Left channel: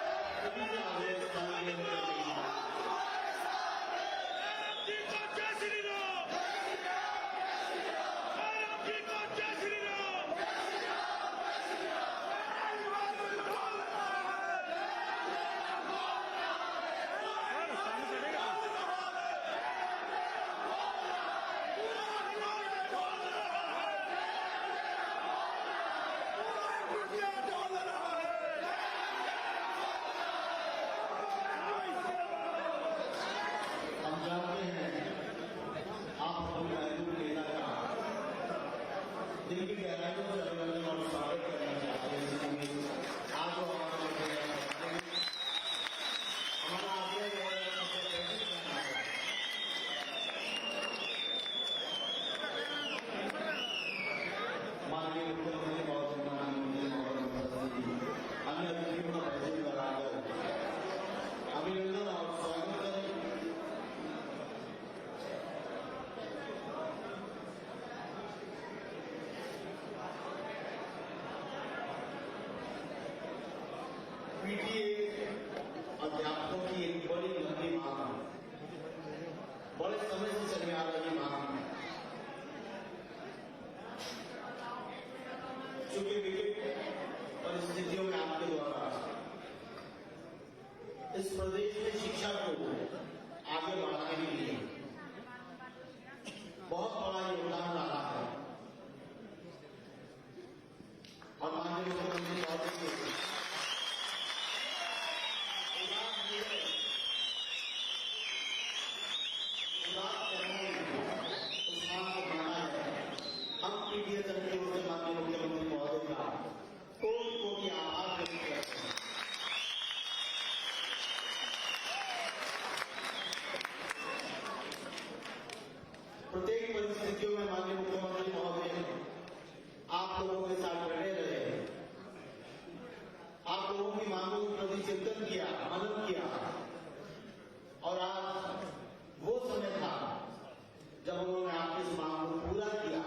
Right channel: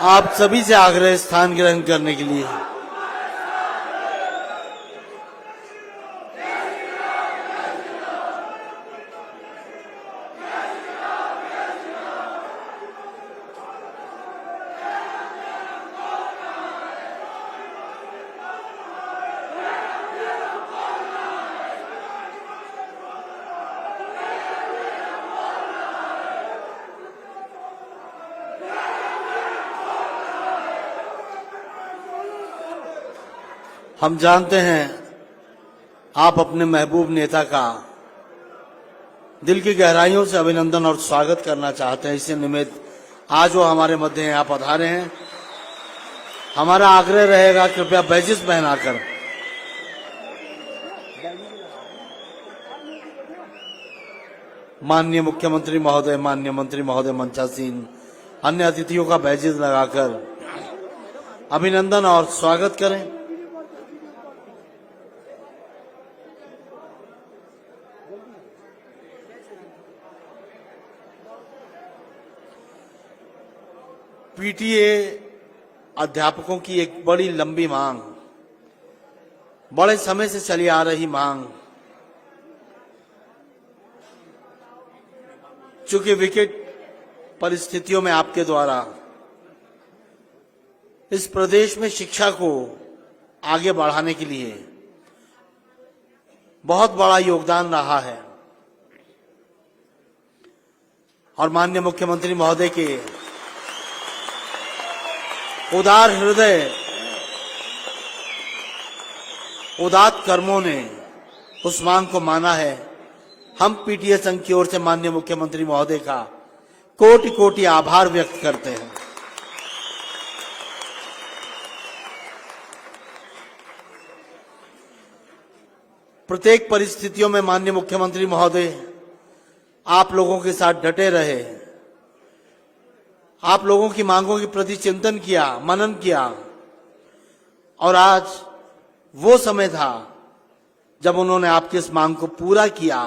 आप सभी से आग्रह स्थान ग्रहण करने के लिए। हम जानते हैं आप अपने महबूब नेता का दिल की गहराइयों से अभिनंदन और स्वागत करना चाहते हैं। इसी निमित्त आज वो हमारे मध्य यहाँ पधारे हैं। हमारा आग्रह रहेगा कृपया बैजिस पहनाकर माननीय मुख्यमंत्री महोदय, माननीय मंत्री महोदय, मंचासीन अन्य अतिथियों का बैजिस लगाकर अभिनंदन और स्वागत करें। पीटीए अध्यापकों की एक बड़ी लंबी मांग, बड़े समय से चली आ रही मांग, चूंकि विकट परिस्थितियों में आपके द्वारा इस प्रदेश में शिक्षा को आगे बढ़ाने के लिए बहुत बड़ा योगदान रहा है और माननीय मुख्यमंत्री महोदय के उदार हृदय, उदात्त कर्मों ने उस मांग को माना है। हम पीटीए संघ की ओर से माननीय मुख्यमंत्री महोदय का कोटि कोटि आभार व्यक्त करते हैं। प्रत्येक परिस्थितियों में माननीय मुख्यमंत्री महोदय आप लोगों के साथ डटे रहे, आप लोगों की मांगों के प्रति चिंतन किया, मनन किया और आज वो समय था जब उन्होंने आपकी इस मांग को पूरा किया।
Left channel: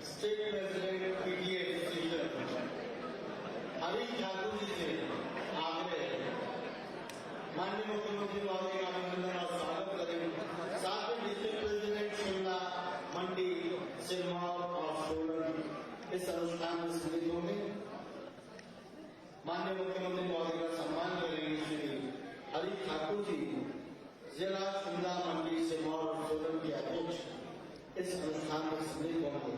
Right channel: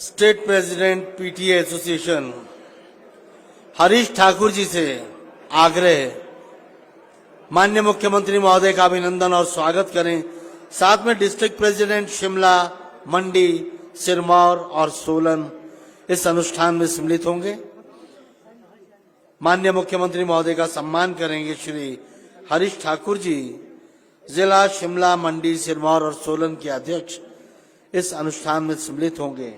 State president PTA association Harish Thakur ji से आग्रह, माननीय मुख्यमंत्री महोदय का अभिनंदन और स्वागत करें। साथ में डिस्ट्रिक्ट प्रेसिडेंट शिमला, मंडी, सिरमौर और सोलन इस अनुष्ठान में सम्मिलित होंगे। माननीय मुख्यमंत्री महोदय का सम्मान करेंगे श्री हरीश ठाकुर जी, जिला शिमला, मंडी, सिरमौर और सोलन के अध्यक्ष इस अनुष्ठान में सम्मिलित होंगे।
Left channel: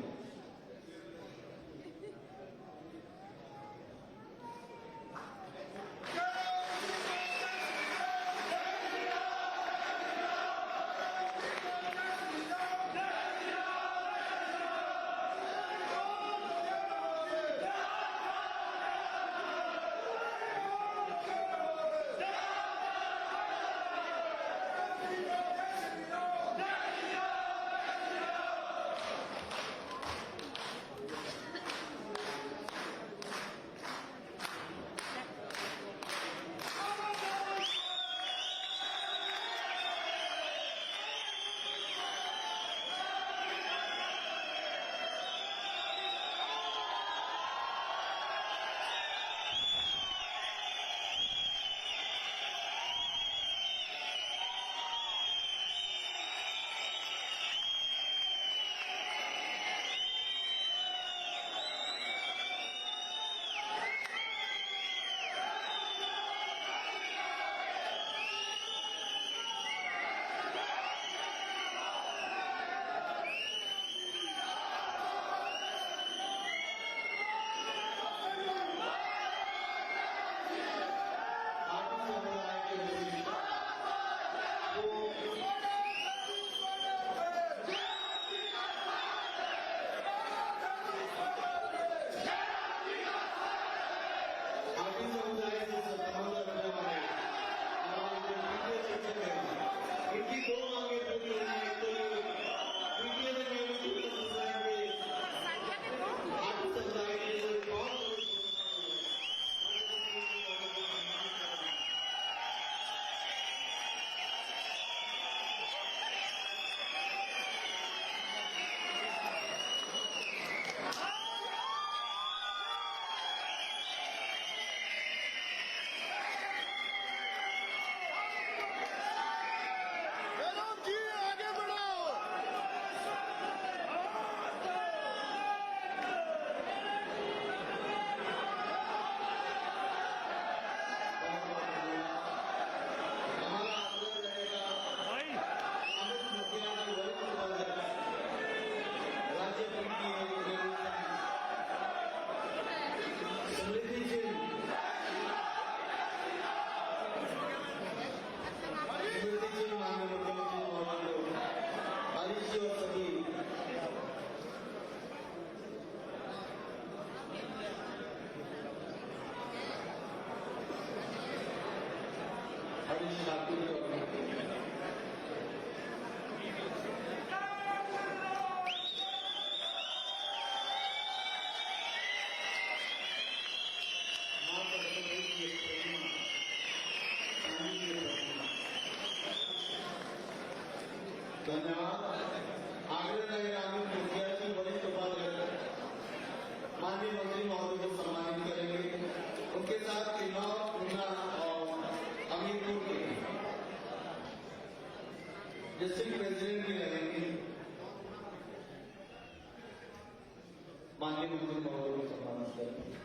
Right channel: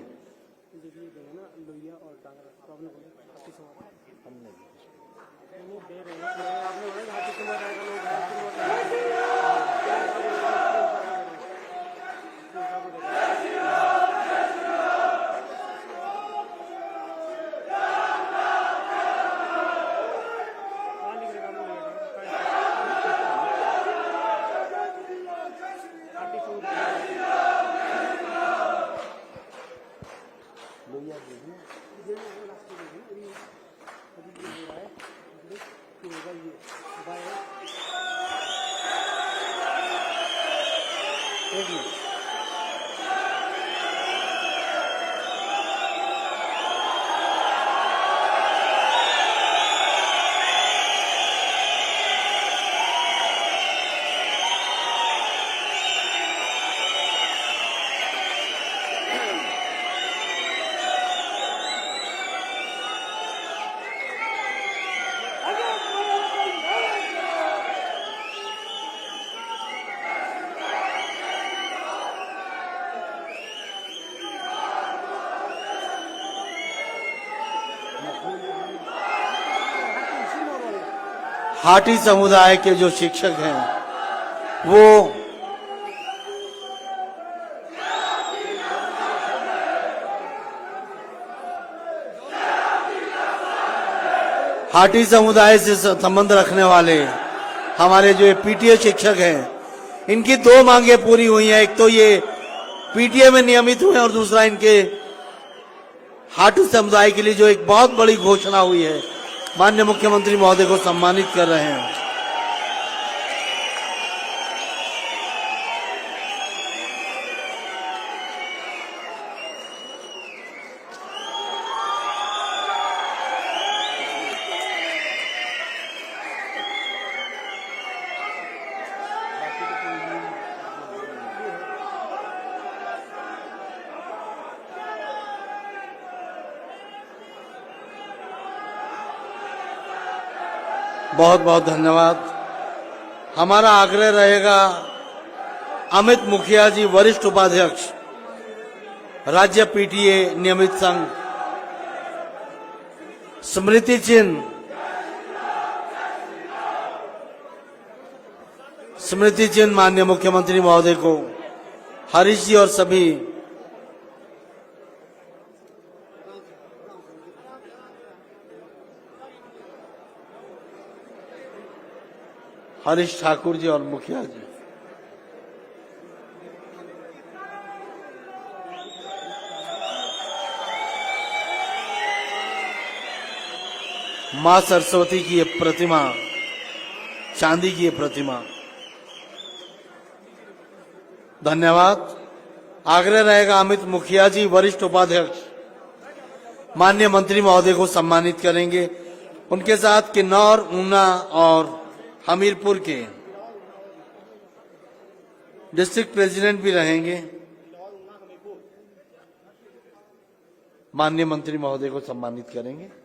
हाटी समुदाय के जो शिक्षक हैं वो हाटी समुदाय से संबंध रखने वाले हमारे जो पीटीए शिक्षक हैं, इनकी दो मांगे पूरी हुई हैं। एक तो ये पीटीए में नियमित हुए और दूसरा इनके हाटी समुदाय के लिए जो एक बहुत बड़ी घोषणा हुई है माननीय मुख्यमंत्री महोदय को सम्मानित कर रहे हैं। बहुत बहुत धन्यवाद। हमारा आग्रह रहेगा अमित मुखिया जी, वरिष्ठ उपाध्यक्ष, राज्य पीटीए नियमित संघ, स्मृति चिन्ह माननीय मुख्यमंत्री महोदय को, हरीश जी और सभी हरीश ठाकुर जी और मुखिया जी। मां सरस्वती की ये प्रतिमा, चांदी की ये प्रतिमा, धन्यवाद। आग्रह रहेगा अमित मुखिया जी, वरिष्ठ उपाध्यक्ष, माननीय मंत्री महोदय को सम्मानित करेंगे। उनके साथ किन्नौर, ऊना और हमीरपुर के डिस्ट्रिक्ट प्रेसिडेंट भी रहेंगे। माननीय मंत्री महोदय को सम्मानित करेंगे।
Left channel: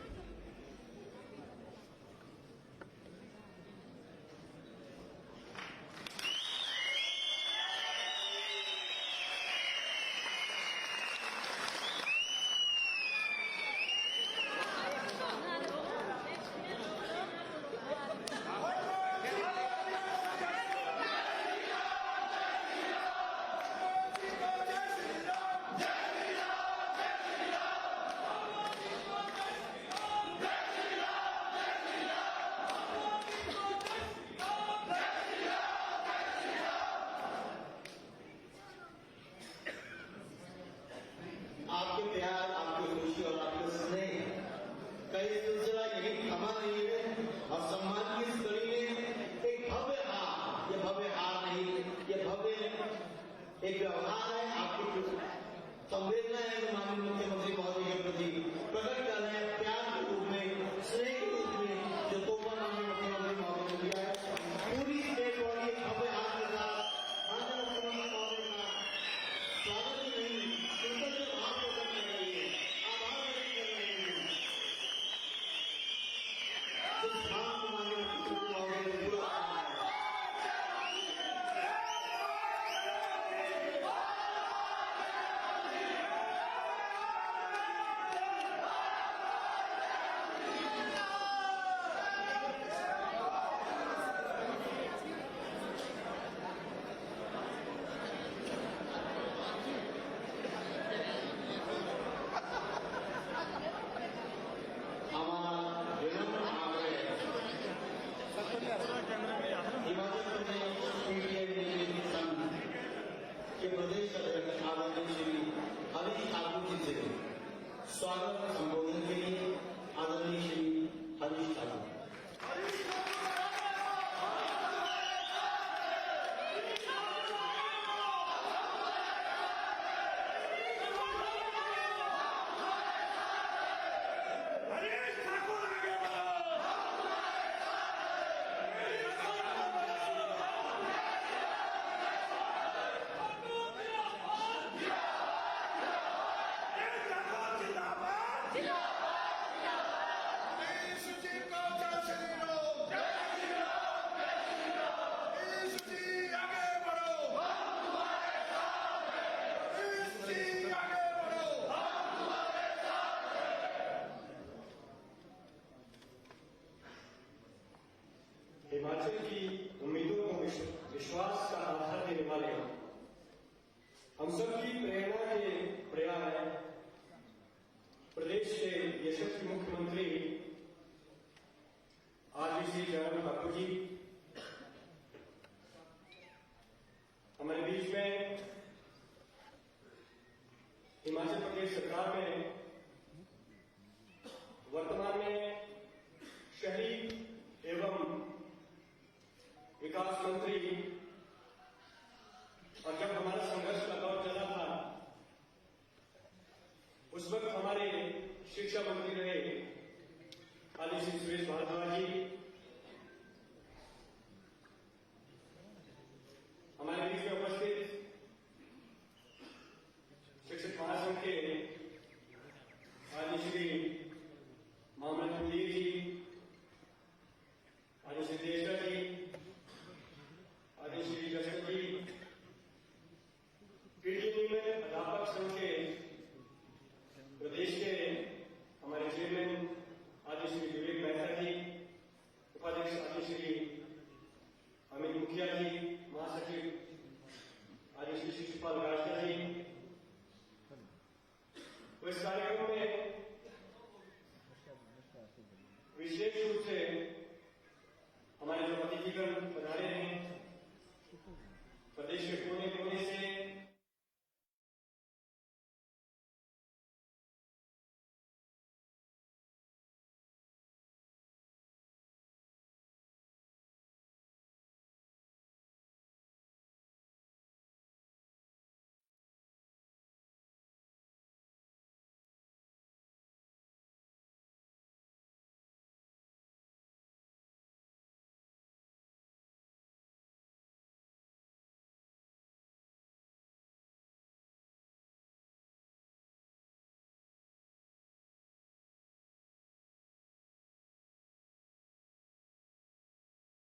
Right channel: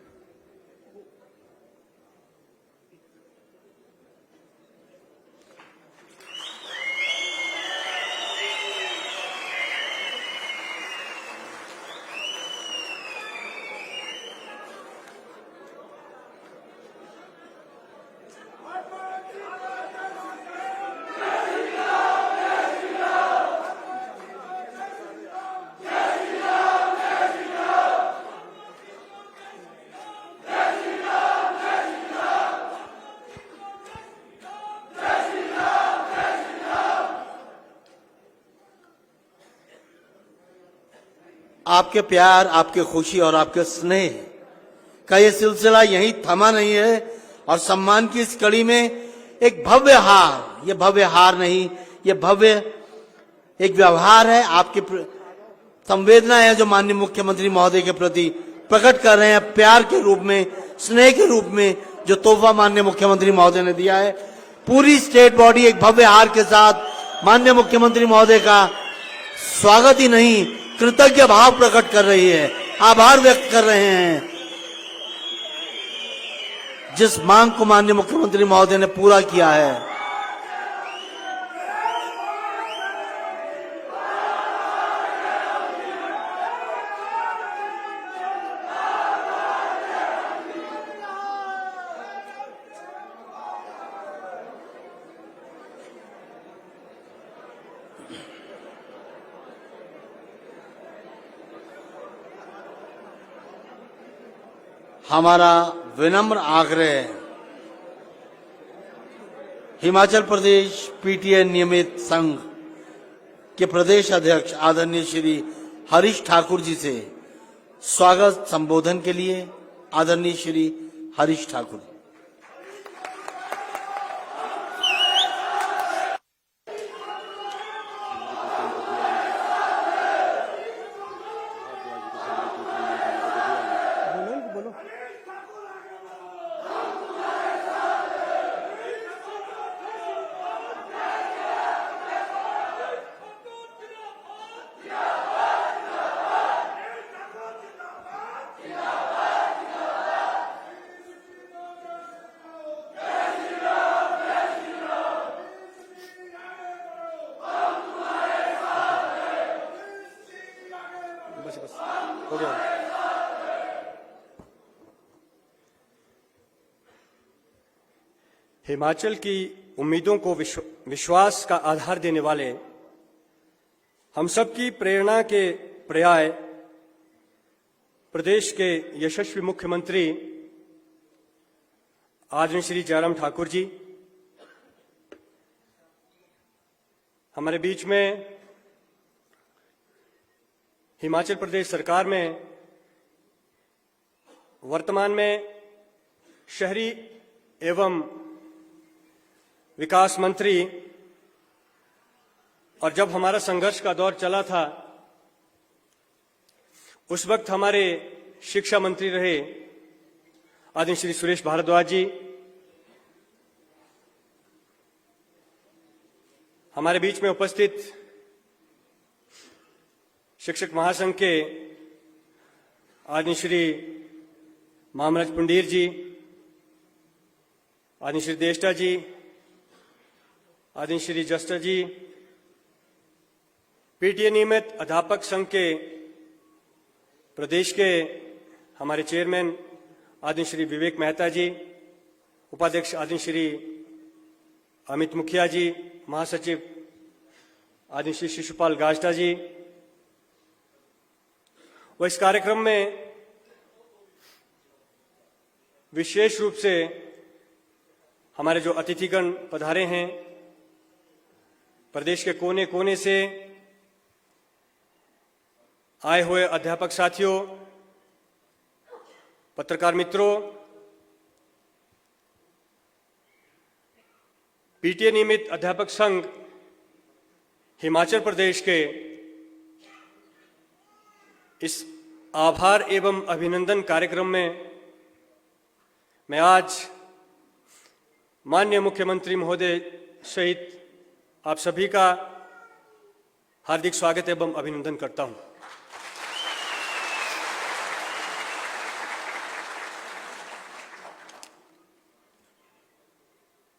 आपके प्यार, आपके खुशी और आपके स्नेह का ये सिलसिला यहीं थमा नहीं है और सम्मान की इस कड़ी में एक भव्य हार, ये भव्य हार नहीं, ये भव्य एक व्यवहार है, आपकी संवेदना है जो माननीय मुख्यमंत्री महोदय के प्रति प्रकट कर रहे हैं, प्यार के रूप में, स्नेह के रूप में जो तोहफा माननीय मुख्यमंत्री महोदय ने दिया है। पूरी स्टेट बॉडी एक भव्य हार के साथ माननीय मुख्यमंत्री महोदय का स्वागत ही नहीं, कृतज्ञ भाव प्रकट कर रही है, आभार व्यक्त कर रहे हैं। जिस मांग को माननीय मुख्यमंत्री महोदय ने पूरा किया है, हमारा विनम्र आग्रह हिमाचल प्रदेश पीटीए नियमित संघ के प्रदेश अध्यक्ष आदरणीय श्री हरीश ठाकुर जी से स्वागत संबोधन के लिए आदरणीय श्री हरीश ठाकुर। हिमाचल की उम्मीदों को विश्वास का आधार देने वाले, हम सबकी प्रेरणा के पर्याय प्रदेश के यशस्वी मुख्यमंत्री आदरणीय श्री जयराम ठाकुर जी हमारे बीच में हिमाचल प्रदेश सरकार में वर्तमान में शहरी एवं विकास मंत्री, और जब हमारा संघर्ष का दौर चला था उस वक्त हमारे शिक्षा मंत्री रहे आदरणीय श्री सुरेश भारद्वाज जी, हमारे बीच में उपस्थित शिक्षक महासंघ के आदरणीय श्री मामराज पुंडीर जी, आदरणीय श्री देष्टा जी, आदरणीय श्री जस्टर जी, पीटीए नियमित अध्यापक संघ के प्रदेश के हमारे चेयरमैन आदरणीय श्री विवेक मेहता जी, उपाध्यक्ष आदरणीय श्री अमित मुखिया जी, महासचिव आदरणीय श्री शिशुपाल गाजटा जी, व इस कार्यक्रम में विशेष रूप से हमारे जो अतिथिगण पधारे हैं, प्रदेश के कोने कोने से आए हुए अध्यापक साथियों, पत्रकार मित्रों, पीटीए नियमित अध्यापक संघ हिमाचल प्रदेश के इस आभार एवं अभिनंदन कार्यक्रम में मैं आज माननीय मुख्यमंत्री महोदय सहित आप सभी का हार्दिक स्वागत एवं अभिनंदन करता हूं।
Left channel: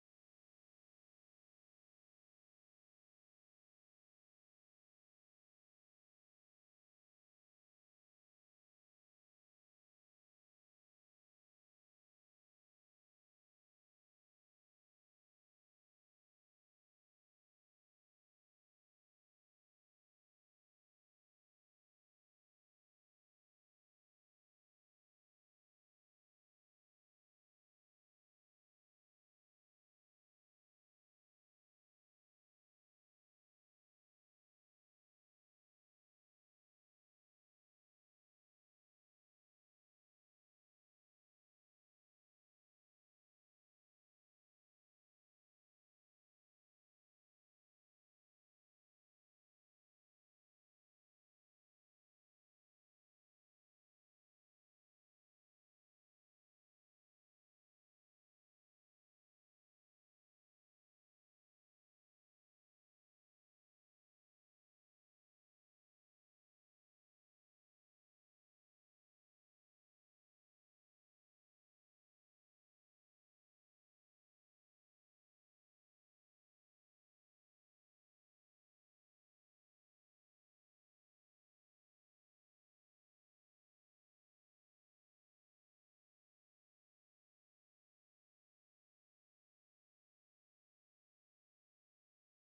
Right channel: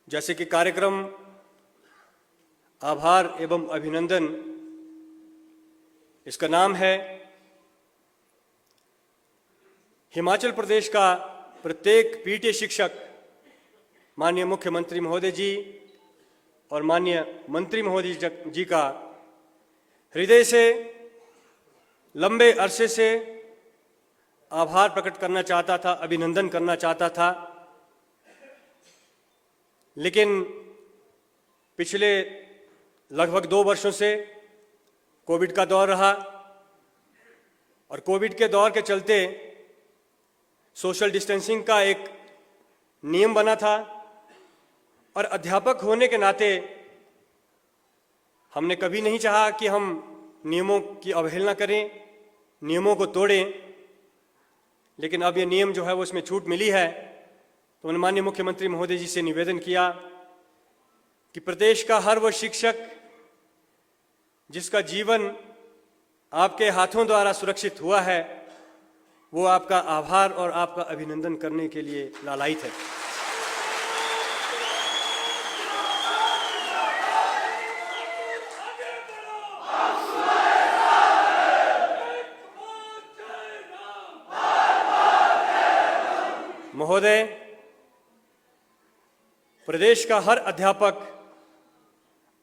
जैसे कि कार्यक्रम आभार एवं अभिनंदन, इसका नाम है, हिमाचल प्रदेश का प्रत्येक पीटीए शिक्षक माननीय मुख्यमंत्री महोदय जी और माननीय मंत्री महोदय जी का हृदय से लंबे अरसे से आभार प्रकट करना चाहता था, अभिनंदन करना चाहता था। लेकिन पिछले लगभग 2 वर्षों से कोविड का दौर रहा और कोविड के दौर के चलते सोशल डिस्टेंसिंग का एक नियम बना था और अध्यापक होने के नाते हमने कभी नहीं चाहा कि हम नियमों की अवहेलना करें, नियमों को तोड़ें। लेकिन अब ये नियम जो है वो इसमें छूट मिली है, तो मैंने माननीय मुख्यमंत्री महोदय जी से निवेदन किया कि प्रदेश का हर वह शिक्षक जिसका जीवन आपके हाथों द्वारा सुरक्षित हुआ है, वो आपका आभार और आपका अभिनंदन करने के लिए लालायित है। महोदय, प्रदेश का हर अध्यापक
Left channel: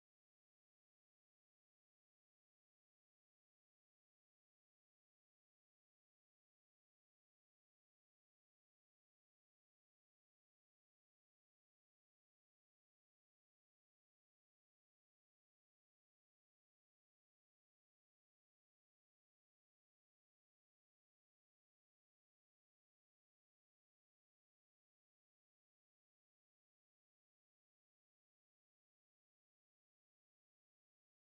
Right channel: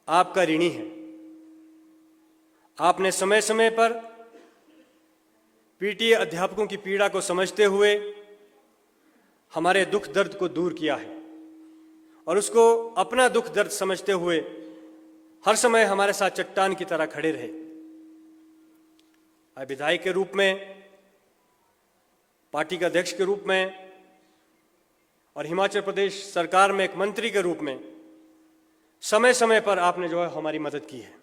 आपका ऋणी है। आपने समय समय पर पीटीए अध्यापकों की पीड़ा को समझते हुए हमारे दुख दर्द को दूर किया है और उसको अपना दुख दर्द समझते हुए हर समय हमारे साथ चट्टान की तरह खड़े रहे। विधायक के रूप में, पार्टी के अध्यक्ष के रूप में और हिमाचल प्रदेश सरकार में एक मंत्री के रूप में समय समय पर आपने जो है हमारी मदद की है।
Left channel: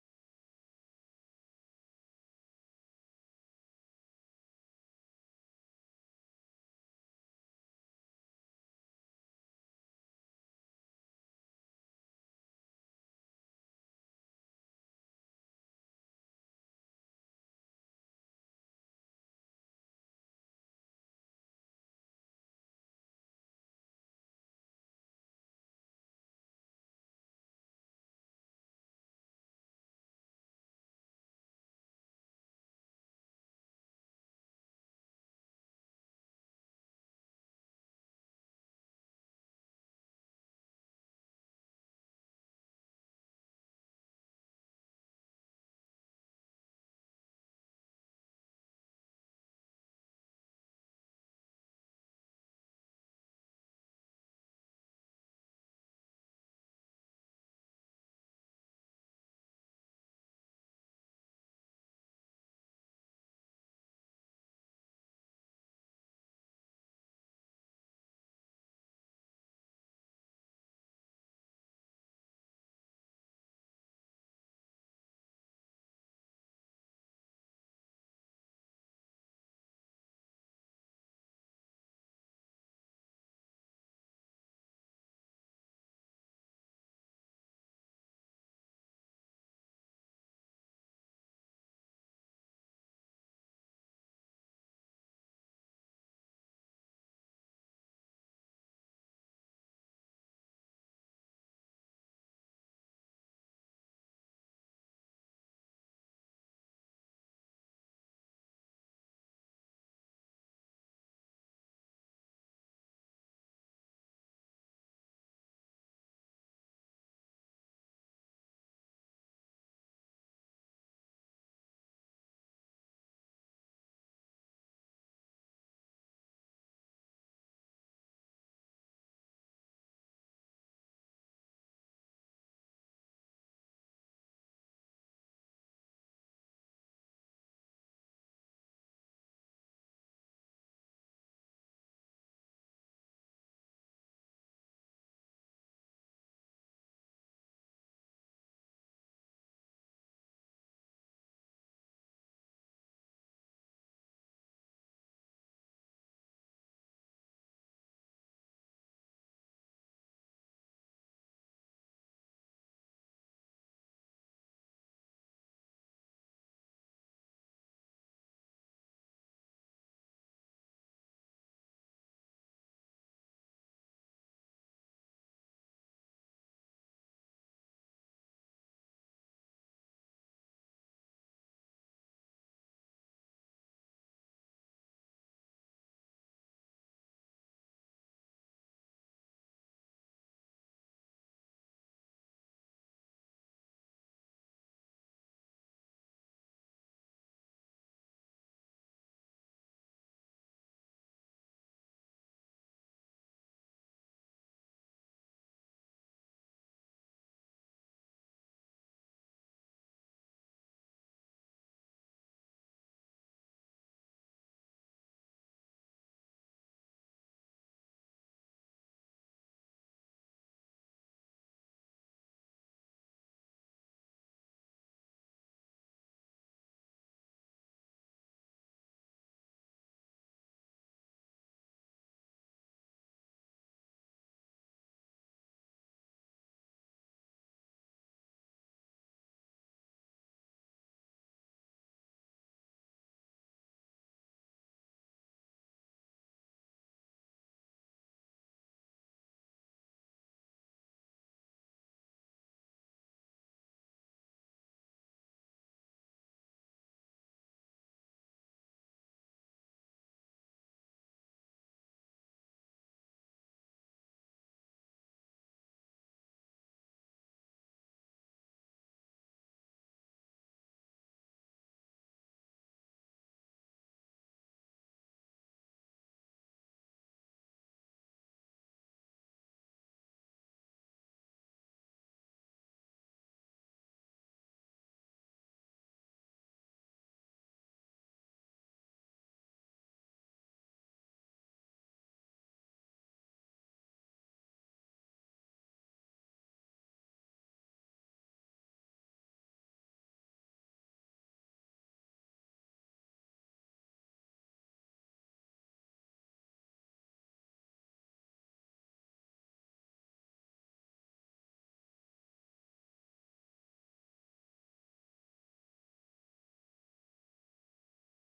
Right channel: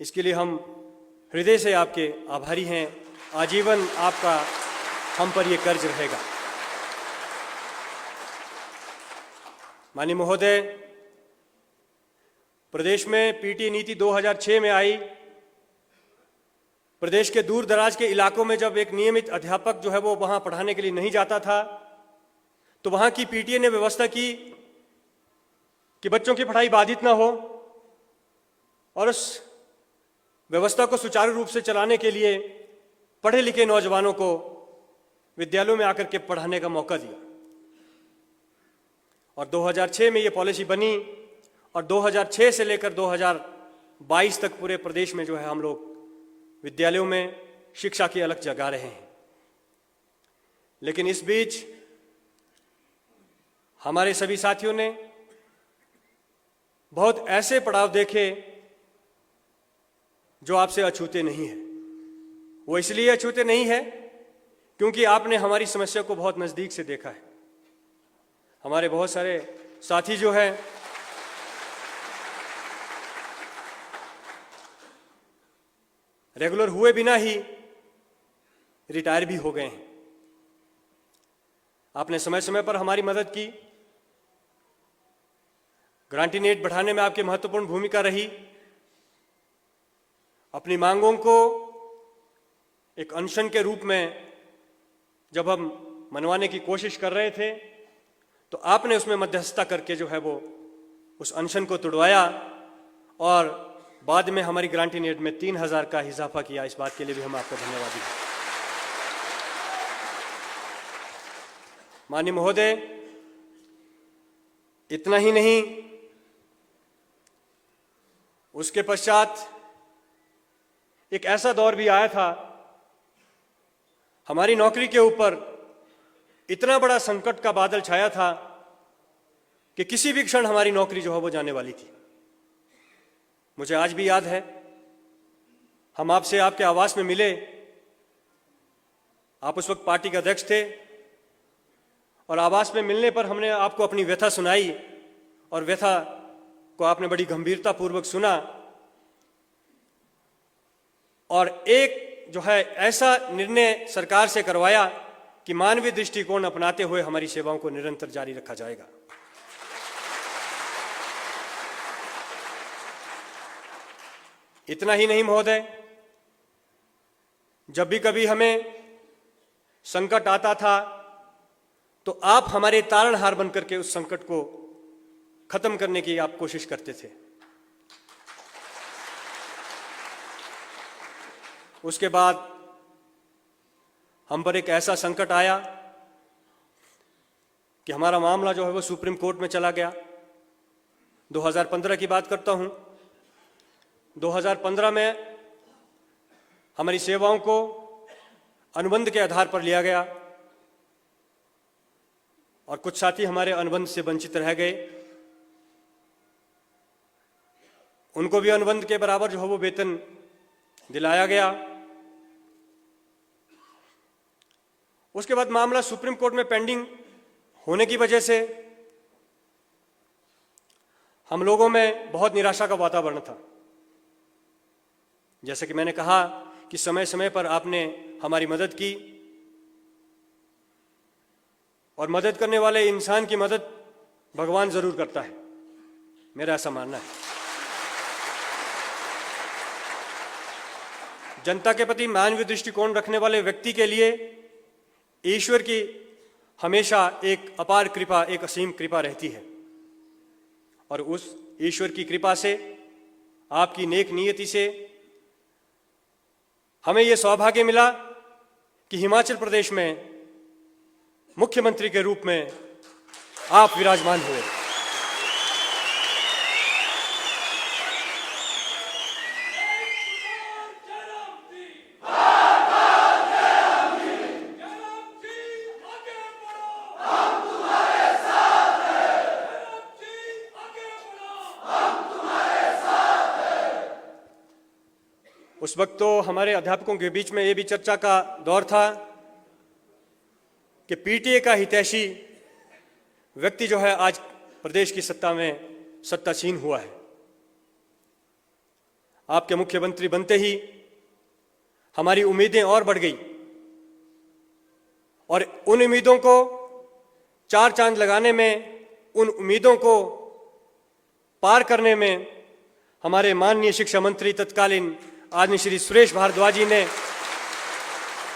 इसके लिए हम हृदय से आपके आभारी हैं। आजीवन आपका हम पर यह कर्ज रहेगा। माननीय महोदय, प्रदेश में पीटीए नीति 2006 में आई। प्रदेश के दूर दराज के इलाकों में जब एक नियमित अध्यापक जो है वो वहां पढ़ाने के लिए नहीं जाता था, तो वहां की पीटीए ने व्यवस्था की कि बच्चों की पढ़ाई बाधित ना हो और उस व्यवस्था को सुचारू रूप से चलाने के लिए पढ़े लिखे नौजवानों को विद्यालयों में आकर के पढ़ाने का मौका दिया। और 2006 में ये पॉलिसी बनी और 2006 से लेकर 2022 तक पूरे प्रदेश में जो है हम लोग विद्यालयों में शिक्षा की अलख जगा रहे हैं। लेकिन इस बीच हमारे सभी साथियों ने बहुत ऐसे पड़ाव देखे जो आपसे अछूते नहीं है। वो इसलिए अछूते नहीं है क्योंकि आपने हमारी समस्या को बहुत नजदीक से देखा है। हमारे बहुत सारे साथी जो हैं रेगुलर हुए बिना ही रिटायर भी हो गए हैं। आपने समय समय पर हमारी मदद की, ग्रांटीनेट बढ़ाने में आपकी महत्वपूर्ण भूमिका रही। अपनी मांगों को एक अनशन के रूप में जब हम मनवाने की कोशिश कर रहे थे तो आपने उसमें मध्यस्थता करके जो है वो उस अनशन को तुड़वाया और बाद में हमारी ग्रांटीनेट में 3000 का इजाफा किया। इस बात के लिए भी हम आपका धन्यवादी हैं। माननीय महोदय, इतना ही नहीं, उसके पश्चात एक ऐसा दौर भी आया था, हमारी नौकरी के ऊपर इतना बड़ा संकट का बादल छाया था कि किसी भी क्षण हमारी नौकरी जो है वो जाने वाली थी। मुझे आज भी याद है, हम आपसे आपके आवास में मिले। आप उस वक्त पार्टी के अध्यक्ष थे और आवास में मिलने पर हमने आपको अपनी व्यथा सुनाई और व्यथा को आपने बड़ी गंभीरता पूर्वक सुना और एक जो है ऐसा निर्णय सरकार से करवाया कि मानवीय दृष्टिकोण अपनाते हुए हमारी सेवाओं को निरंतर जारी रखा जाएगा। इतना ही नहीं महोदय, जब भी कभी हमें संकट आता था तो आप हमारे तारणहार बनकर के उस संकट को खत्म करने की आप कोशिश करते थे। उसके बाद हम पर एक ऐसा संकट आया कि हमारा मामला जो है वो सुप्रीम कोर्ट में चला गया। 2015 की बात करता हूं। 2015 में हमारी सेवाओं को अनुबंध के आधार पर लिया गया और कुछ साथी हमारे अनुबंध से वंचित रह गए। उनको भी अनुबंध के बराबर जो है वो वेतन दिलाया गया। उसके बाद मामला सुप्रीम कोर्ट में पेंडिंग होने की वजह से हम लोगों में बहुत निराशा का वातावरण था। जैसे कि मैंने कहा कि समय समय पर आपने हमारी मदद की और मदद करने वाले इंसान की मदद भगवान जरूर करता है, मेरा ऐसा मानना है। जनता के प्रति मानवीय दृष्टिकोण रखने वाले व्यक्ति के लिए ईश्वर की हमेशा एक अपार कृपा, एक असीम कृपा रहती है और उस ईश्वर की कृपा से, आपकी नेक नियति से हमें यह सौभाग्य मिला कि हिमाचल प्रदेश में मुख्यमंत्री के रूप में आप विराजमान हुए। उस वक्त तो हमारे अध्यापकों के बीच में ये भी चर्चा का दौर था कि पीटीए का हितैषी व्यक्ति जो है आज प्रदेश की सत्ता में सत्तासीन हुआ है। आपके मुख्यमंत्री बनते ही हमारी उम्मीदें और बढ़ गई और उन उम्मीदों को चार चांद लगाने में, उन उम्मीदों को पार करने में हमारे माननीय शिक्षा मंत्री तत्कालीन आदरणीय श्री सुरेश भारद्वाज जी ने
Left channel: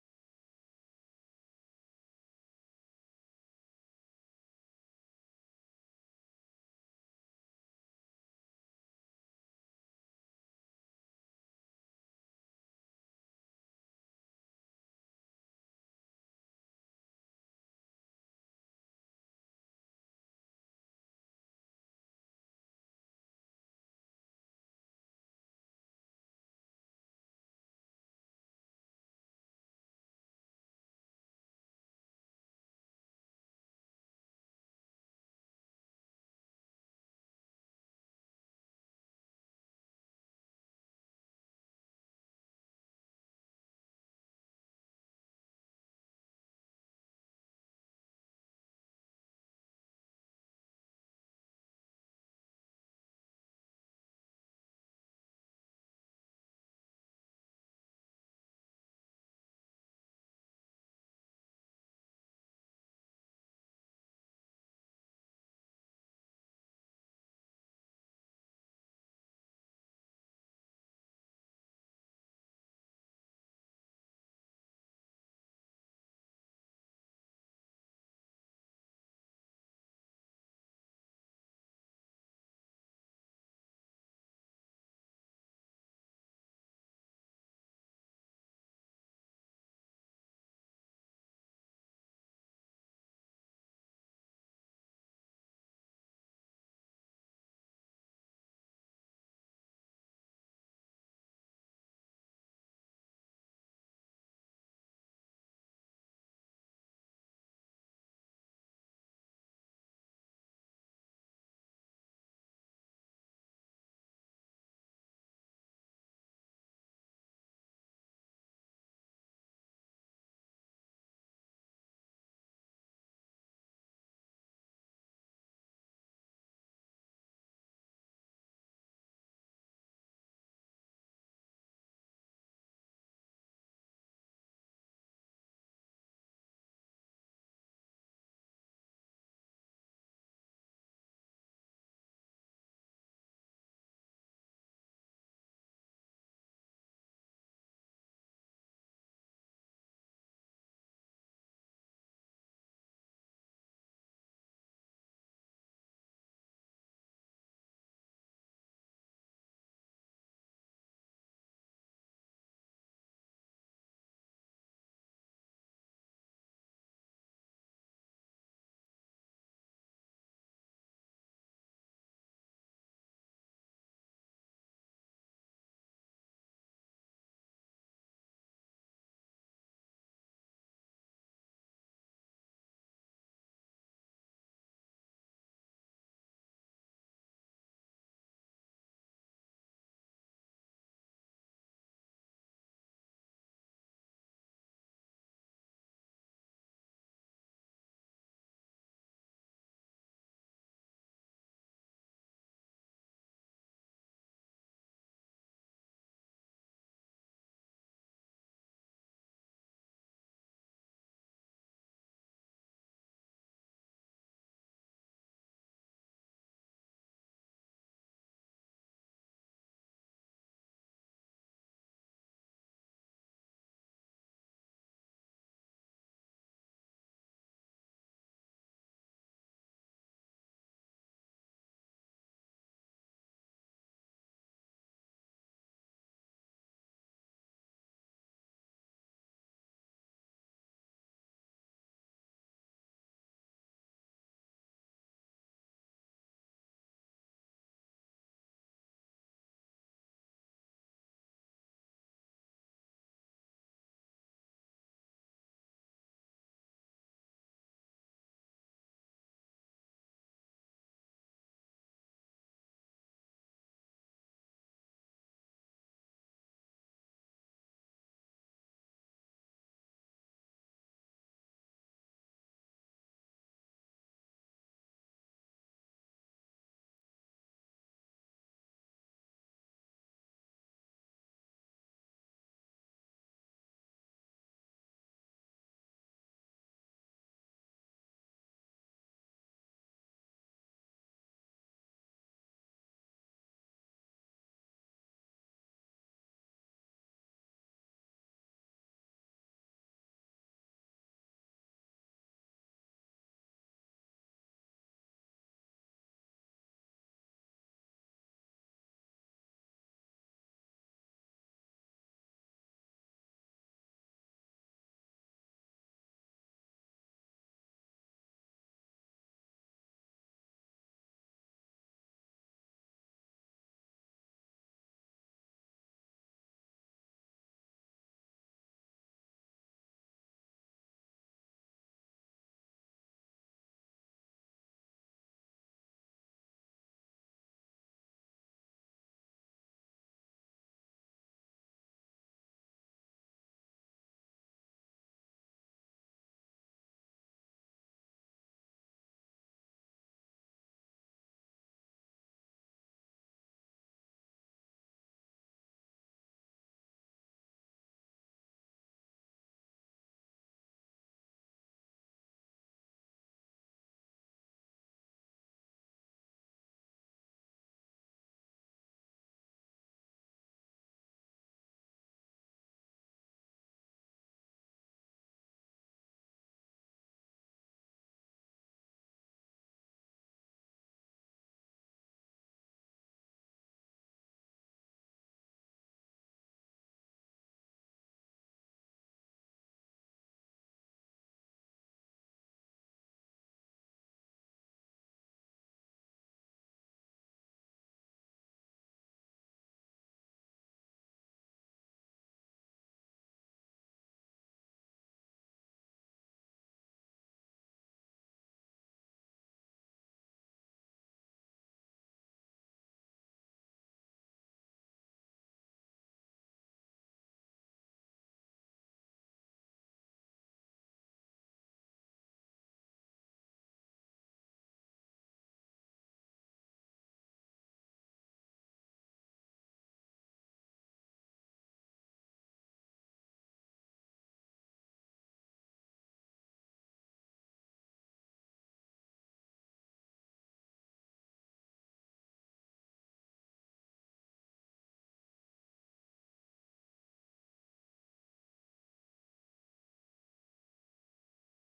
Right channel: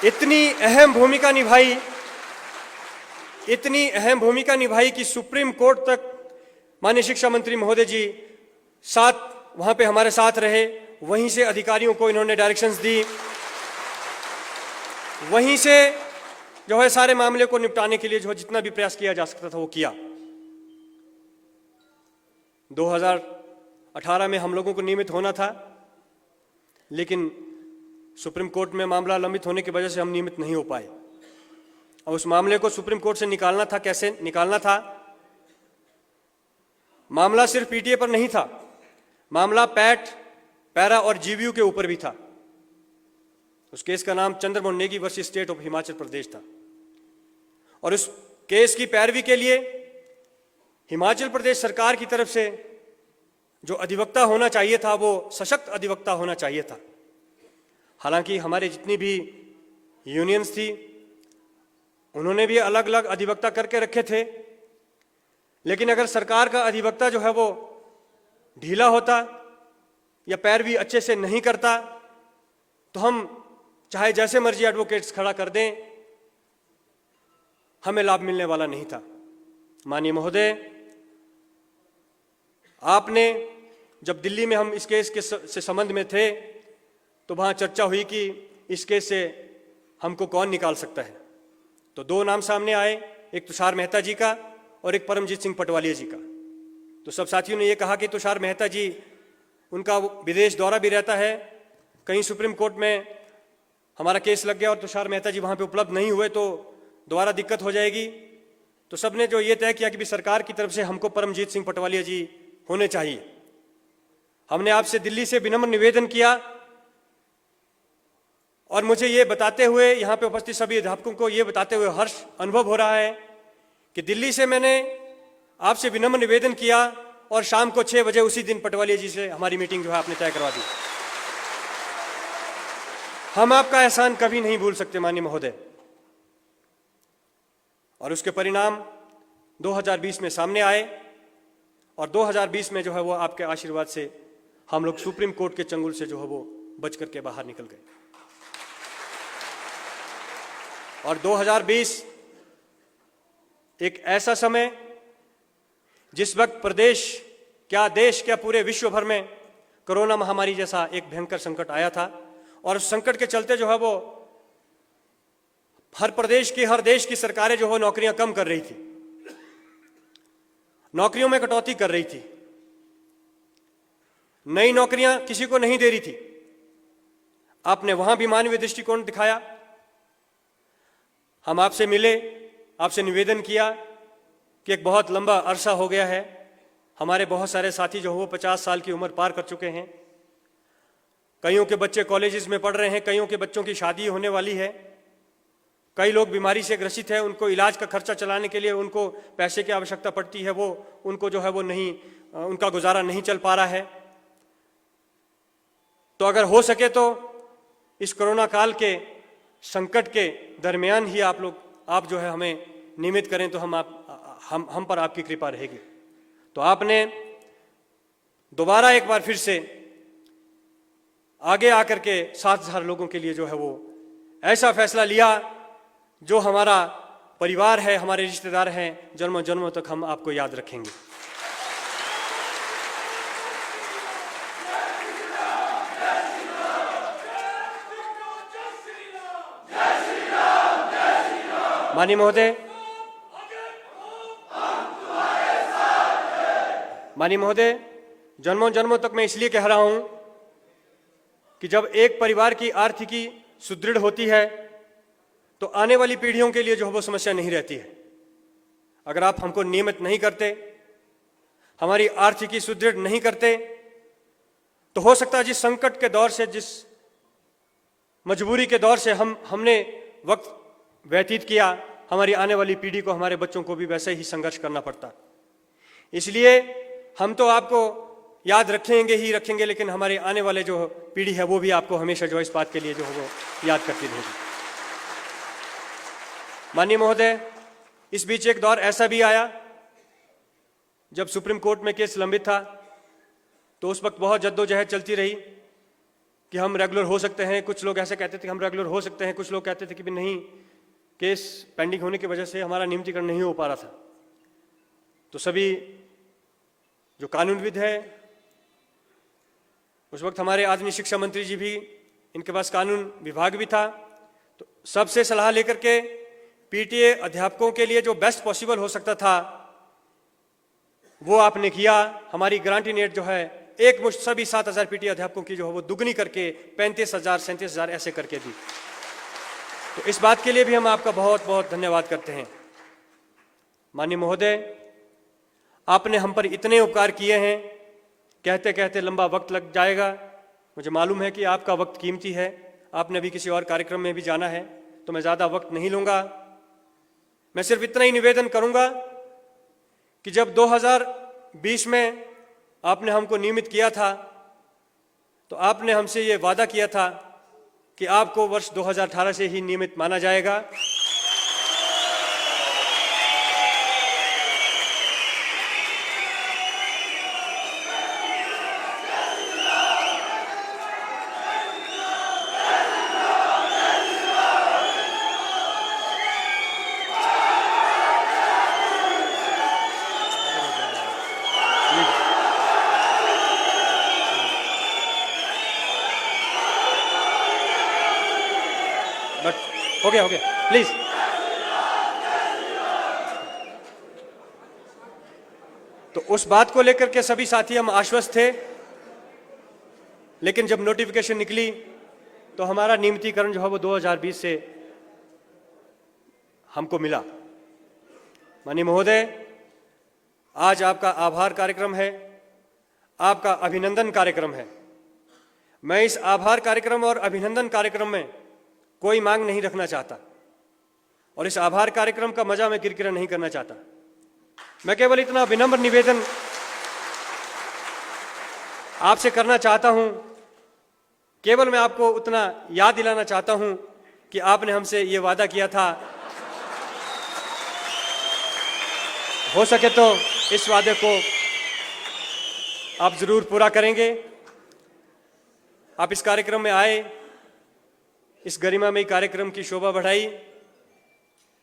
इतनी अहम भूमिका निभाई कि सुप्रीम कोर्ट तक माननीय शिक्षा मंत्री महोदय जी वहां पे हमारे साथ रहे। वहीं से अधिकारियों को इन्होंने डायरेक्शंस दी, वहीं से जो है सारे मामले को निपटाने के लिए जो जितना भी प्रयास किया जा सकता था वो किया। 2018 में हम लोगों को नियमित होना था, लेकिन सुप्रीम कोर्ट में मामला लंबित होने की वजह से हम नियमित नहीं हो पाए और उस मामले को सुप्रीम कोर्ट से निकालना था। कैसे निकालना था? मामला सिर्फ पीटीए पर नहीं था, मामला पैट, पैरा और जीवीयू के ऊपर भी था। उस केस का नाम Chandramohan Negi versus state of Himachal Pradesh था और उस केस की पैरवी के लिए हिमाचल प्रदेश सरकार की तरफ से जो अधिवक्ता होना चाहिए था वो सशक्त अधिवक्ता होना चाहिए था। हालांकि हमारे जितनी भी यूनियंस थी उन्होंने भी अलग अलग अधिवक्ता करके रखे थे, लेकिन अगर सरकार का अधिवक्ता जो है वो ढीला होता या पैरवी अच्छे से नहीं करता तो हम चाहे जैसे मर्जी एडवोकेट्स खड़ा कर दें, हमें लाभ मिलने वाला नहीं था। माननीय महोदय, आपने जब दिल्ली में हम इस केस के से संबंध में थे तो वहां चर्चा हुई कि इस केस से हमको कौन निकाल सकता है, तो दो नाम सामने आए, एक तुषार मेहता जी का और एक परमजीत सिंह पटवालिया जी का। तो सब साथियों ने यह कहा कि तुषार मेहता जी, उनका विदेश दौरा भी रहता है, कहीं सुप्रीम कोर्ट में हमारा केस लग गया और तुषार मेहता जी वहां पे उपलब्ध नहीं हुए तो दोबारा दिक्कत हो जाएगी। तो सबने जो ये तय किया कि भी सरकार की तरफ से हमको परमजीत सिंह पटवालिया जी होने चाहिए। हमने आपसे दिल्ली से विनम्र निवेदन किया और मुझे ये बताते हुए, यहाँ पे उपस्थित सभी अध्यापकों को ये बताते हुए हर्ष अनुभव हो रहा है कि दिल्ली से मैंने आपसे विनम्र निवेदन किया और शाम को 6 बजे उसी दिन पटवालिया जी से हमारी मीटिंग जो है आपने तय करवा दी। हम आपका एहसान कभी नहीं भूल सकते माननीय महोदय। और उसके परिणाम 2020 में सामने आए और 2020 में जो है वो आपके आशीर्वाद से हम लोग सुप्रीम कोर्ट के चंगुल से जो है वो बच करके बाहर निकल गए। और 2020 एक ऐसा समय जिस वक्त प्रदेश क्या, देश क्या, पूरे विश्व भर में कोरोना महामारी जैसा एक भयंकर संकट आया था और उस संकट के चलते जो है वो हर प्रदेश की, हर देश की सरकारें जो है नौकरियां कम कर रही थी, नौकरियों में कटौती कर रही थी, नई नौकरियां किसी को नहीं दे रही थी। आपने वहां भी मानवीय दृष्टिकोण दिखाया। हम आपसे मिले, आपसे निवेदन किया कि एक बहुत लंबा अरसा हो गया है, हमारे बहुत सारे साथी जो वो 50 साल की उम्र पार कर चुके हैं, कईयों के बच्चे कॉलेजेस में पढ़ रहे हैं, कईयों के बच्चों की शादी होने वाली है, कई लोग बीमारी से ग्रसित है, उनको इलाज का खर्चा चलाने के लिए उनको पैसे की आवश्यकता पड़ती है, वो उनको जो है वो नहीं, उनका गुजारा नहीं चल पा रहा है। तो अगर हो सके तो इस कोरोना काल के संकट के दरमियान ही आप जो है हमें नियमित करें तो हम पर आपकी कृपा रहेगी। तो आपने दोबारा एक बार फिर से आगे आकर के 7,000 लोगों के लिए जो है वो ऐसा फैसला लिया जो हमारा परिवार है, हमारे रिश्तेदार हैं, जन्मों जन्मों तक हम आपको याद रखेंगे। माननीय महोदय, जन्मों जन्मों तक मैं इसलिए कह रहा हूं कि जब एक परिवार की आर्थिकी सुदृढ़ होती है तो आने वाली पीढ़ियों के लिए जो है वो समस्या नहीं रहती है। अगर आप हमको नियमित नहीं करते, हमारी आर्थिकी सुदृढ़ नहीं करते, तो हो सकता है जिस संकट के दौर से, जिस मजबूरी के दौर से हमने वक्त व्यतीत किया, हमारी आने वाली पीढ़ी को, हमारे बच्चों को भी वैसे ही संघर्ष करना पड़ता। इसलिए हम तो आपको याद रखेंगे ही रखेंगे, लेकिन हमारे आने वाले जो पीढ़ी है वो भी आपको हमेशा जो इस बात के लिए जो है वो याद करती रहेगी। माननीय महोदय, इस बीच एक दौर ऐसा भी आया जब सुप्रीम कोर्ट में केस लंबित था, तो उस वक्त बहुत जद्दोजहद चलती रही कि हम रेगुलर हो सकते हैं। कुछ लोग ऐसे कहते थे कि हम रेगुलर हो सकते हैं, कुछ लोग कहते थे कि भी नहीं, केस पेंडिंग होने की वजह से हमारा नियमितीकरण नहीं हो पा रहा था। तो सभी जो कानूनविद है, उस वक्त हमारे आदरणीय शिक्षा मंत्री जी भी, इनके पास कानून विभाग भी था, तो सबसे सलाह लेकर के पीटीए अध्यापकों के लिए जो बेस्ट पॉसिबल हो सकता था वो आपने किया। हमारी ग्रांटी नेट जो है एक मुश्त सभी 7,000 पीटीए अध्यापकों की जो है वो दुगनी करके 35,000 37,000 ऐसे करके दी। तो इस बात के लिए भी हम आपका बहुत बहुत धन्यवाद करते हैं। माननीय महोदय, आपने हम पर इतने उपकार किए हैं, कहते कहते लंबा वक्त लग जाएगा। मुझे मालूम है कि आपका वक्त कीमती है, आपने अभी किसी और कार्यक्रम में भी जाना है, तो मैं ज़्यादा वक्त नहीं लूँगा। मैं सिर्फ इतना ही निवेदन करूँगा कि जब 2020 में आपने हमको नियमित किया था तो आपने हमसे ये वादा किया था कि आपको वर्ष 2018 से ही नियमित माना जाएगा। बट हो गया प्लीज। तो उस बात को लेकर के सभी साथी हम आश्वस्त थे, लेकिन जब नोटिफिकेशन निकली तो हमारा नियमितीकरण जो है वो 2020 से हमको मिला। माननीय महोदय, आज आपका आभार कार्यक्रम है, आपका अभिनंदन कार्यक्रम है। मैं इस आभार कार्यक्रम और अभिनंदन कार्यक्रम में कोई मांग नहीं रखना चाहता और इस आभार कार्यक्रम का मजा मैं किरकिरा नहीं करना चाहता। मैं केवल इतना विनम्र निवेदन आपसे करना चाहता हूं, केवल मैं आपको उतना याद दिलाना चाहता हूं कि आपने हमसे ये वादा किया था, हो सके तो इस वादे को आप जरूर पूरा करेंगे। आप इस कार्यक्रम में आए, इस गरिमामयी कार्यक्रम की शोभा बढ़ाई।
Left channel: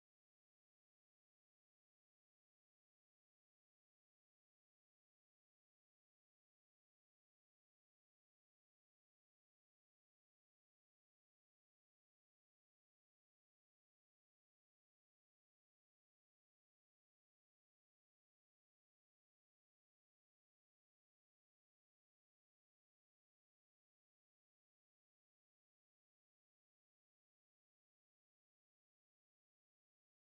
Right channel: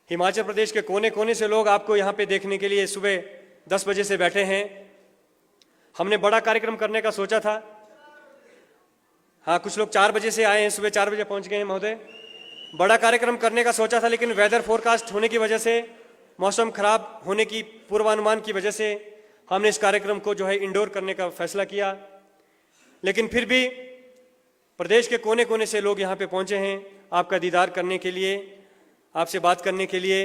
हिमाचल प्रदेश के कोने कोने से लोग आपको यहाँ पे देखने के लिए सुबह 10 बजे से बैठे हैं। हमने बड़ा कार्यक्रम करने का सोचा था। हाँ, कुछ लोग 4 बजे से आए हैं, सुबह 4 बजे पहुँच गए हैं महोदय। बड़ा कार्यक्रम करने का सोचा था, लेकिन वेदर फोरकास्ट होने की वजह से, मौसम खराब होने की पूर्वानुमान की वजह से हमने इस कार्यक्रम को जो है इंडोर करने का फैसला किया। लेकिन फिर भी प्रदेश के कोने कोने से लोग यहाँ पे पहुँचे हैं आपका दीदार करने के लिए, आपसे बात करने के लिए।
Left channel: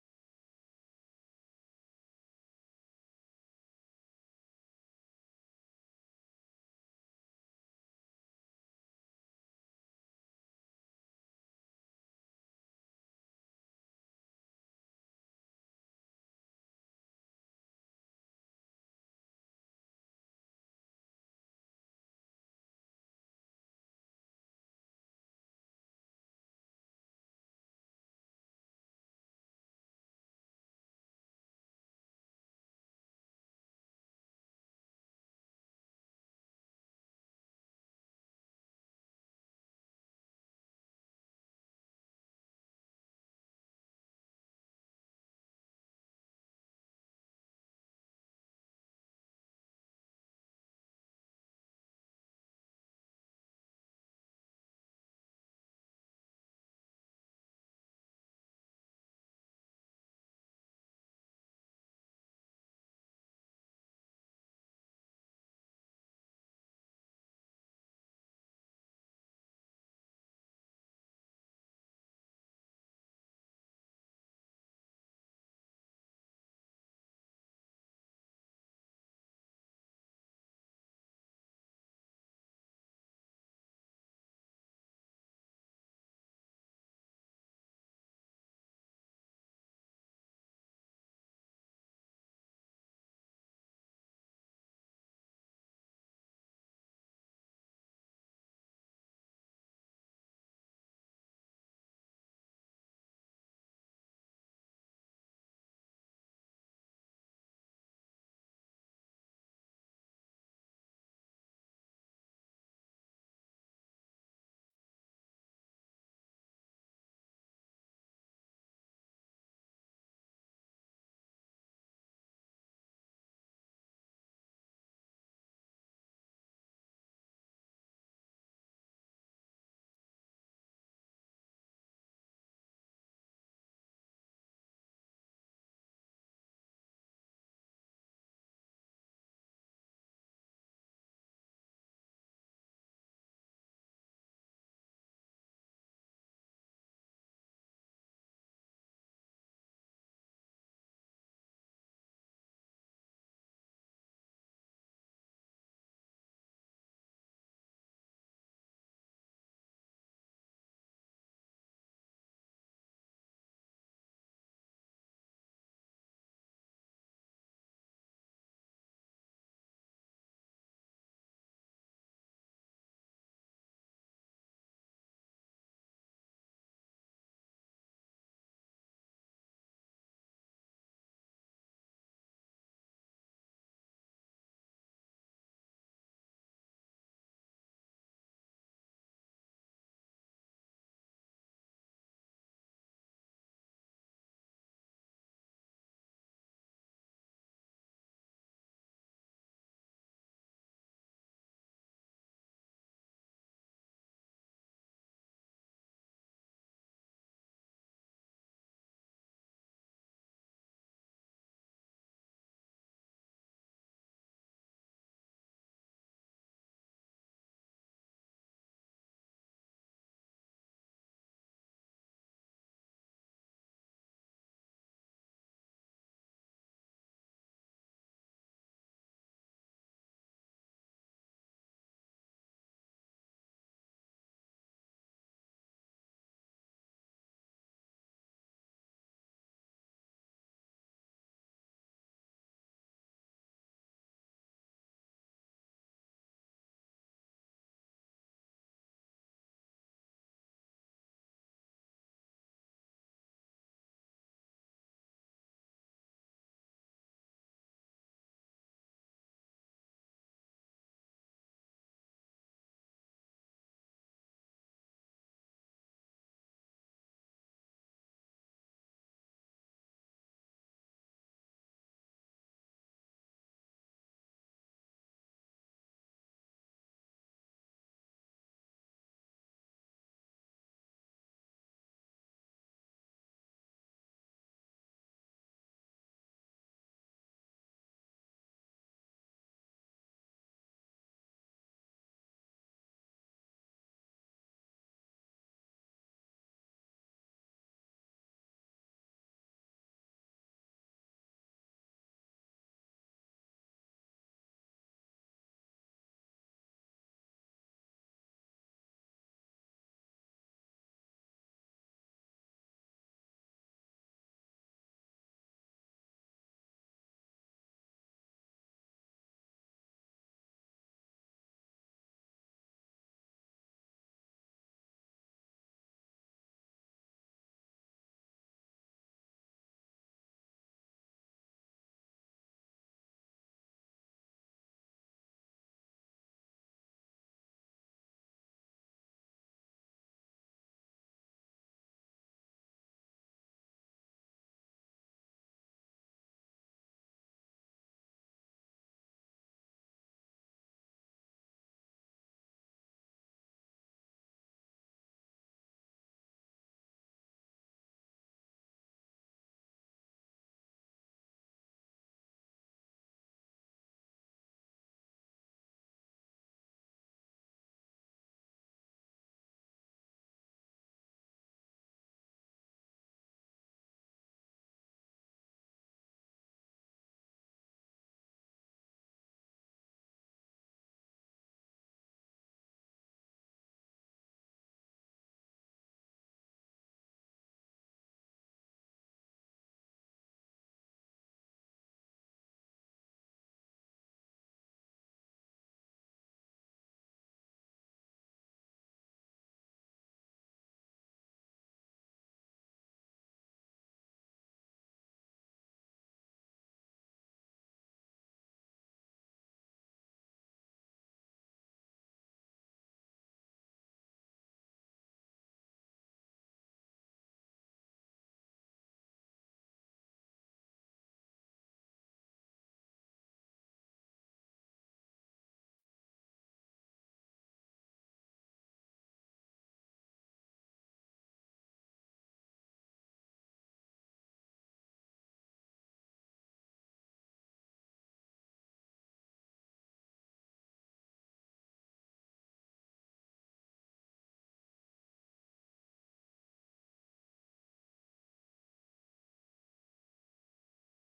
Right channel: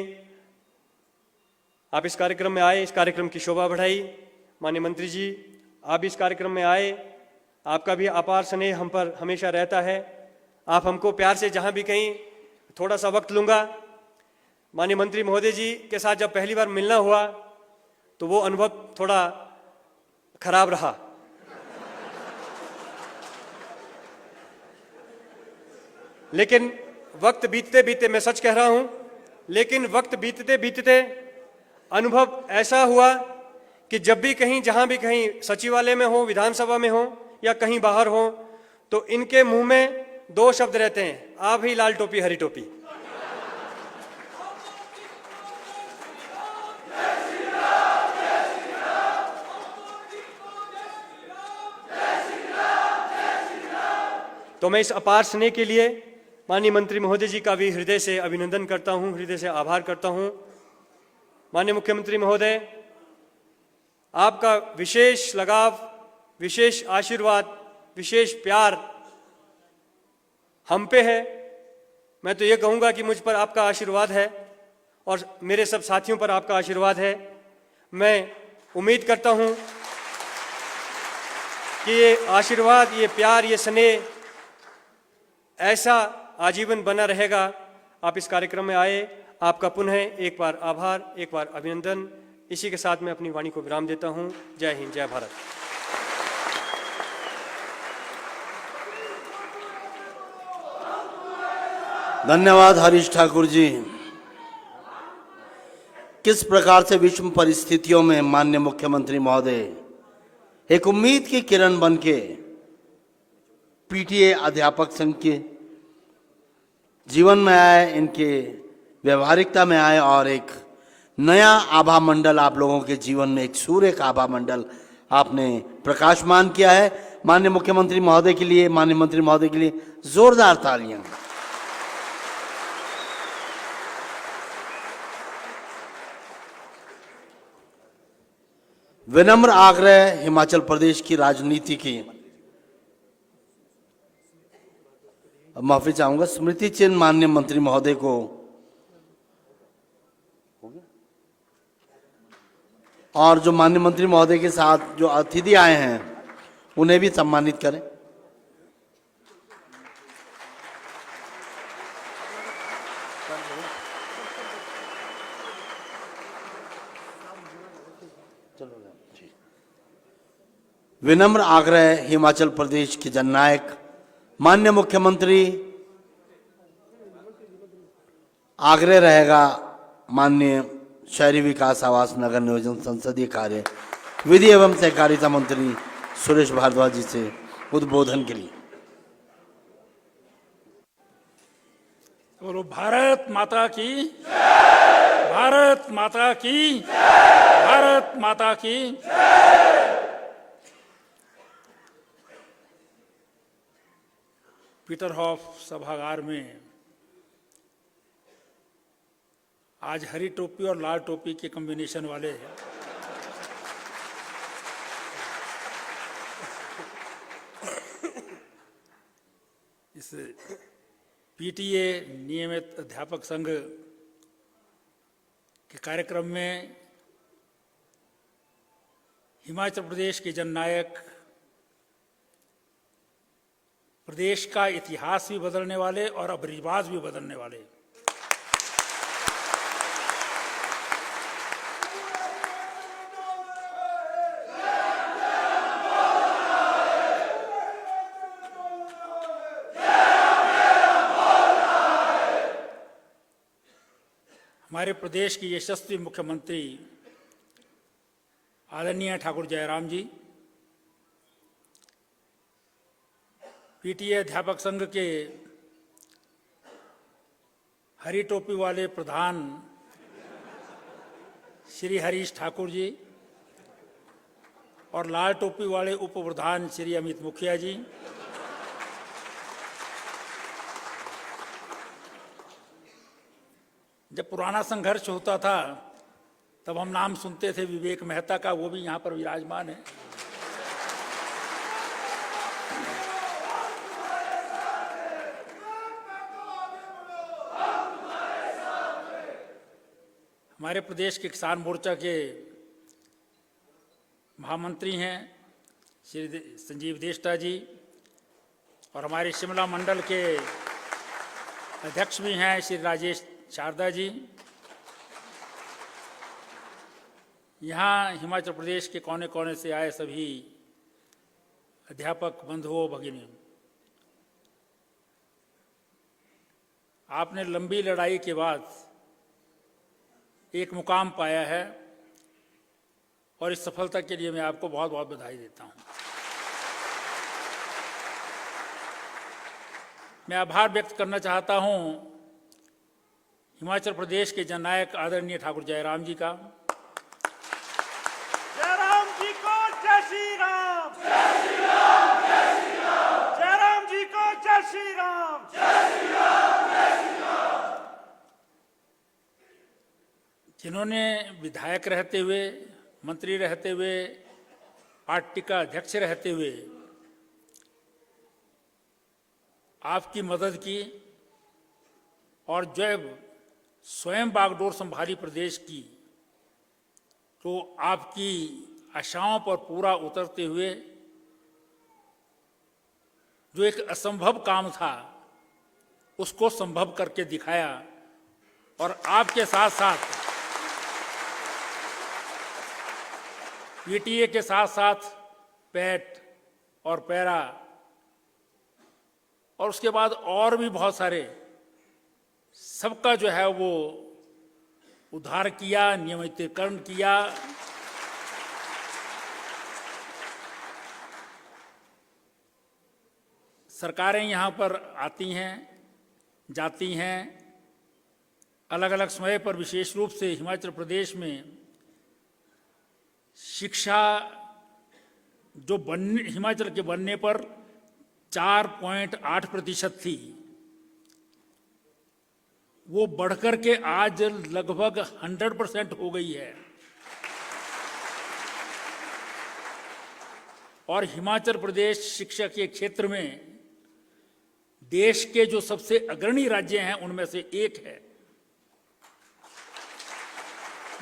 आप इस कार्यक्रम में आए, इस कार्यक्रम की शोभा बढ़ाई। माननीय मंत्री जी, आप भी इस कार्यक्रम में आए, आपका भी अपार स्नेह हम पर हमेशा रहता है। आप हमको प्यार से जहाँ भी कहीं थोड़ा सा वक्त लूँगा। माननीय मंत्री महोदय जी के साथ जब पहली बार मिलना हुआ तो वो अनुभव थोड़ा खराब रहा। लेकिन वक्त बीतते बीतते, मैं सच कह रहा हूं, लेकिन वक्त बीतते बीतते अनुभव ऐसा हुआ कि जब भी कहीं, जहां भी कहीं सचिवालय में हो, विधानसभा में हो या कहीं बाहर हो, तो इनके मुंह में 2 शब्द रहते हैं, आप ही लाल टोपी हरी टोपी। तो मैं इस अपार स्नेह के लिए माननीय मंत्री महोदय जी का भी हृदय से अभिनंदन करता हूं, हृदय से आभार करता हूं। माननीय मुख्यमंत्री महोदय, आपका विशेष लगाव, विशेष आशीर्वाद, विशेष प्यार हम पे है। मैं तो ये कहूँगा कि मुझ पर आपका आशीर्वाद है और मेरे सब साथियों पर आपका आशीर्वाद है। मैं उम्मीद करता हूँ कि ये आशीर्वाद, ये प्यार, ये स्नेह ऐसा आजीवन बना रहेगा। आप इस कार्यक्रम में आए, आपका पुनः एक बार आभार, एक बार अभिनंदन। इसी के साथ मैं अपनी वाणी को विराम देता हूं। जय हिंद, जय भारत। धन्यवाद हरीश ठाकुर जी। किस प्रकार से विषम परिस्थितियों में माननीय मुख्यमंत्री महोदय एक उम्मीद की किरण बनके पीटीए अध्यापक संघ के जीवन में आए, इनके व्यवहारिकता में आए और एक नया आभा मंडल आप लोगों के जीवन में, एक सूर्य का आभा मंडल आपने प्रकाशमान किया है। माननीय मुख्यमंत्री महोदय के लिए, माननीय मंत्री महोदय के लिए जोरदार तालियां। विनम्र आग्रह हिमाचल प्रदेश की राजनीति की। माफी चाहूंगा, स्मृति चिन्ह माननीय मंत्री महोदय को और जो माननीय मंत्री महोदय के साथ जो अतिथि आए हैं उन्हें भी सम्मानित करें। विनम्र आग्रह हिमाचल प्रदेश के जननायक माननीय मुख्यमंत्री, आग्रह रहेगा माननीय शहरी विकास आवास नगर नियोजन संसदीय कार्य विधि एवं सहकारिता मंत्री सुरेश भारद्वाज जी से उद्बोधन के लिए। बोलो भारत माता की, भारत माता की, भारत माता की। पीटरहॉफ सभागार में आज हरी टोपी और लाल टोपी के कॉम्बिनेशन वाले इस पीटीए नियमित अध्यापक संघ के कार्यक्रम में हिमाचल प्रदेश के जननायक, प्रदेश का इतिहास भी बदलने वाले और अब रिवाज भी बदलने वाले हमारे प्रदेश के यशस्वी मुख्यमंत्री आदरणीय ठाकुर जयराम जी, पीटीए अध्यापक संघ के हरी टोपी वाले प्रधान श्री हरीश ठाकुर जी और लाल टोपी वाले उप प्रधान श्री अमित मुखिया जी, जब पुराना संघर्ष होता था तब हम नाम सुनते थे विवेक मेहता का, वो भी यहाँ पर विराजमान है। हमारे प्रदेश के किसान मोर्चा के महामंत्री हैं श्री संजीव देष्टा जी और हमारे शिमला मंडल के अध्यक्ष भी हैं श्री राजेश शारदा जी। यहाँ हिमाचल प्रदेश के कोने कोने से आए सभी अध्यापक बंधुओं भगिनी, आपने लंबी लड़ाई के बाद एक मुकाम पाया है और इस सफलता के लिए मैं आपको बहुत बहुत बधाई देता हूँ। मैं आभार व्यक्त करना चाहता हूँ हिमाचल प्रदेश के जननायक आदरणीय ठाकुर जयराम जी का। जयराम जी को जय श्री राम, जय श्री राम, जय श्री राम। जयराम जी को जय श्री राम, जय श्री राम, जय श्री राम। जिन्होंने विधायक रहते हुए, मंत्री रहते हुए, पार्टी का अध्यक्ष रहते हुए आपकी मदद की और जब स्वयं बागडोर संभाली प्रदेश की तो आपकी आशाओं पर पूरा उतरते हुए जो एक असंभव काम था उसको संभव करके दिखाया और आपके साथ साथ पीटीए के साथ साथ पैट और पैरा और उसके बाद और भी बहुत सारे, सबका जो है वो उद्धार किया, नियमितीकरण किया। सरकारें यहाँ पर आती हैं, जाती हैं, अलग अलग समय पर। विशेष रूप से हिमाचल प्रदेश में शिक्षा जो हिमाचल के बनने पर 4.8% थी, वो बढ़कर के आज लगभग 100% हो गई है। और हिमाचल प्रदेश शिक्षा के क्षेत्र में देश के जो सबसे अग्रणी राज्य हैं उनमें से एक है,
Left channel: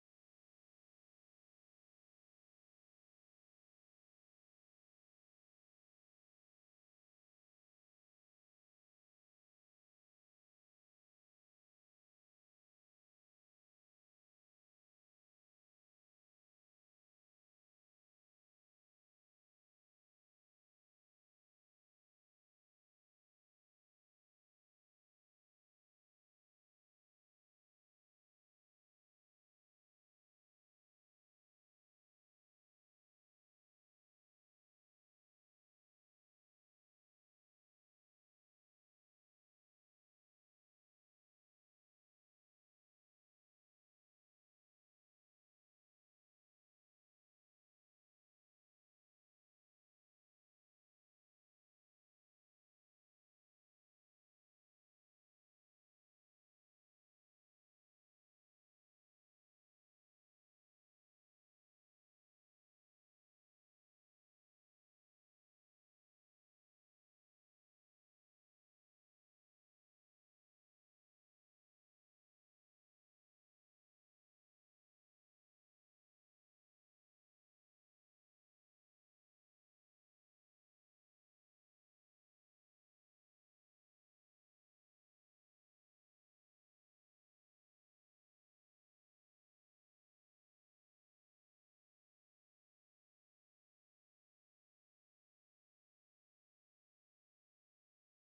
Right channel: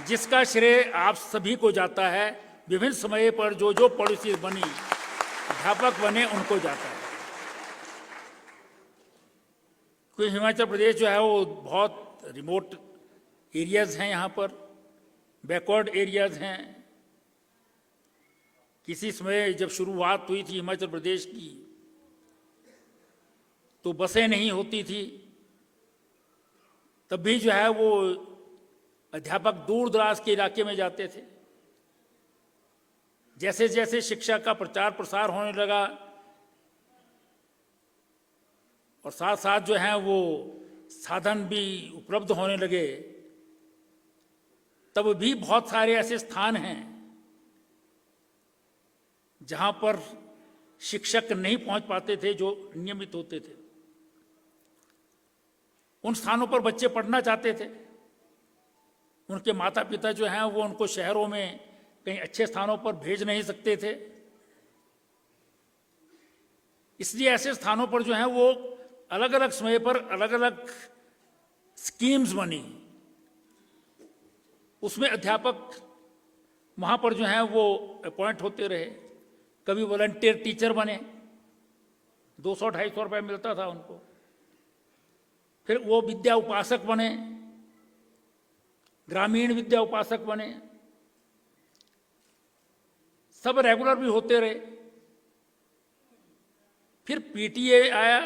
जिसका श्रेय आप सभी को जाता है। विभिन्न समय पर जो जो पॉलिसी बनी, अध्यापक बने, उनको जाता है। कोई हिमाचल प्रदेश जो है वो बहुत रिमोट एरियाज हैं, यहाँ पर बैकवर्ड एरियाज हैं, किसी समय जब शुरुआत हुई थी हिमाचल प्रदेश की तो बसें नहीं होती थी, तब भी जो है वो अध्यापक दूर दराज के इलाके में जाते थे। जैसे जैसे शिक्षा का प्रचार प्रसार होने लगा और साथ साथ जो है वो साधन भी उपलब्ध होने लगे, तब भी बहुत सारे ऐसे स्थान हैं जहां पर शिक्षक नहीं पहुंच पाते थे जो नियमित होते थे। उन स्थानों पर बच्चे पढ़ना चाहते थे, उनके माता पिता जो हैं वो उनको शहरों में कहीं अच्छे स्थानों पर भेज नहीं सकते थे, इसलिए ऐसे स्थानों पर जो है वो अलग अलग समय पर अलग अलग स्कीम्स बनी। उसमें अध्यापक वहां पर जो है वो अपॉइंट होते रहे। कभी वॉलंटियर टीचर बने, 200-250 रुपये मिलता था उनको। फिर वो विद्या उपासक बने, ग्रामीण विद्या उपासक बने, सब रेगुलर भी होते रहे। फिर पीटीए आया,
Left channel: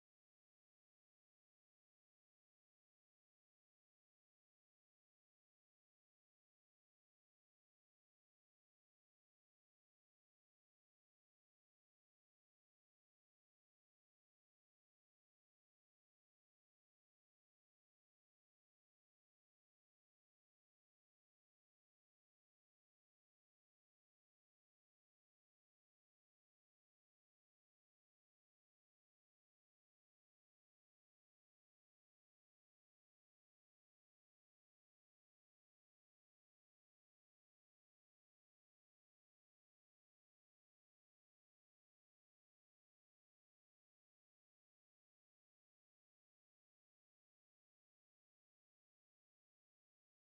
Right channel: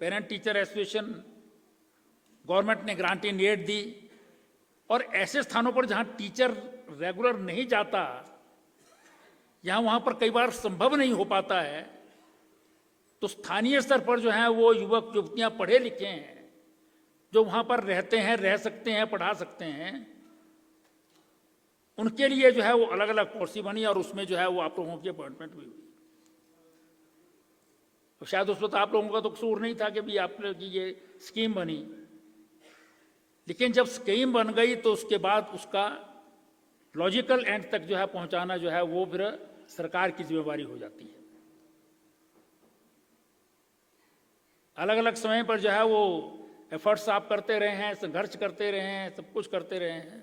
पेरेंट टीचर एसोसिएशन, गवर्नमेंट ने ग्रांट इन एड दी, और ऐसे स्थानों पर जहां टीचर रेगुलर नहीं जाता, जहां वहां पर कई बार संभव नहीं हो पाता है, तो स्थानीय स्तर पर जो है वो युवक युवतियां पढ़े लिखे हैं जो वहां पर रहते हैं, रह सकते हैं, पढ़ा सकते हैं, उनके लिए जो है वो अलग अलग पॉलिसी बनी और उसमें जो है वो आप लोगों की अपॉइंटमेंट भी हुई। तो शायद उस वक्त आप लोगों का तो कसूर नहीं था कि भी आप लोगों की ये स्कीम बनी, लेकिन जब स्कीम बन गई तो उसके बाद उसका लॉजिकल एंड तक जो है पहुंचाना जो है वो फिर सरकार की जिम्मेवारी हो जाती है। अलग अलग समय पर जो है वो एफर्ट्स आप करते रहे हैं, संघर्ष करते रहे हैं, सब कुछ करते रहे हैं,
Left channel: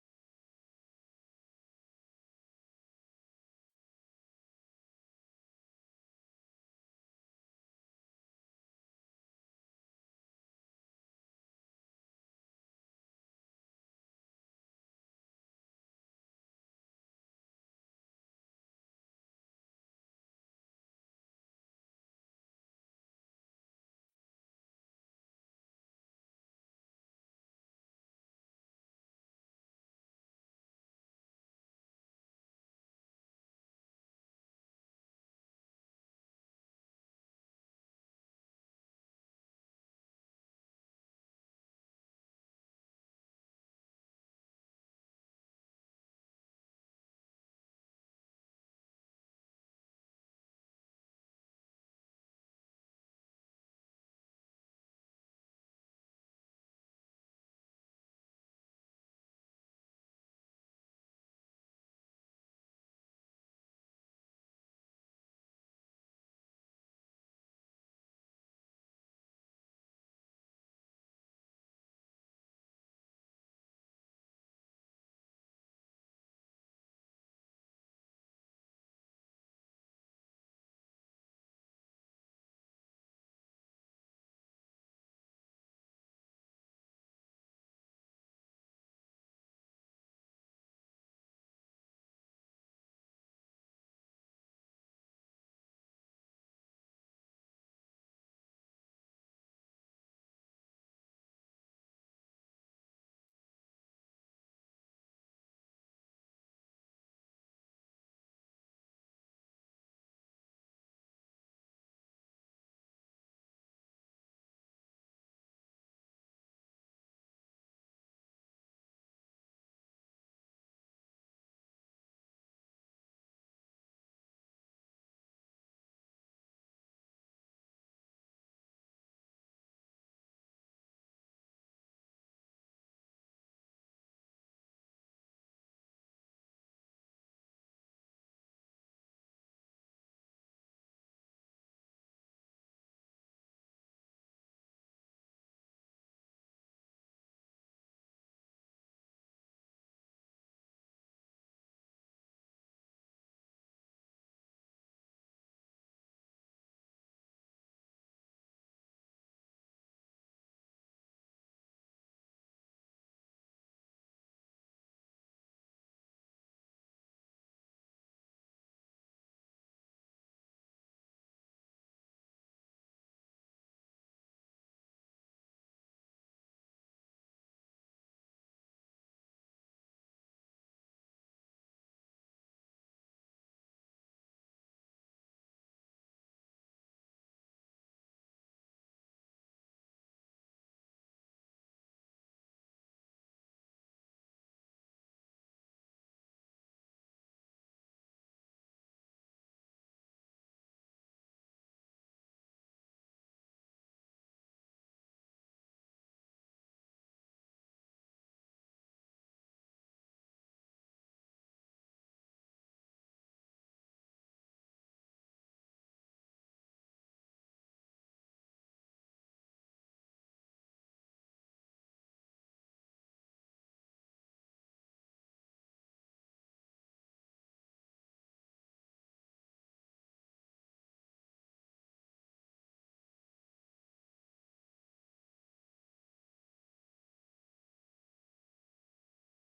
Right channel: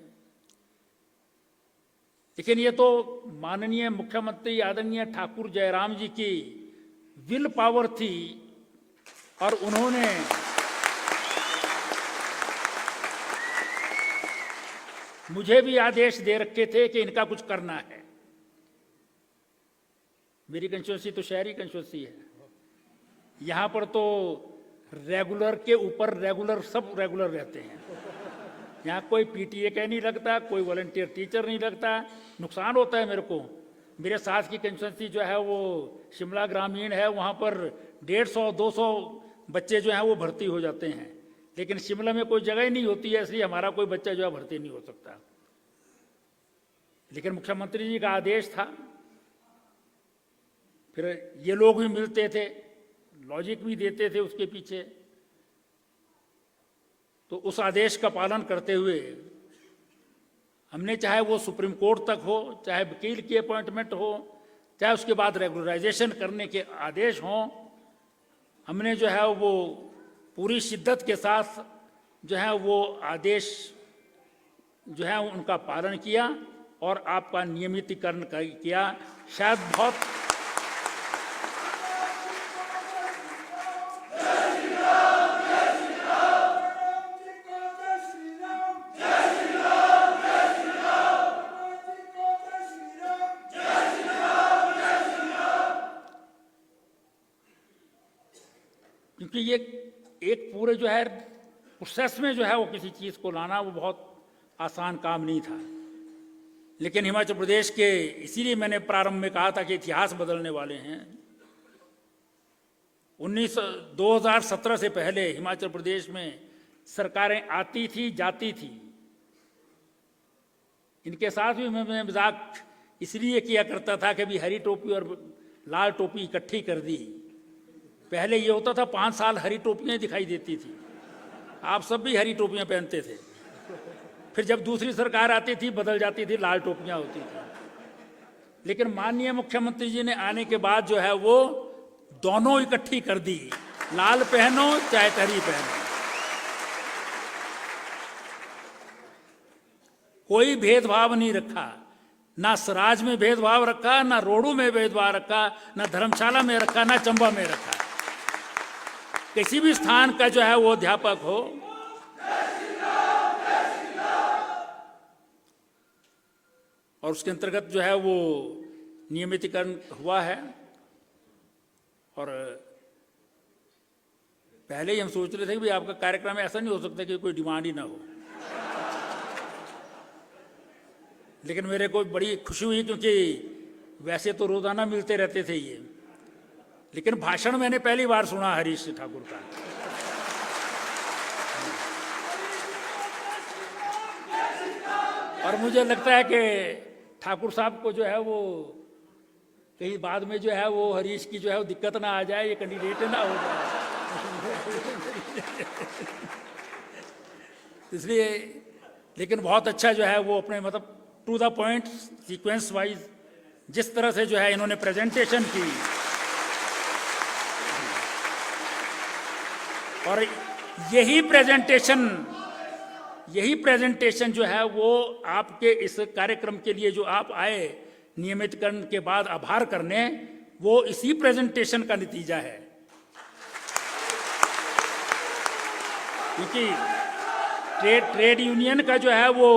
लेकिन ये तो माननीय मुख्यमंत्री आदरणीय ठाकुर जयराम जी की विल पावर थी और उन्होंने मुझे भी आदेश दे रखे थे कि इनका कुछ करना है। मेरी कंस्टिट्यूंसी तो शहरी कंस्टिट्यूंसी है, यहां पर तो रेगुलर के ऊपर रेगुलर सब रेगुलर रहते हैं। यहाँ कोई पीटीए का नहीं लगता, कोई वॉलंटियर टीचर नहीं लगता। नुकसान होता है मेरे को। मेरे साथ की कंस्टिट्यूंसी जो है वो शिमला ग्रामीण है, वहाँ पर 150-200 बच्चे जो हैं वो भर्ती हो जाते हैं, लेकिन शिमला में कोई जगह ही नहीं होती है, इसलिए हमारा कोई बच्चा जो है भर्ती नहीं हो सकता। लेकिन मुख्यमंत्री जी का आदेश था, फिर ये लोग भी मिलते थे, लॉजिक भी देते थे उसके पीछे, तो उस आदेश का पालन करते हुए हमने, चाहे वो सुप्रीम कोर्ट तक हो, चाहे वकील की अपॉइंटमेंट हो, चाहे उसके बाद रेगुलराइजेशन करने के आदेश हों, हमने जो है वो पूरी शिद्दत के साथ जो है वो आदेश जो है उनका पालन किया और आपका नियमितीकरण किया। शायद बहुत क्योंकि ये एक पूरे जो है प्रोसेस में जो है वो किसी चीज़ को लाना वो बहुत आसान काम नहीं था। लेकिन हिमाचल प्रदेश के, इसीलिए मैंने प्रारंभ में कहा था कि इतिहास बदलने वाले हैं। 2017 से पहले हिमाचल प्रदेश में सरकारें आती थी, जाती थी। इनके साथ भी मैं मजाक इसलिए किया करता था कि भी हरी टोपी और लाल टोपी इकट्ठी कर दी। पहले ये होता था 5 साल हरी टोपियां दिखाई देती थी, आप सब भी हरी टोपियां पहनते थे। फिर जब दूसरी सरकार आती थी बदल जाती थी, लाल टोपियां होती थी। लेकिन माननीय मुख्यमंत्री जी ने आने के बाद जो है वो दोनों इकट्ठी कर दी, लाल पहनो चाहे हरी पहनो, कोई भेदभाव नहीं रखा। ना सराज में भेदभाव रखा, ना रोडू में भेदभाव रखा, ना धर्मशाला में रखा, ना चंबा में रखा। किसी भी स्थान का जो है वो अध्यापक हो, और उसके अंतर्गत जो है वो नियमितीकरण हुआ है और पहले ही हम सोच रहे थे कि भाई आपका कार्यक्रम ऐसा नहीं हो सकता कि कोई डिमांड ही ना हो, लेकिन मेरे को बड़ी खुशी हुई क्योंकि वैसे तो रोजाना मिलते रहते थे ये, लेकिन भाषण मैंने पहली बार सुना हरीश ठाकुर का। और मुझे लगता है कि ठाकुर साहब को जो है वो कहीं बाद में जो है वो हरीश की जो है वो दिक्कत ना आ जाए, ये कैंडिडेट ना हो जाए इसलिए। लेकिन बहुत अच्छा जो है वो अपने मतलब to the point sequence wise जिस तरह से जो है इन्होंने प्रेजेंटेशन की, और यही प्रेजेंटेशन जो है वो आपके इस कार्यक्रम के लिए जो आप आए नियमितकरण के बाद आभार करने, वो इसी प्रेजेंटेशन का नतीजा है। क्योंकि ट्रेड यूनियन का जो है वो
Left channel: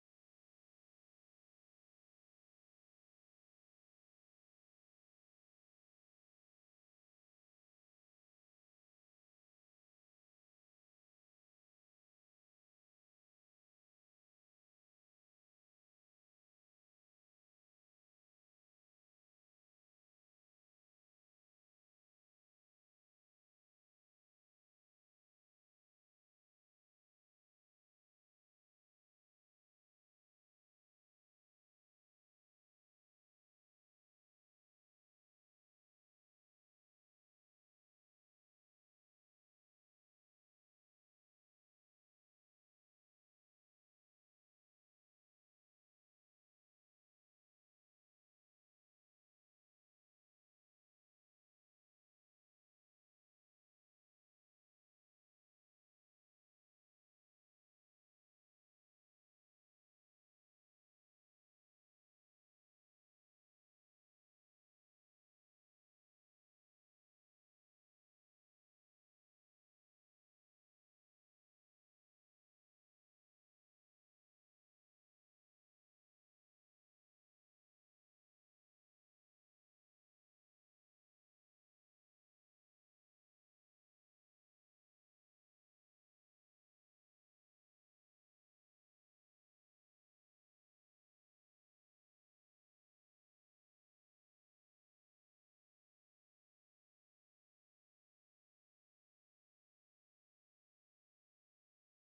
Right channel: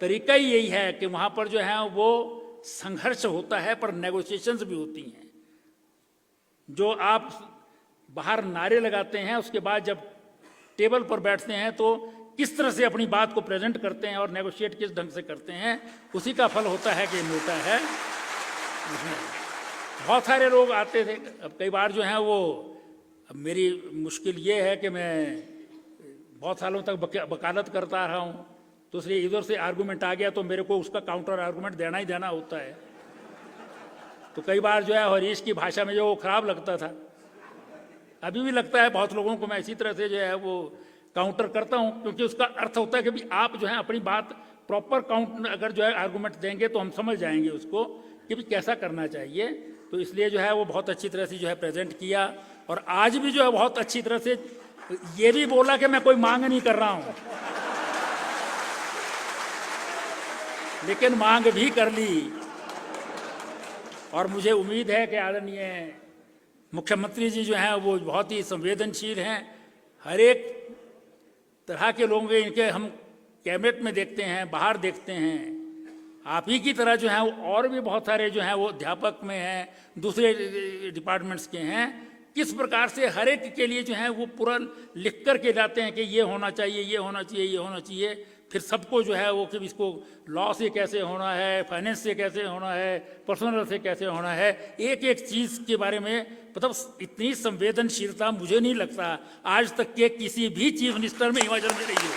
तरीका ही यही है कि वहां पर जो है वो संघर्ष होता है पर नेगोशिएशंस भी होती हैं। जो आप बाहर नारे लगाते हैं उसके बाद जब टेबल पर बैठते हैं तो किस तरह से अपनी बात को प्रेजेंट करते हैं और नेगोशिएट किस ढंग से करते हैं, उसी का फल होता है कि मिलता है। बहुत सारे लोग आते थे, अब कई बार जो है वो, अब मेरी मुश्किल ये है कि मैं बहुत सालों तक वकालत करता रहा हूँ, तो इसलिए इधर से आर्गूमेंट आ गया तो मेरे को उसका काउंटर आर्गूमेंट देना ही देना होता है। तो कई बार जो है हरीश की भाषा में जो वो खराब लगता था, अभी भी लगता है बहुत लोगों को, मैं इसी तरह से जो है वो काउंटर करता हूं, क्योंकि उसका अर्थ होता है कि भी आप जो है अपनी बात प्रॉपर काउंट अगर जो है आर्गूमेंट देंगे तो हम समझ जाएंगे उसको कि भी कैसा करना चाहिए। तो इसलिए जो है वो बहुत अच्छी तरह से जो है प्रेजेंट किया, और आज भी जो है बहुत अच्छी तरह से ये भी बोला कि मैं कोई मांग नहीं कर रहा हूं, लेकिन मांग भी कर ली। और मुझे उम्मीद है कि आदरणीय मुख्यमंत्री जी जो हैं वो बहुत ही संवेदनशील हैं। हर एक तरह के लोग इनके हम कैबिनेट में देखते हैं, बाहर देखते हैं। आप ही की तरह जो है वो और भी बहुत सारे जो हैं वो अध्यापक में हैं, दूसरे डिपार्टमेंट्स के हैं। किस प्रकार से हर एक के लिए जो है वो पूरा लिख कर के लाते हैं कि ये होना चाहिए, ये होना चाहिए, ये होना चाहिए। फिर सबको जो है वो कि इसको लॉ से कैसे होना है, फाइनेंस से कैसे होना है, पर्सनल से कैसे होना है, एक एक चीज़ के बारे में मतलब इतनी संवेदनशीलता मुझे नहीं लगता आज तक के किसी भी चीफ मिनिस्टर में हिमाचल में रही हो।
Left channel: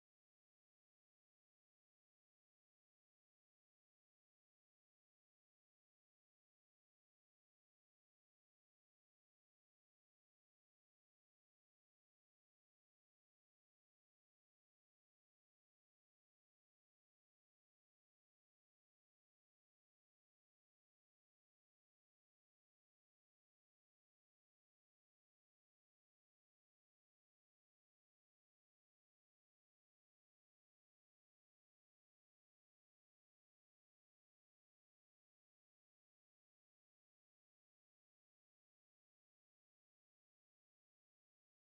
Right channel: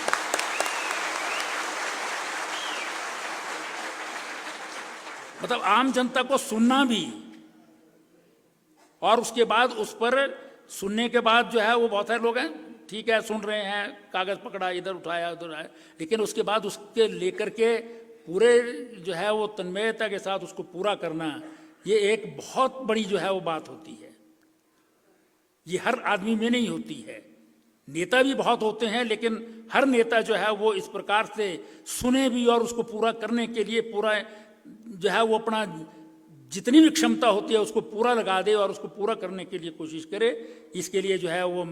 मतलब आम जनता को सुनना भी, और उसके बाद उस पर सुनने के बाद जो है वो बहुत सारे लोग हैं, ठीक है सुन रहे हैं, कागज पकड़ा, इधर उठाया उधर आया, लेकिन उसके बाद उसके लेकर के पूरे जो है वो तन्मयता के साथ उसको पूरा करना, ये एक बहुत बड़ी जो है वो बात होती है। ये हर आदमी में नहीं होती है। नेता भी बहुत होते हैं, लेकिन हर नेता जो है वो इस प्रकार से सुने भी और उसको पूरा करने के लिए पूरा जो है वो अपना जितनी भी क्षमता होती है उसको पूरा लगा दे और उसको पूरा करने के लिए कोशिश करे। इसके लिए जो है वो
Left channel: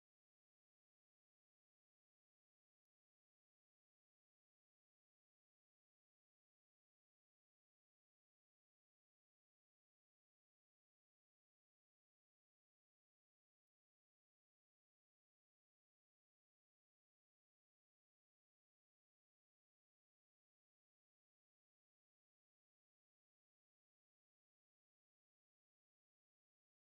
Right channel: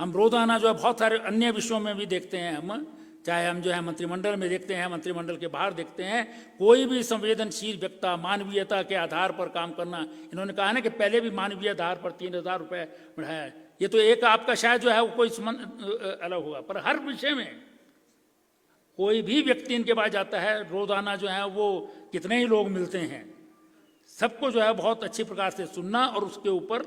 हम रोजाना जो है बहुत सारे अन्य विषयों में भी देखते हैं, हम चाहे हम जो है मंत्रिमंडल में देखते हैं, मंत्रिमंडल के बाहर देखते हैं, कोई भी संवेदनशील व्यक्ति मानवीयता के आधार पर काम करना। इन्होंने कहा ना कि पहले भी मानवीय आधार पर 3,000 रुपये बढ़ाया, ये तो एक आपका शायद जो है वो कोई अलग होगा, पर हर विषय में कोई भी व्यक्ति इनके पास जाता है, रोजाना जो है वो कितने ही लोग मिलते हैं, सबको जो है बहुत अच्छी प्रकार से सुनना और उसके ऊपर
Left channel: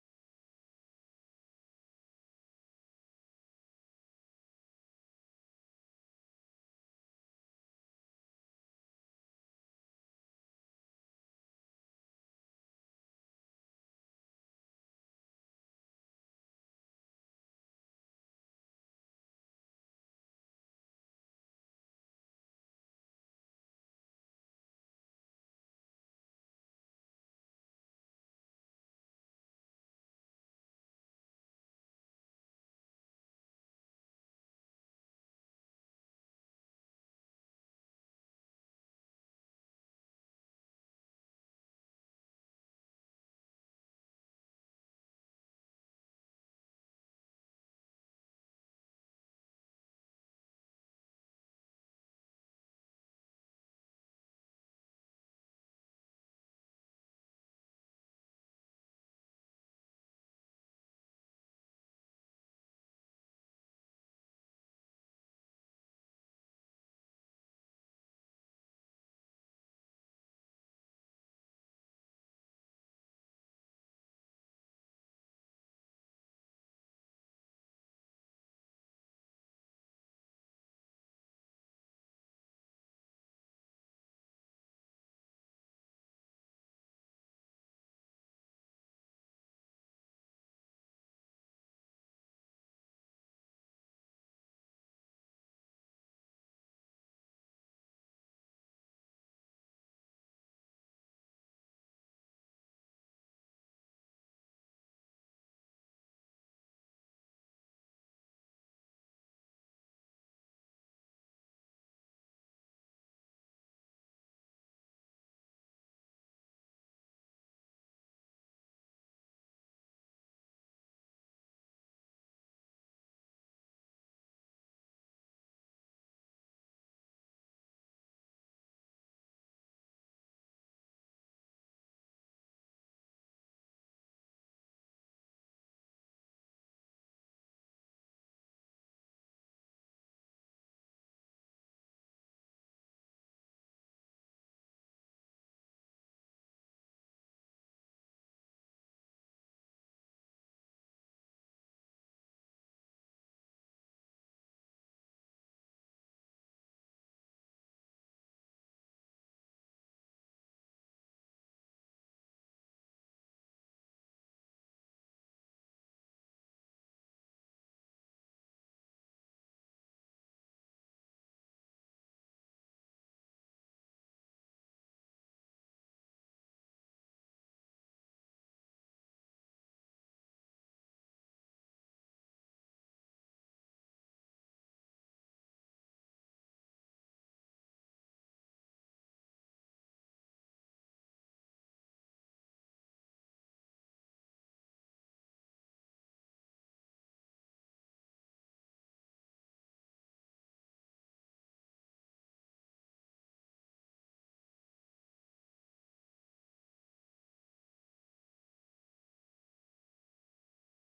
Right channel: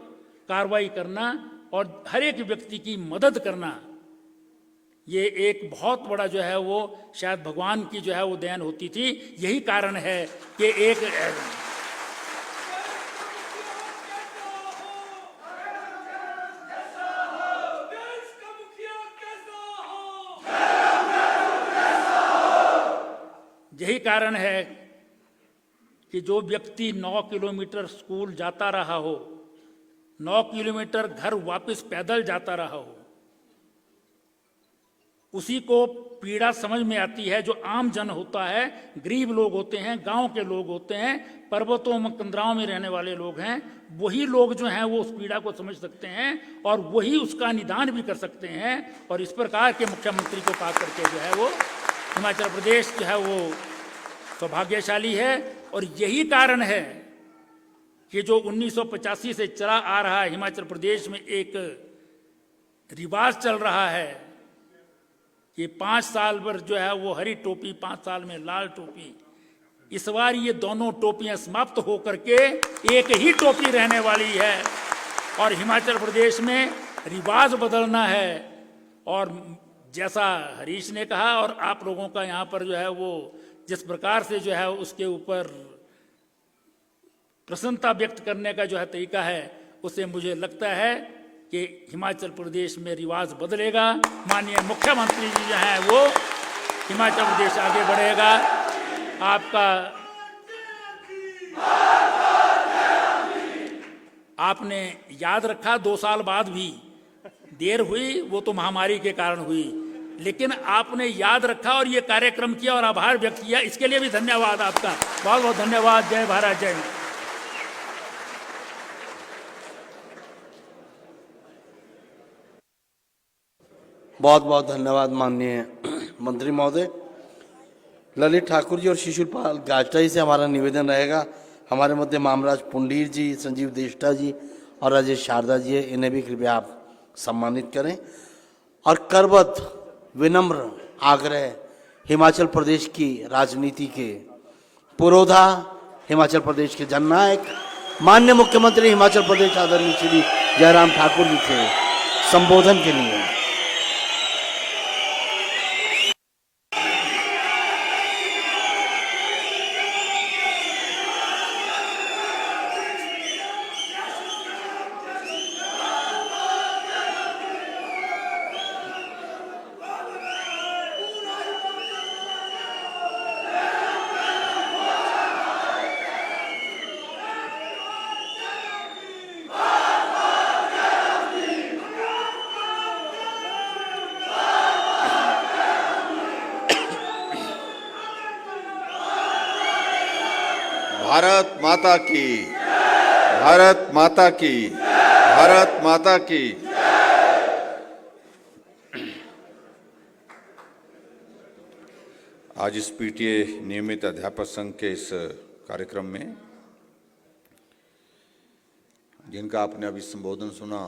कार्रवाई करना और हर एक व्यक्ति की मदद करना, ये एक बहुत बड़ा जो है वो शायद भगवान की जो है वो देन होती थी। यही कारण है कि एक यही कारण है कि जो व्यक्ति 9 किलोमीटर स्कूल जाता रहा हो, 9 किलोमीटर घर वापस पैदल जाता रहा हो, उसी को पीड़ा समझ में आती है। जो आम जन होता है, गरीब लोग होते हैं, गांव के लोग होते हैं, पर्वतों में कंदराओं में रहने वाले लोग हैं, वही लोग जो हैं वो उस पीड़ा को समझ सकते हैं और वही उसका निदान भी कर सकते हैं। और इस प्रकार के मुख्यमंत्री को पा करके जो है वो हिमाचल प्रदेश जो है वो सौभाग्यशाली है। और यही कारण है कि जो 1985 से चला आ रहा है, हिमाचल प्रदेश में एक रिवाज चल रहा है कि 5 साल पर जो है वो हरी टोपी, 5 साल में लाल टोपी। इस बार ये दोनों टोपियां समाप्त होकर के एक ही टोपी रहने वाली है और हिमाचल प्रदेश में रिवाज बदलना है। और जैसा हरीश ने कहा और आप लोगों का यहाँ पर जो है वो जिस प्रकार से जो है उसके ऊपर प्रसन्नता व्यक्त करने का जो है तरीका है, उससे मुझे लगता है कि हिमाचल प्रदेश में रिवाज बदलेगा। माननीय मुख्यमंत्री जी जो हैं वो हिमाचल प्रदेश आगे बढ़ेगा। आपका आपने याद रखा 2 साल बाद भी देर हुई, वो तो महामारी के कारण हुई, लेकिन आपने याद रखा और ये कार्यक्रम किया और आभार व्यक्त किया, इसके लिए भी धन्यवाद आपका। बहुत बहुत धन्यवाद। जय भारत, जय हिंद। बहुत बहुत धन्यवाद माननीय मंत्री महोदय। ललित ठाकुर जी और शिशुपाल गाजटा जी से हमारा निवेदन रहेगा, हमारे मध्य मामराज पुंडीर जी, संजीव देष्टा जी और राजेश शारदा जी है, इन्हें भी कृपया आप सम्मानित करें। और करबद्ध विनम्र आग्रह हिमाचल प्रदेश की राजनीति के पुरोधा, हिमाचल प्रदेश के जननायक, माननीय मुख्यमंत्री हिमाचल प्रदेश आदरणीय श्री जयराम ठाकुर जी के संबोधन के लिए। भारत माता की, भारत माता की, भारत माता की। आज इस पीटीए नियमित अध्यापक संघ के इस कार्यक्रम में जिनका आपने अभी संबोधन सुना,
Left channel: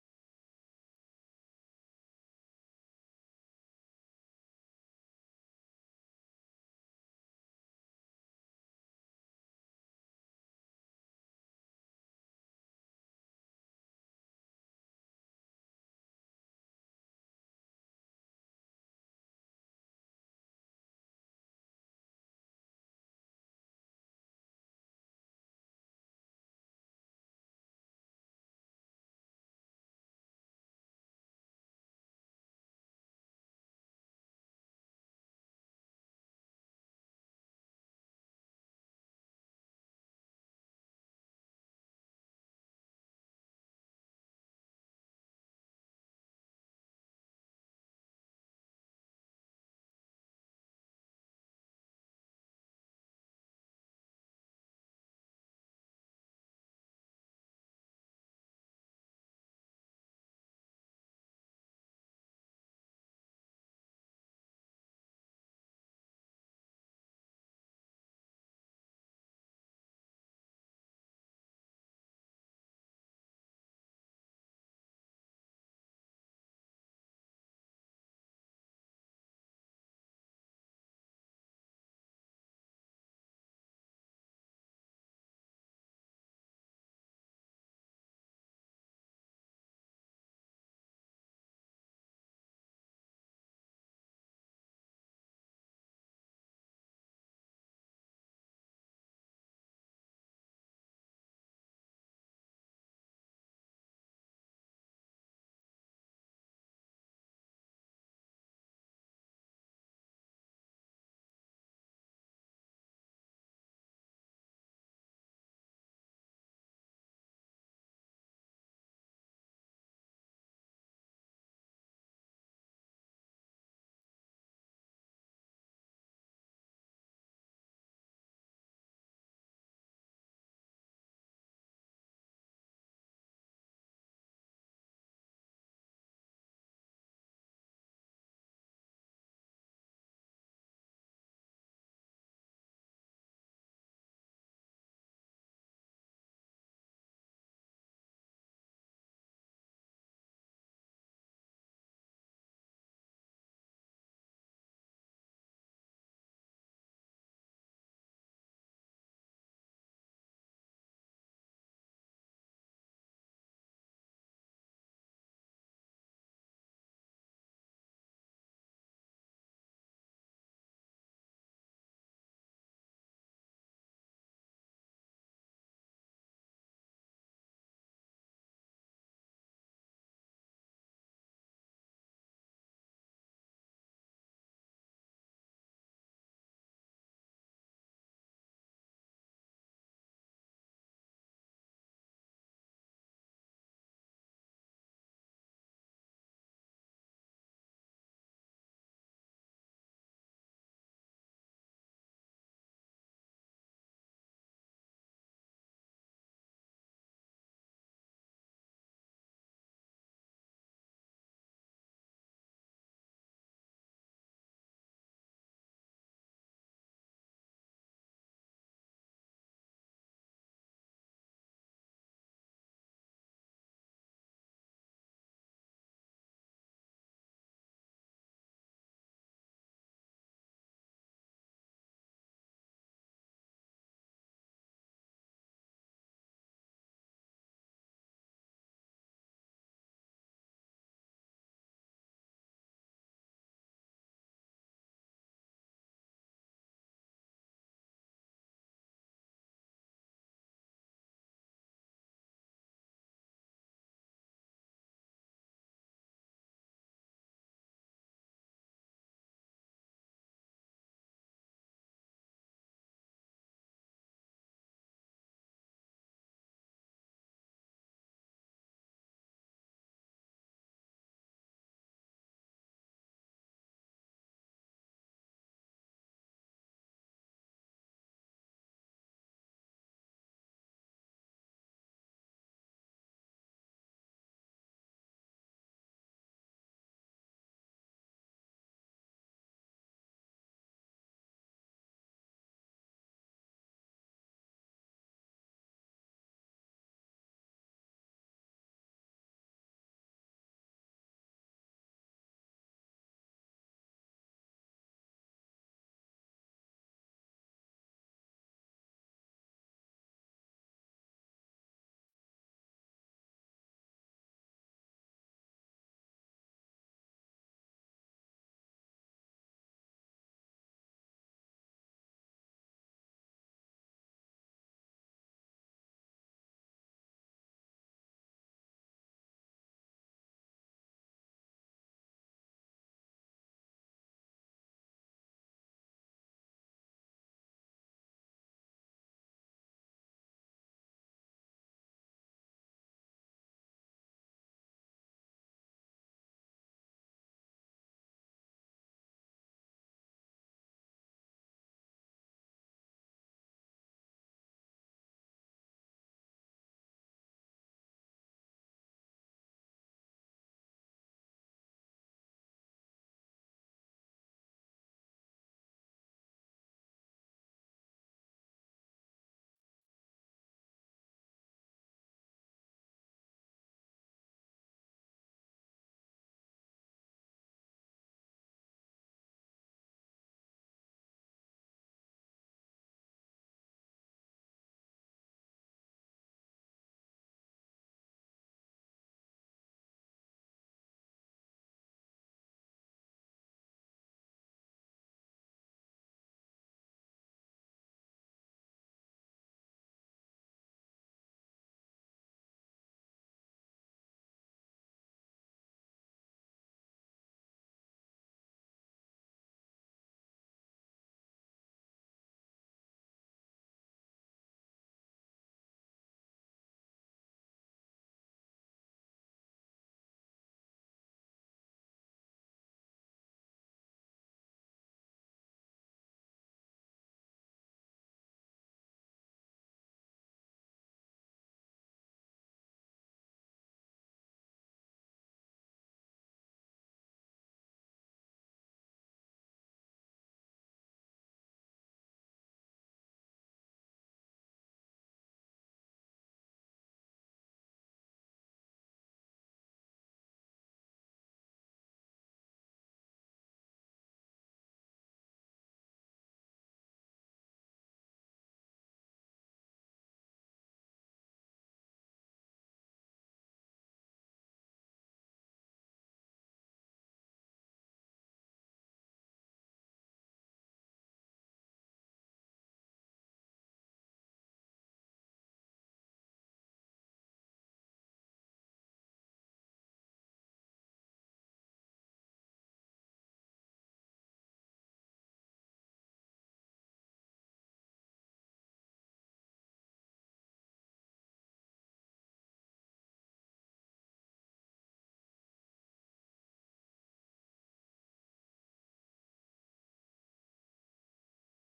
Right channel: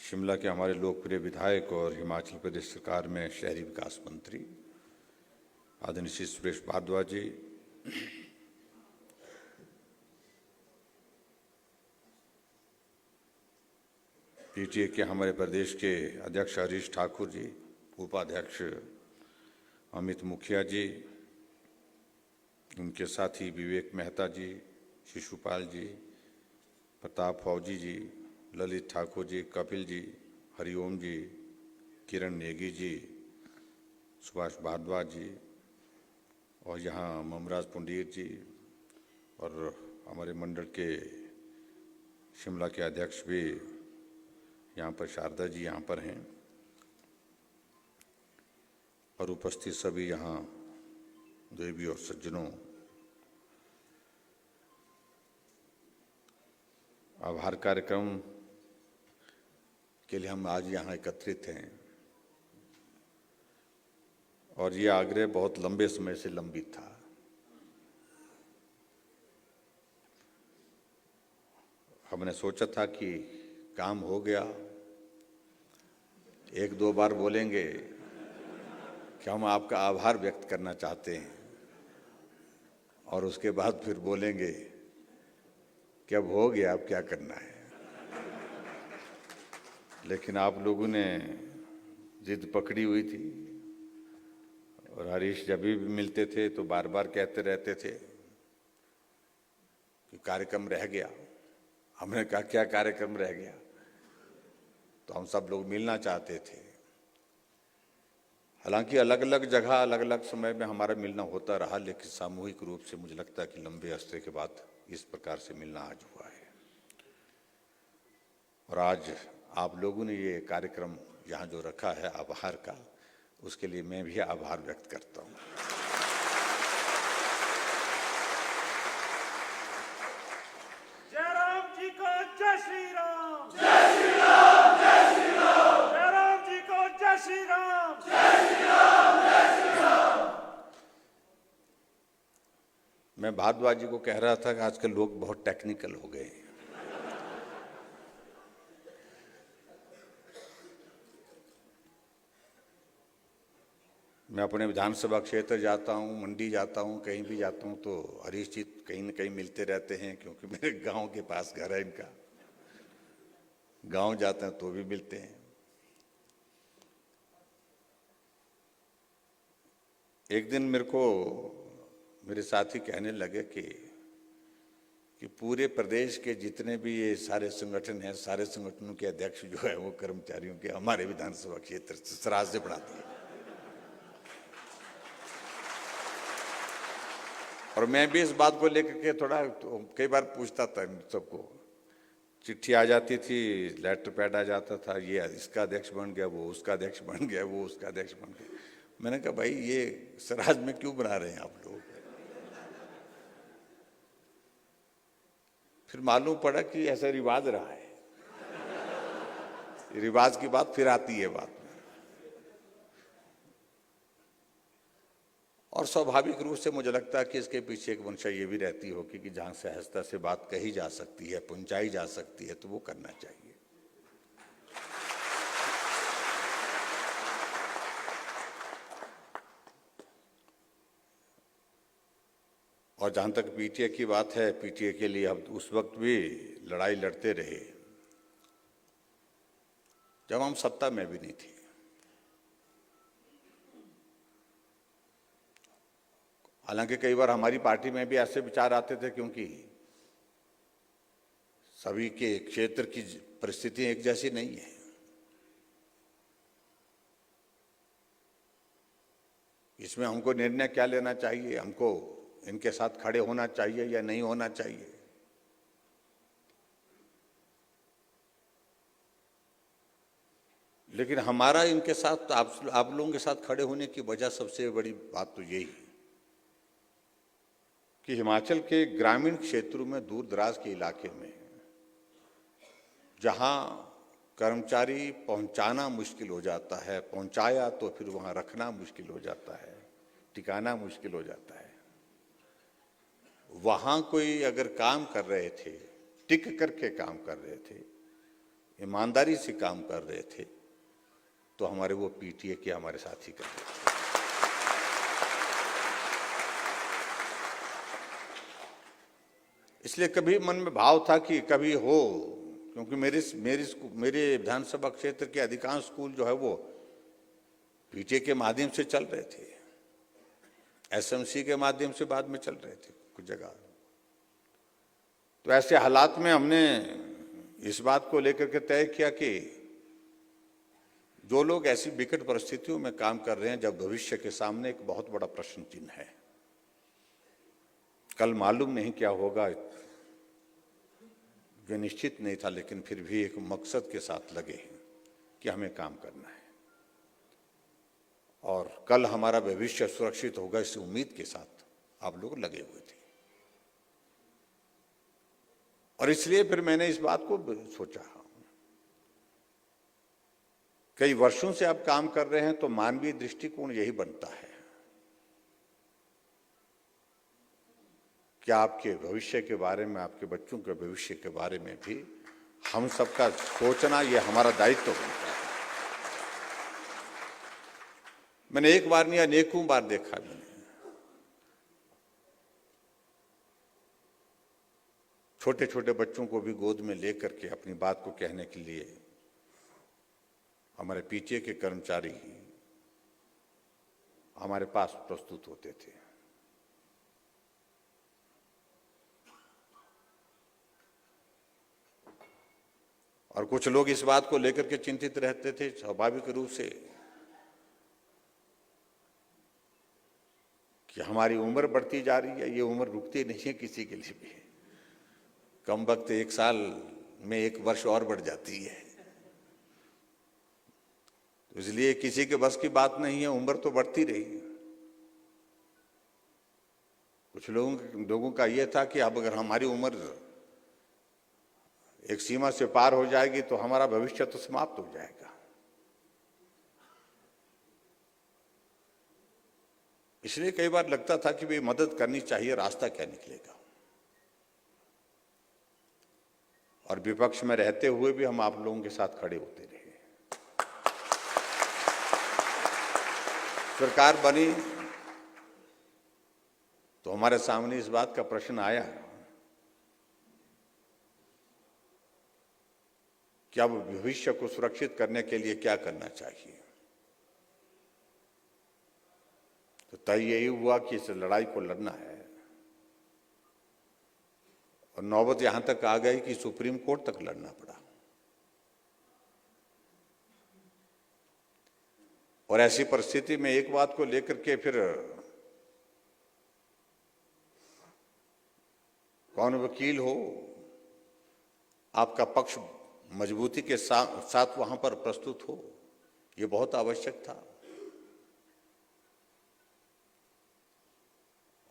शिमला के हमारे लोकप्रिय विधायक और हिमाचल प्रदेश सरकार में शहरी विकास मंत्री आदरणीय श्री सुरेश भारद्वाज जी, पीटीए के हमारे प्रदेश के अध्यक्ष हरीश ठाकुर जी, उपाध्यक्ष अमित मुखिया जी, उनके साथी विवेक मेहता जी, शिशुपाल जी, प्रताप फौजी जी, ललित ठाकुर जी, कपिल जी, हरिओम जी, किरण नेगी जी, सुभाष भारद्वाज जी और यहाँ ममराज पुंडीर जी और हमारे मंडल के शिमला के अध्यक्ष भी यहाँ पर, शारदा जी यहाँ पर हैं और उपस्थित सभी यहाँ देवी और सज्जनों, आभार कार्यक्रम के लिए हम आज यहाँ एकत्रित हैं और ये आग्रह बहुत लंबे समय से लंबित था। हमने सोचा था कि काम हो गया, 1-2 बार बोलेंगे कि हम आपका आभार व्यक्त करना चाहते हैं और उसके बाद फिर बोलेंगे कि अब हो गया, अब क्या करना है। लेकिन आप लोगों ने जिद पकड़ी हुई थी और हरीश जब भी मिलते थे तो बार बार कहते रहते थे कि कार्यक्रम रह गया। हमने कहा क्या कार्यक्रम रह गया, तो हम सब लोग मिलना चाहते थे। हालांकि अलग अलग जगह अलग अलग समय में हमारा मिलना होता रहा, लेकिन सामूहिक रूप से मुझे लगता है कि लंबे अरसे के बाद इस प्रकार से मिलना आज हुआ है। और आज आप लोगों ने ये कार्यक्रम यहाँ जो रखा है आभार का, उसके लिए मैं भी आभार व्यक्त करता हूँ। जयराम जी को जय श्री राम, जय श्री राम, जय श्री राम। जयराम जी को जय श्री राम, जय श्री राम, जय श्री राम। मैं मैं भारद्वाज जी को कह रहा था कि आजकल लोग बहुत टेक्निकल हो गए हैं। मैं अपने विधानसभा क्षेत्र जाता हूँ, मंडी जाता हूँ, कहीं भी जाता हूँ तो हरीश जी कहीं न कहीं मिलते रहते हैं, क्योंकि मेरे गांव के पास घर है इनका। गांव जाते हैं तो भी मिलते हैं। एक दिन मेरे को मेरे साथी कहने लगे कि पूरे प्रदेश के जितने भी ये सारे संगठन हैं, सारे संगठनों के अध्यक्ष जो है वो कर्मचारियों के हमारे विधानसभा क्षेत्र से सराज से बढ़ाते हैं। और मैं भी इस बात को लेकर के थोड़ा कई बार पूछता था सबको। चिट्ठी आ जाती थी, लेटर पैड आ जाता था, ये इसका अध्यक्ष बन गया, वो उसका अध्यक्ष बन गया, वो उसका अध्यक्ष बन गया। मैंने कहा भाई ये सराज में क्यों बना रहे हैं आप लोग? फिर मालूम पड़ा कि ऐसा रिवाज रहा है। रिवाज की बात फिर आती है बात में। और स्वाभाविक रूप से मुझे लगता है कि इसके पीछे एक मंशा ये भी रहती होगी कि जहां सहजता से बात कही जा सकती है, पहुंचाई जा सकती है, तो वो करना चाहिए। और जहां तक पीटीए की बात है, पीटीए के लिए हम उस वक्त भी लड़ाई लड़ते रहे जब हम सत्ता में भी नहीं थे। हालांकि कई बार हमारी पार्टी में भी ऐसे विचार आते थे, क्योंकि सभी के क्षेत्र की परिस्थितियां एक जैसी नहीं है। इसमें हमको निर्णय क्या लेना चाहिए, हमको इनके साथ खड़े होना चाहिए या नहीं होना चाहिए। लेकिन हमारा इनके साथ, आप लोगों के साथ खड़े होने की वजह सबसे बड़ी बात तो यही है कि हिमाचल के ग्रामीण क्षेत्रों में, दूर दराज के इलाके में, जहां कर्मचारी पहुंचाना मुश्किल हो जाता है, पहुंचाया तो फिर वहां रखना मुश्किल हो जाता है, टिकाना मुश्किल हो जाता है, वहां कोई अगर काम कर रहे थे, टिक करके काम कर रहे थे, ईमानदारी से काम कर रहे थे, तो हमारे वो पीटीए के हमारे साथी कर रहे थे। इसलिए कभी मन में भाव था कि कभी हो, क्योंकि मेरे विधानसभा क्षेत्र के अधिकांश स्कूल जो है वो पीटीए के माध्यम से चल रहे थे, एसएमसी के माध्यम से बाद में चल रहे थे कुछ जगह। तो ऐसे हालात में हमने इस बात को लेकर के तय किया कि जो लोग ऐसी विकट परिस्थितियों में काम कर रहे हैं, जब भविष्य के सामने एक बहुत बड़ा प्रश्न चिन्ह है, कल मालूम नहीं क्या होगा, जो निश्चित नहीं था, लेकिन फिर भी एक मकसद के साथ लगे हैं कि हमें काम करना है और कल हमारा भविष्य सुरक्षित होगा, इस उम्मीद के साथ आप लोग लगे हुए थे। और इसलिए फिर मैंने इस बात को सोचा, कई वर्षों से आप काम कर रहे हैं तो मानवीय दृष्टिकोण यही बनता है कि आपके भविष्य के बारे में, आपके बच्चों के भविष्य के बारे में भी हम सबका सोचना, ये हमारा दायित्व बनता है। मैंने एक बार नहीं, अनेकों बार देखा मैंने, छोटे छोटे बच्चों को भी गोद में लेकर के अपनी बात को कहने के लिए हमारे पीटीए के कर्मचारी हमारे पास प्रस्तुत होते थे। और कुछ लोग इस बात को लेकर के चिंतित रहते थे स्वाभाविक रूप से कि हमारी उम्र बढ़ती जा रही है, ये उम्र रुकती नहीं है किसी के लिए भी, कम वक्त एक साल में एक वर्ष और बढ़ जाती है, तो इसलिए किसी के बस की बात नहीं है, उम्र तो बढ़ती रही। कुछ लोगों का यह था कि अब अगर हमारी उम्र एक सीमा से पार हो जाएगी तो हमारा भविष्य तो समाप्त हो जाएगा। इसलिए कई बार लगता था कि भाई मदद करनी चाहिए, रास्ता क्या निकलेगा। और विपक्ष में रहते हुए भी हम आप लोगों के साथ खड़े होते रहे। सरकार बनी तो हमारे सामने इस बात का प्रश्न आया कि अब भविष्य को सुरक्षित करने के लिए क्या करना चाहिए। तो तय यही हुआ कि इस लड़ाई को लड़ना है। और नौबत यहां तक आ गई कि सुप्रीम कोर्ट तक लड़ना पड़ा। और ऐसी परिस्थिति में एक बात को लेकर के फिर कौन वकील हो, आपका पक्ष मजबूती के साथ वहां पर प्रस्तुत हो, यह बहुत आवश्यक था।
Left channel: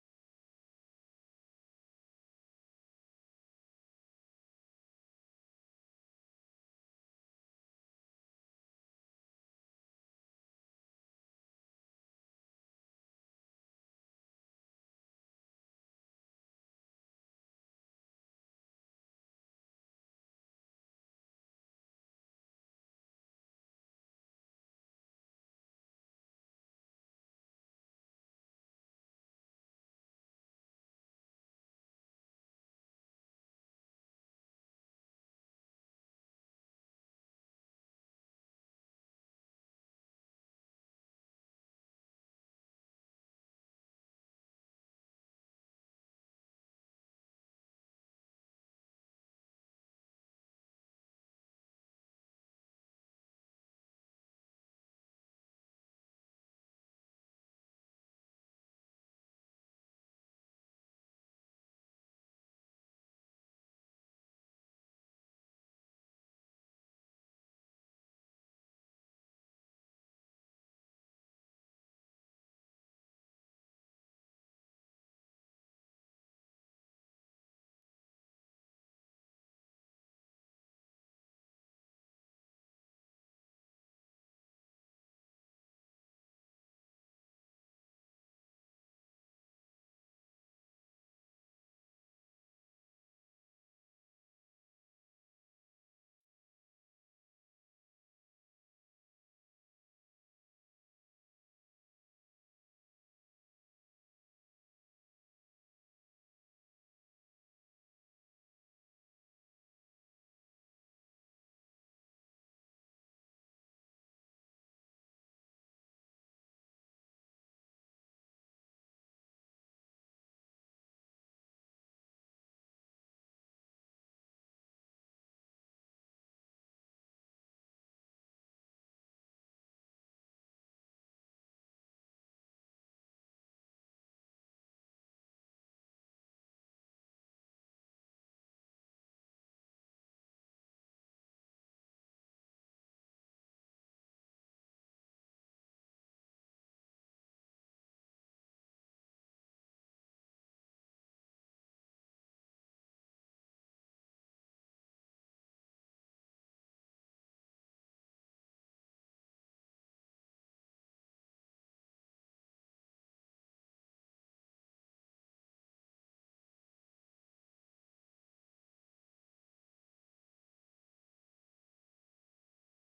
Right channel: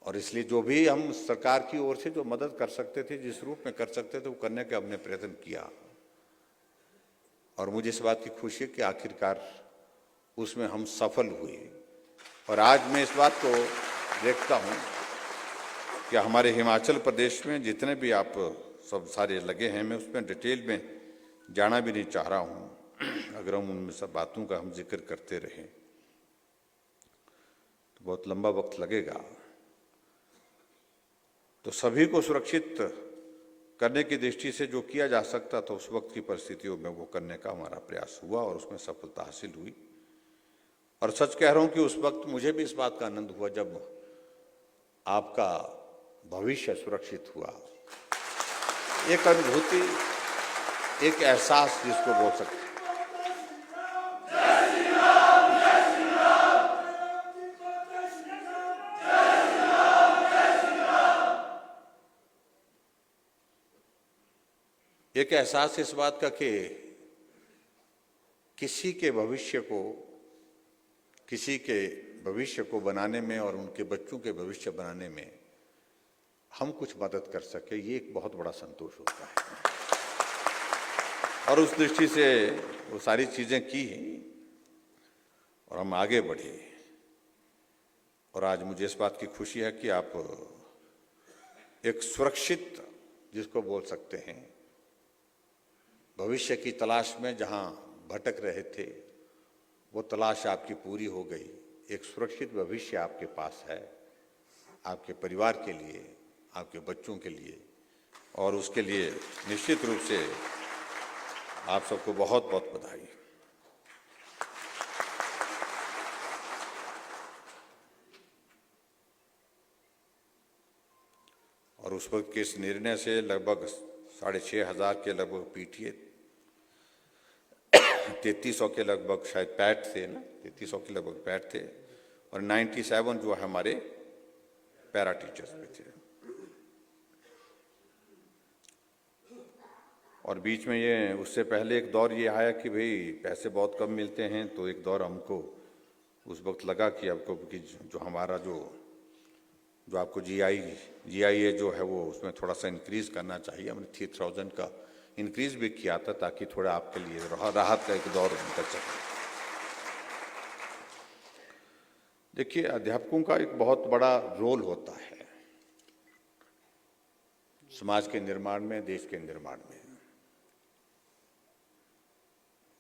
और इसलिए जो भी हम सरकार की ओर से जो मदद कर सकते थे, जिस रूप में कर सकते थे, वो करने का हमने प्रयत्न किया। और मुझे इस बात की खुशी है कि आखिरकार उसमें हम सफल हुए। और आज मैं इस बात को देखता हूं कि हमारे हिमाचल प्रदेश में जितने भी आप सब सारे लगे हैं, मैं उसमें डिटेल में जाना भी नहीं चाह रहा हूं। अगर हम उनमें सब बातों का हम जिक्र करते रहें तो बहुत लंबा वक्त लगेगा। तो सभी को सुरक्षित करने की दृष्टि से जो किया जा सकता था उस वक्त की परिस्थितियों में वो करने का हमारा प्रयास हुआ और उसमें सफलता हासिल हुई। और सच कह रहा हूं कि उस वक्त मुझे भी इस बात का आनंद हुआ जब आपका भविष्य सुरक्षित हुआ। एक अनुभूति, एक एहसास जिसको बोल सकते हैं। एक एहसास इस बात का कि किसी के भविष्य को बनाने में और उनके बच्चों के भविष्य बनाने में हम कुछ मदद कर सके, ये एक बहुत बड़ा संतोष होता है। और उस दृष्टि से वो सारी चीजें की और हम आगे बढ़े। और आज मुझे इस बात की खुशी है कि आप एक सुरक्षित, जिसको बोल सकते हैं, भविष्य की तलाश में जहां भटक रहे थे, वो तलाश आपकी पूरी हो गई। एक सुरक्षित भविष्य आपके पास है, आपके परिवार के लिए, आपके बच्चों के लिए। और उसके लिए निश्चित रूप से आप सबको बहुत बहुत बधाई। और उस वक्त के इस निर्णय से लगभग 6,500 के लगभग पीटीए, 3300 के लगभग शायद पैट थे ना, 3300 के लगभग पैट थे और 97 जो है हमारे पैरा टीचर्स में थे। और बीच में ये उससे पहले एक दौर ये आया कि भाई पैसे बहुत कम मिलते हैं, तो एक दौर हमको उस वक्त लगा कि आपको कि जो हमारा जो आपको GIA जो है वो उसमें थोड़ा सा इंक्रीज करना चाहिए। हमने 3000 का इंक्रीज भी किया था ताकि थोड़ा आपके लिए राहत का एक दौर निकल सके। देखिए, अध्यापकों का एक बहुत बड़ा रोल होता है समाज के निर्माण में, देश के निर्माण में।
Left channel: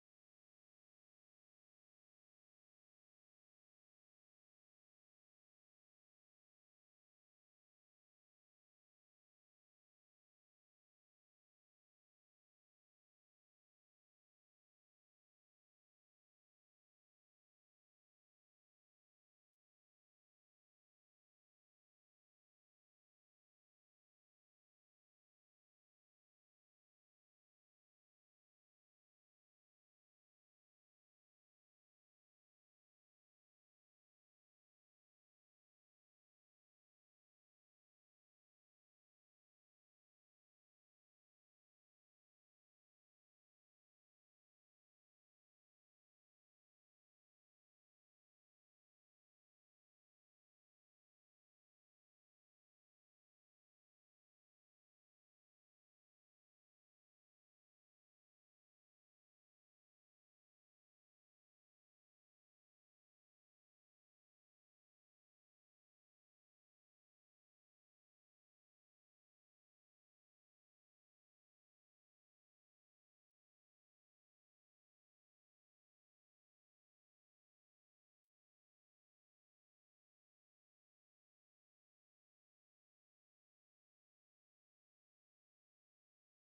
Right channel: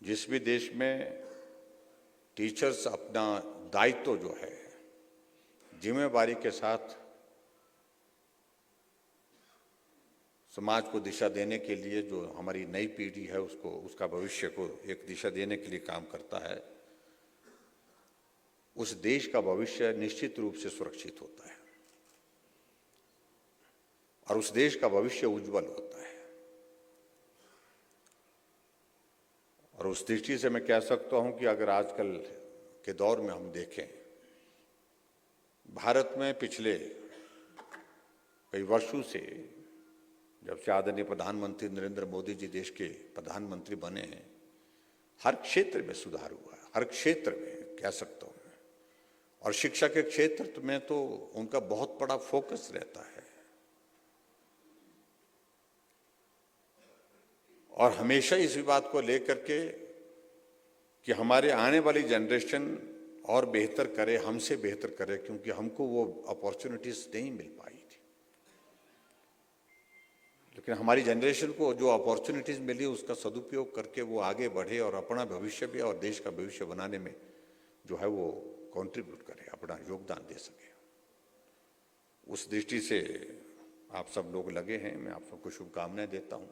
जिस भी देश में टीचर्स अपना दायित्व जो है जिम्मेवारी के साथ समाज को दिशा देने के लिए, जो हमारी नई पीढ़ी है उसको, उसका भविष्य को एक दिशा देने के लिए काम करता है, उस देश का भविष्य निश्चित रूप से सुरक्षित होता है और उस देश का भविष्य उज्जवल होता है। और उस दृष्टि से मैं कह सकता हूं कि अगर आजकल के दौर में हम देखें, भारत में पिछले कई वर्षों से, जब से आदरणीय प्रधानमंत्री नरेंद्र मोदी जी देश के प्रधानमंत्री बने हैं, हर क्षेत्र में सुधार हुआ है, हर क्षेत्र में कह सकता हूं मैं। और शिक्षा के क्षेत्र में तो उनका बहुत बड़ा फोकस रहता है और हमेशा इस बात को लेकर के कि हमारे आने वाली जनरेशन और बेहतर करे, हमसे बेहतर करे, क्योंकि हमको वो अपॉर्चुनिटीज नहीं मिल पाई थी। लेकिन हमारी जनरेशन को जो अपॉर्चुनिटीज मिली उसका सदुपयोग करके वो आगे बढ़े और अपना भविष्य भी और देश का भविष्य बनाने में जो है वो कंट्रीब्यूट करे, अपना योगदान दे सके। उस दृष्टि से आप सब लोग लगे हैं, मैं आप सबको शुभकामनाएं देता हूं।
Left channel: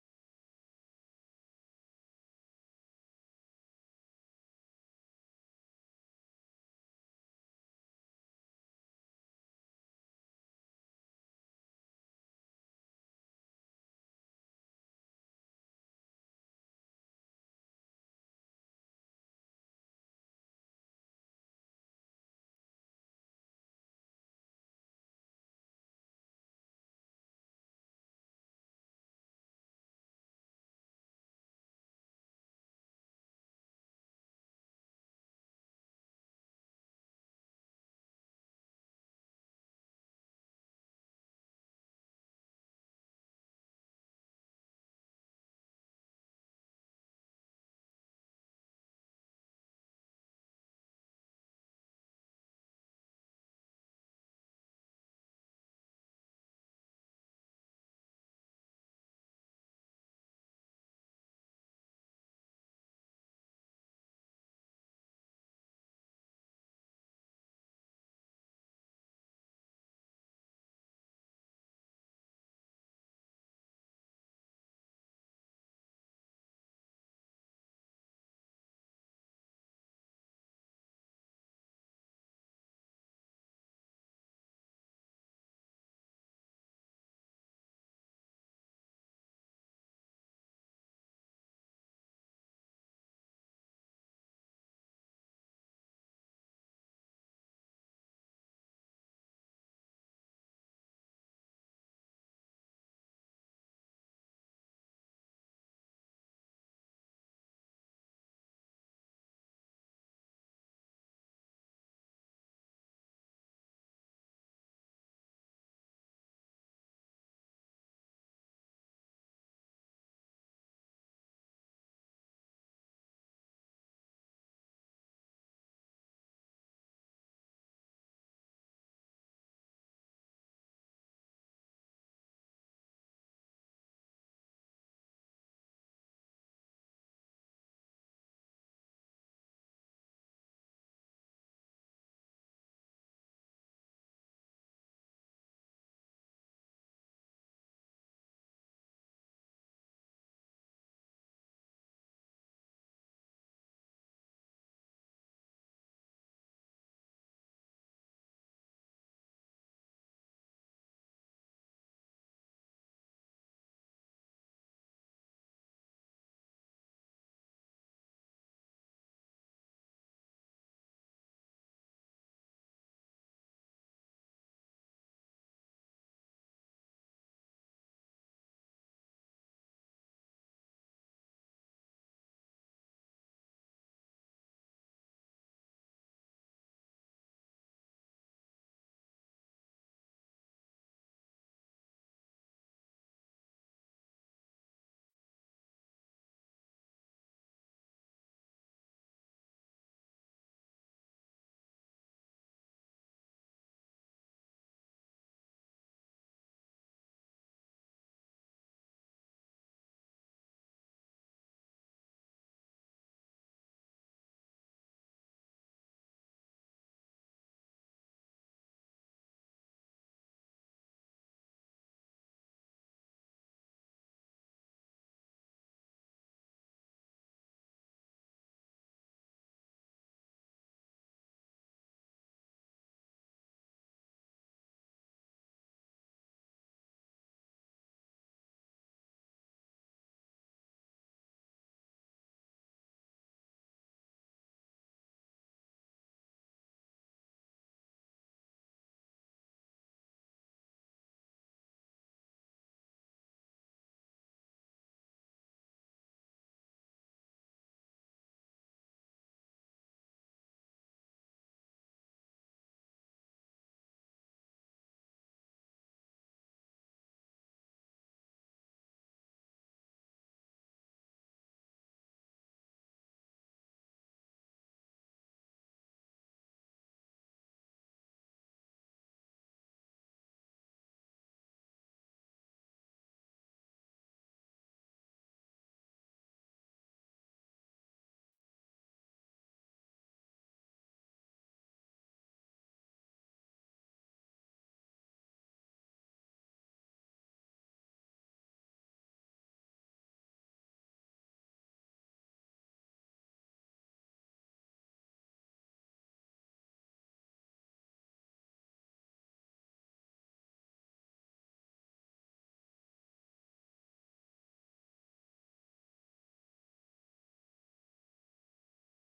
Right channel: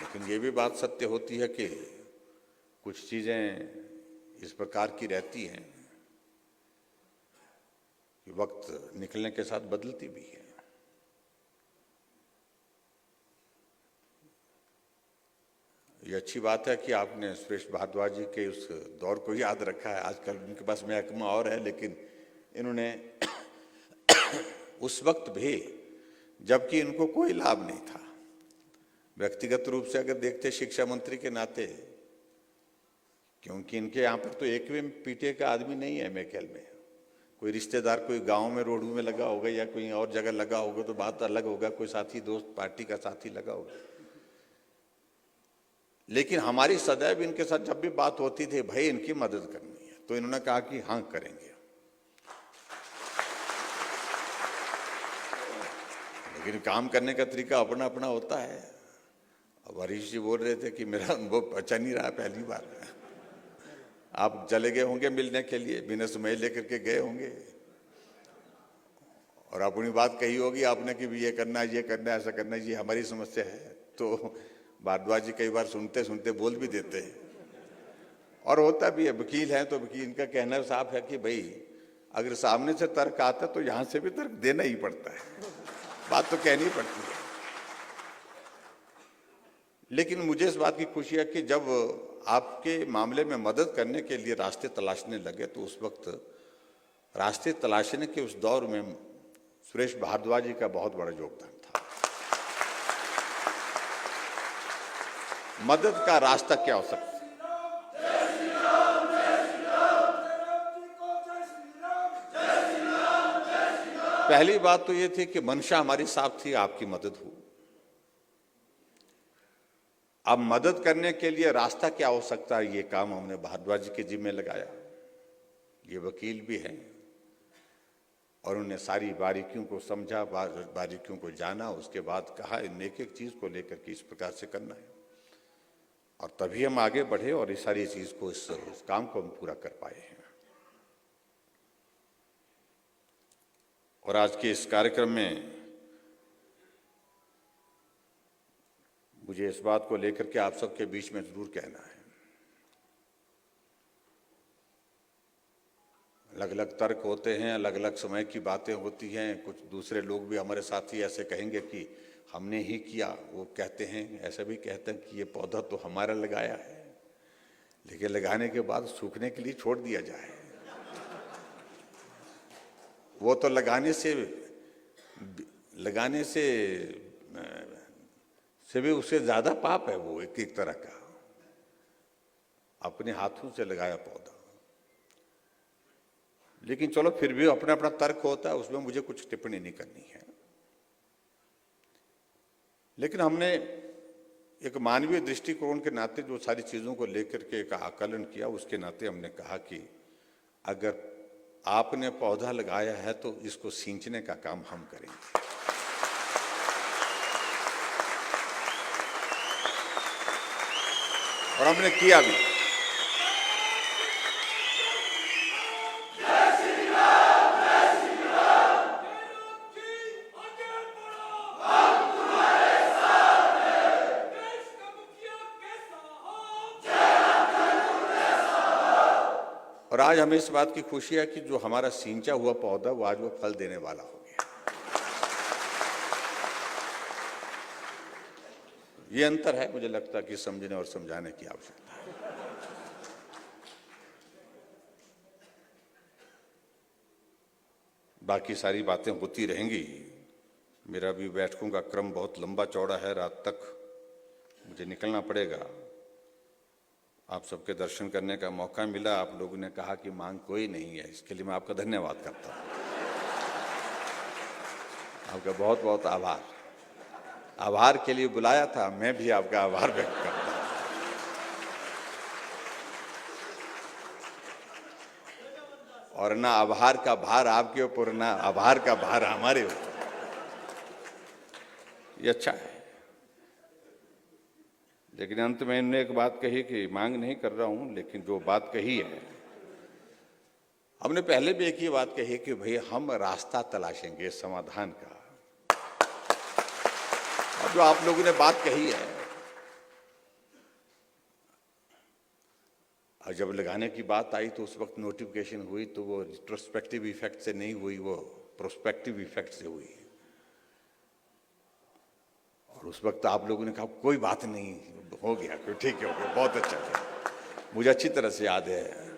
लेकिन ये भी बात सत्य होती है कि कुछ चीजें इस प्रकार की रहती हैं कि वक्त निकलने के साथ बदलती भी है। ये अच्छी बात है कि आपने सुरेश भारद्वाज जी के उस दौर को याद रखा है। आजकल उनके पास महकमा और है, लेकिन इन्होंने उस वक्त भी, जबकि इनको कोई लाभ नहीं था, व्यक्तिगत रूप से अगर देखते शिक्षा मंत्री के नाते, क्योंकि इनके यहाँ पर तो एक भी पीटीए का आदमी नहीं है मेरे ख्याल में। कोई रिश्तेदार कोई गांव में रोडू में लगा होगा या कोई और जगह लगा होगा तो बात अलग होगा, कोई साथी दोस्त पार्टी का साथी लगा होगा। लेकिन हमारी सदैव इनके साथ जब भी बात होती थी, भाई इनकी मदद करनी है, तो इन्होंने कहा कि हाँ करेंगे। लेकिन काम करने का तरीका अपना अपना होता है। अब हरीश जी बोल रहे थे कि मेरा अनुभव अच्छा नहीं रहा, पहली बार। आप चले गए होंगे मिलने के लिए, बिना समय लेकर के गए होंगे और अपनी बात कही होगी आपने कि भी ये करना है, ऐसा करना है, ये हमारी समस्या है। तो भारद्वाज जी कई बार सुनते सुनते बोल भी देते हैं, और होता भी है। वकील है तो वकील का कहना साफ है कि भाई अगर सामने से तर्क आता तो यहां से भी तर्क देना ही पड़ता है, बात तो कहनी पड़ती है। लेकिन मुझे इस बात की खुशी है कि जब आपके मामले में मदद करने के लिए रास्ते तलाशने लगे, तो उस वक्त रास्ते तलाशने के उस दौर में सुरेश भारद्वाज जी का बहुत बड़ा योगदान था। मदद का रास्ता क्या हो सकता है? पहली बात तो ये थी कि मंशा हमारी साफ थी, आपकी मदद हो। अब मदद करने के लिए रास्ता क्या हो सकता है, ये काम हमने भारद्वाज जी के जिम्मे लगाया। ये वकील भी हैं और उन्होंने सारी बारीकियों को समझा, बारीकियों को जाना, उसके बाद कहा इन एक एक चीज को लेकर के इस प्रकार से करना है, और तभी हम आगे बढ़े और इस सारी चीज को, इस काम को हम पूरा कर पाए हैं। और आज के इस कार्यक्रम में मुझे इस बात को लेकर के आप सबके बीच में जरूर कहना है। अलग अलग तर्क होते हैं, अलग अलग समय की बातें होती हैं। कुछ दूसरे लोग भी हमारे साथी ऐसे कहेंगे कि हमने ही किया, वो कहते हैं, ऐसा भी कहते हैं कि ये पौधा तो हमारा लगाया है, लेकिन लगाने के बाद सूखने के लिए छोड़ दिया जाए। वो तो लगाने से भी उससे ज्यादा पाप है। वो एक तरह का अपने हाथों से लगाया पौधा। लेकिन चलो, फिर भी अपना अपना तर्क होता है, उसमें मुझे कुछ टिप्पणी नहीं करनी है। लेकिन हमने एक मानवीय दृष्टिकोण के नाते जो सारी चीजों को लेकर के एक आकलन किया, उसके नाते हमने कहा कि अगर आपने पौधा लगाया है तो इसको सींचने का काम हम करेंगे। और हमने किया भी। और आज हमें इस बात की खुशी है कि जो हमारा सींचा हुआ पौधा, वो आज वो फल देने वाला हो गया। ये अंतर है, मुझे लगता है कि समझने और समझाने की आवश्यकता है। बाकी सारी बातें होती रहेंगी। मेरा भी बैठकों का क्रम बहुत लंबा चौड़ा है, रात तक मुझे निकलना पड़ेगा। आप सबके दर्शन करने का मौका मिला। आप लोगों ने कहा कि मांग कोई नहीं है, इसके लिए मैं आपका धन्यवाद करता हूं। आपका बहुत बहुत आभार। आभार के लिए बुलाया था, मैं भी आपका आभार व्यक्त करता हूं। और ना आभार का भार आपके ऊपर, ना आभार का भार हमारे ऊपर। ये अच्छा है। लेकिन अंत में इन्होंने एक बात कही कि मांग नहीं कर रहा हूं, लेकिन जो बात कही है, हमने पहले भी एक ही बात कही कि भाई हम रास्ता तलाशेंगे समाधान का। और जो आप लोगों ने बात कही है, और जब लगाने की बात आई तो उस वक्त नोटिफिकेशन हुई तो वो रिट्रोस्पेक्टिव इफेक्ट से नहीं हुई, वो प्रोस्पेक्टिव इफेक्ट से हुई। और उस वक्त आप लोगों ने कहा कोई बात नहीं, हो गया, कोई ठीक है, हो गया, बहुत अच्छा था। मुझे अच्छी तरह से याद है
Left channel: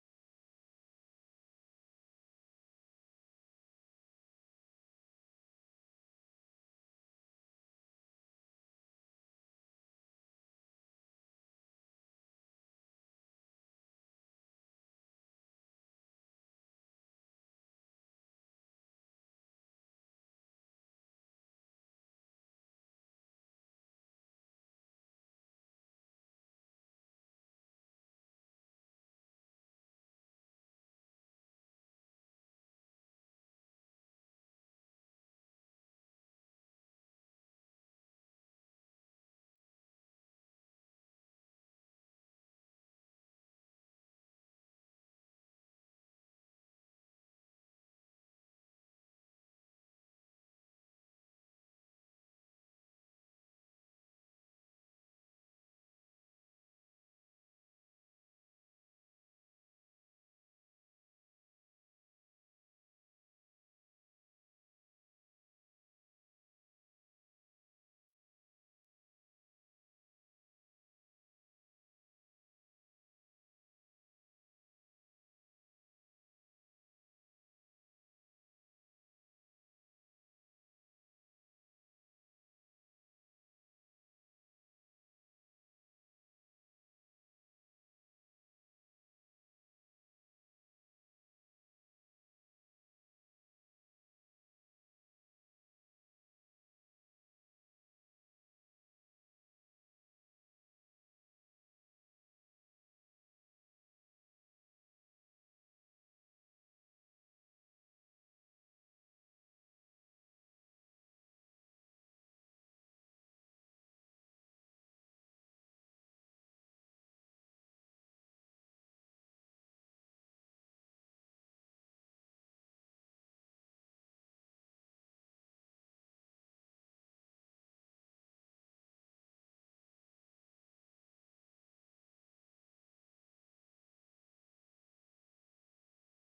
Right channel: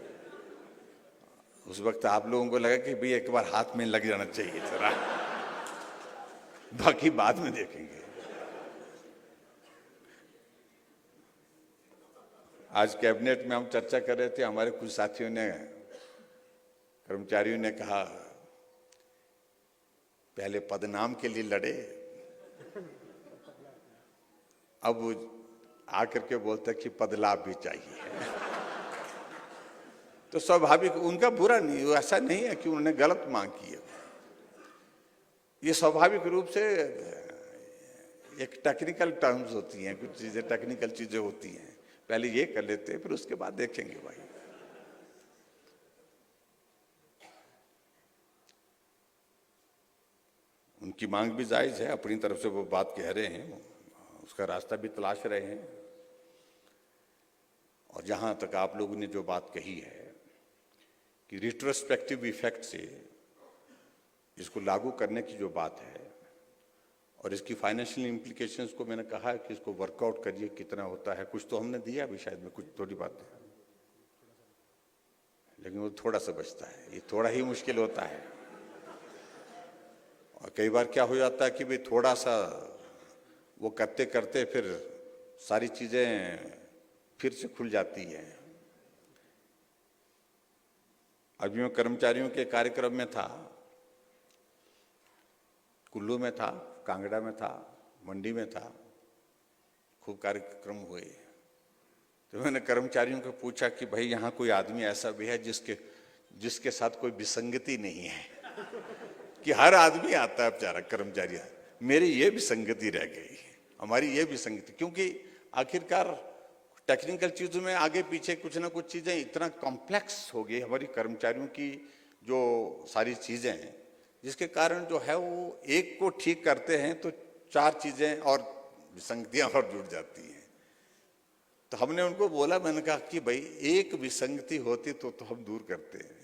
उस वक्त आप लोगों को लगा कि भाई एक बार हाथ में लग जाना चाहिए जरा, बाकी बाद में देखेंगे। आज कैबिनेट में हम चर्चा कर रहे थे, हमारे कुछ साथियों ने, कर्मचारियों ने कहा पहले पदनाम के लिए लड़े, अब आकर के बोलते कि पदलाभ भी चाहिए। तो स्वाभाविक, उनका बुरा नहीं, ऐसा नहीं है कि उन्होंने गलत मांग की है। ये स्वाभाविक रूप से एक टेक्निकल टर्म्स होती हैं, कुछ चीजें टेक्निकल चीजें होती हैं, पहले ये कर लेते हैं फिर उसके बाद देखेंगे भाई। उनकी मांग भी जायज है, अपनी तरफ से वो बात कह रहे हैं, उसका रास्ता भी तलाश रहे हैं। और जहां तक आप लोगों ने जो बात कही है कि रिट्रोस्पेक्टिव इफेक्ट से इसको लागू करने की जो बात है और इसकी फाइनेंशियल इम्प्लीकेशंस को मैंने कहा है कि इसको वर्कआउट करिए, कितना होता है, कुछ तो हमने दिया भी शायद में, कुछ थोड़ी बात है, लेकिन वो थोड़ा सा बचता है, ये थोड़ा ही मुश्किल होता है। और कई बार क्या हो जाता है कि भाई थोड़ा सा वो करते करते फिर सारी चीजें फिर से खुल जाती हैं। अभी मैं कर्मचारियों के कार्यक्रम में था, कुल्लू में था, कांगड़ा में था, मंडी में था, खूब कार्यक्रम हुए। तो मैंने कर्मचारियों को पूछा कि भाई यहाँ कोई आदमी ऐसा भी है जिसके साथ कोई विसंगति नहीं है? कि हर आदमी आता है बेचारा कर्मचारी, मेरी ये विसंगति रह गई, हमारी ये विसंगति, क्योंकि आखिरकार टेक्निकल चीजों में आगे पीछे कुछ ना कुछ चीजें इतना कॉम्प्लेक्स हो गई हमारी कर्मचारियों की जो सारी चीजें हैं, जिसके कारण जो है वो एक को ठीक करते हैं तो चार चीजें और विसंगतियां और जुड़ जाती हैं। तो हमने उनको बोला, मैंने कहा कि भाई एक विसंगति होती तो हम दूर करते हैं,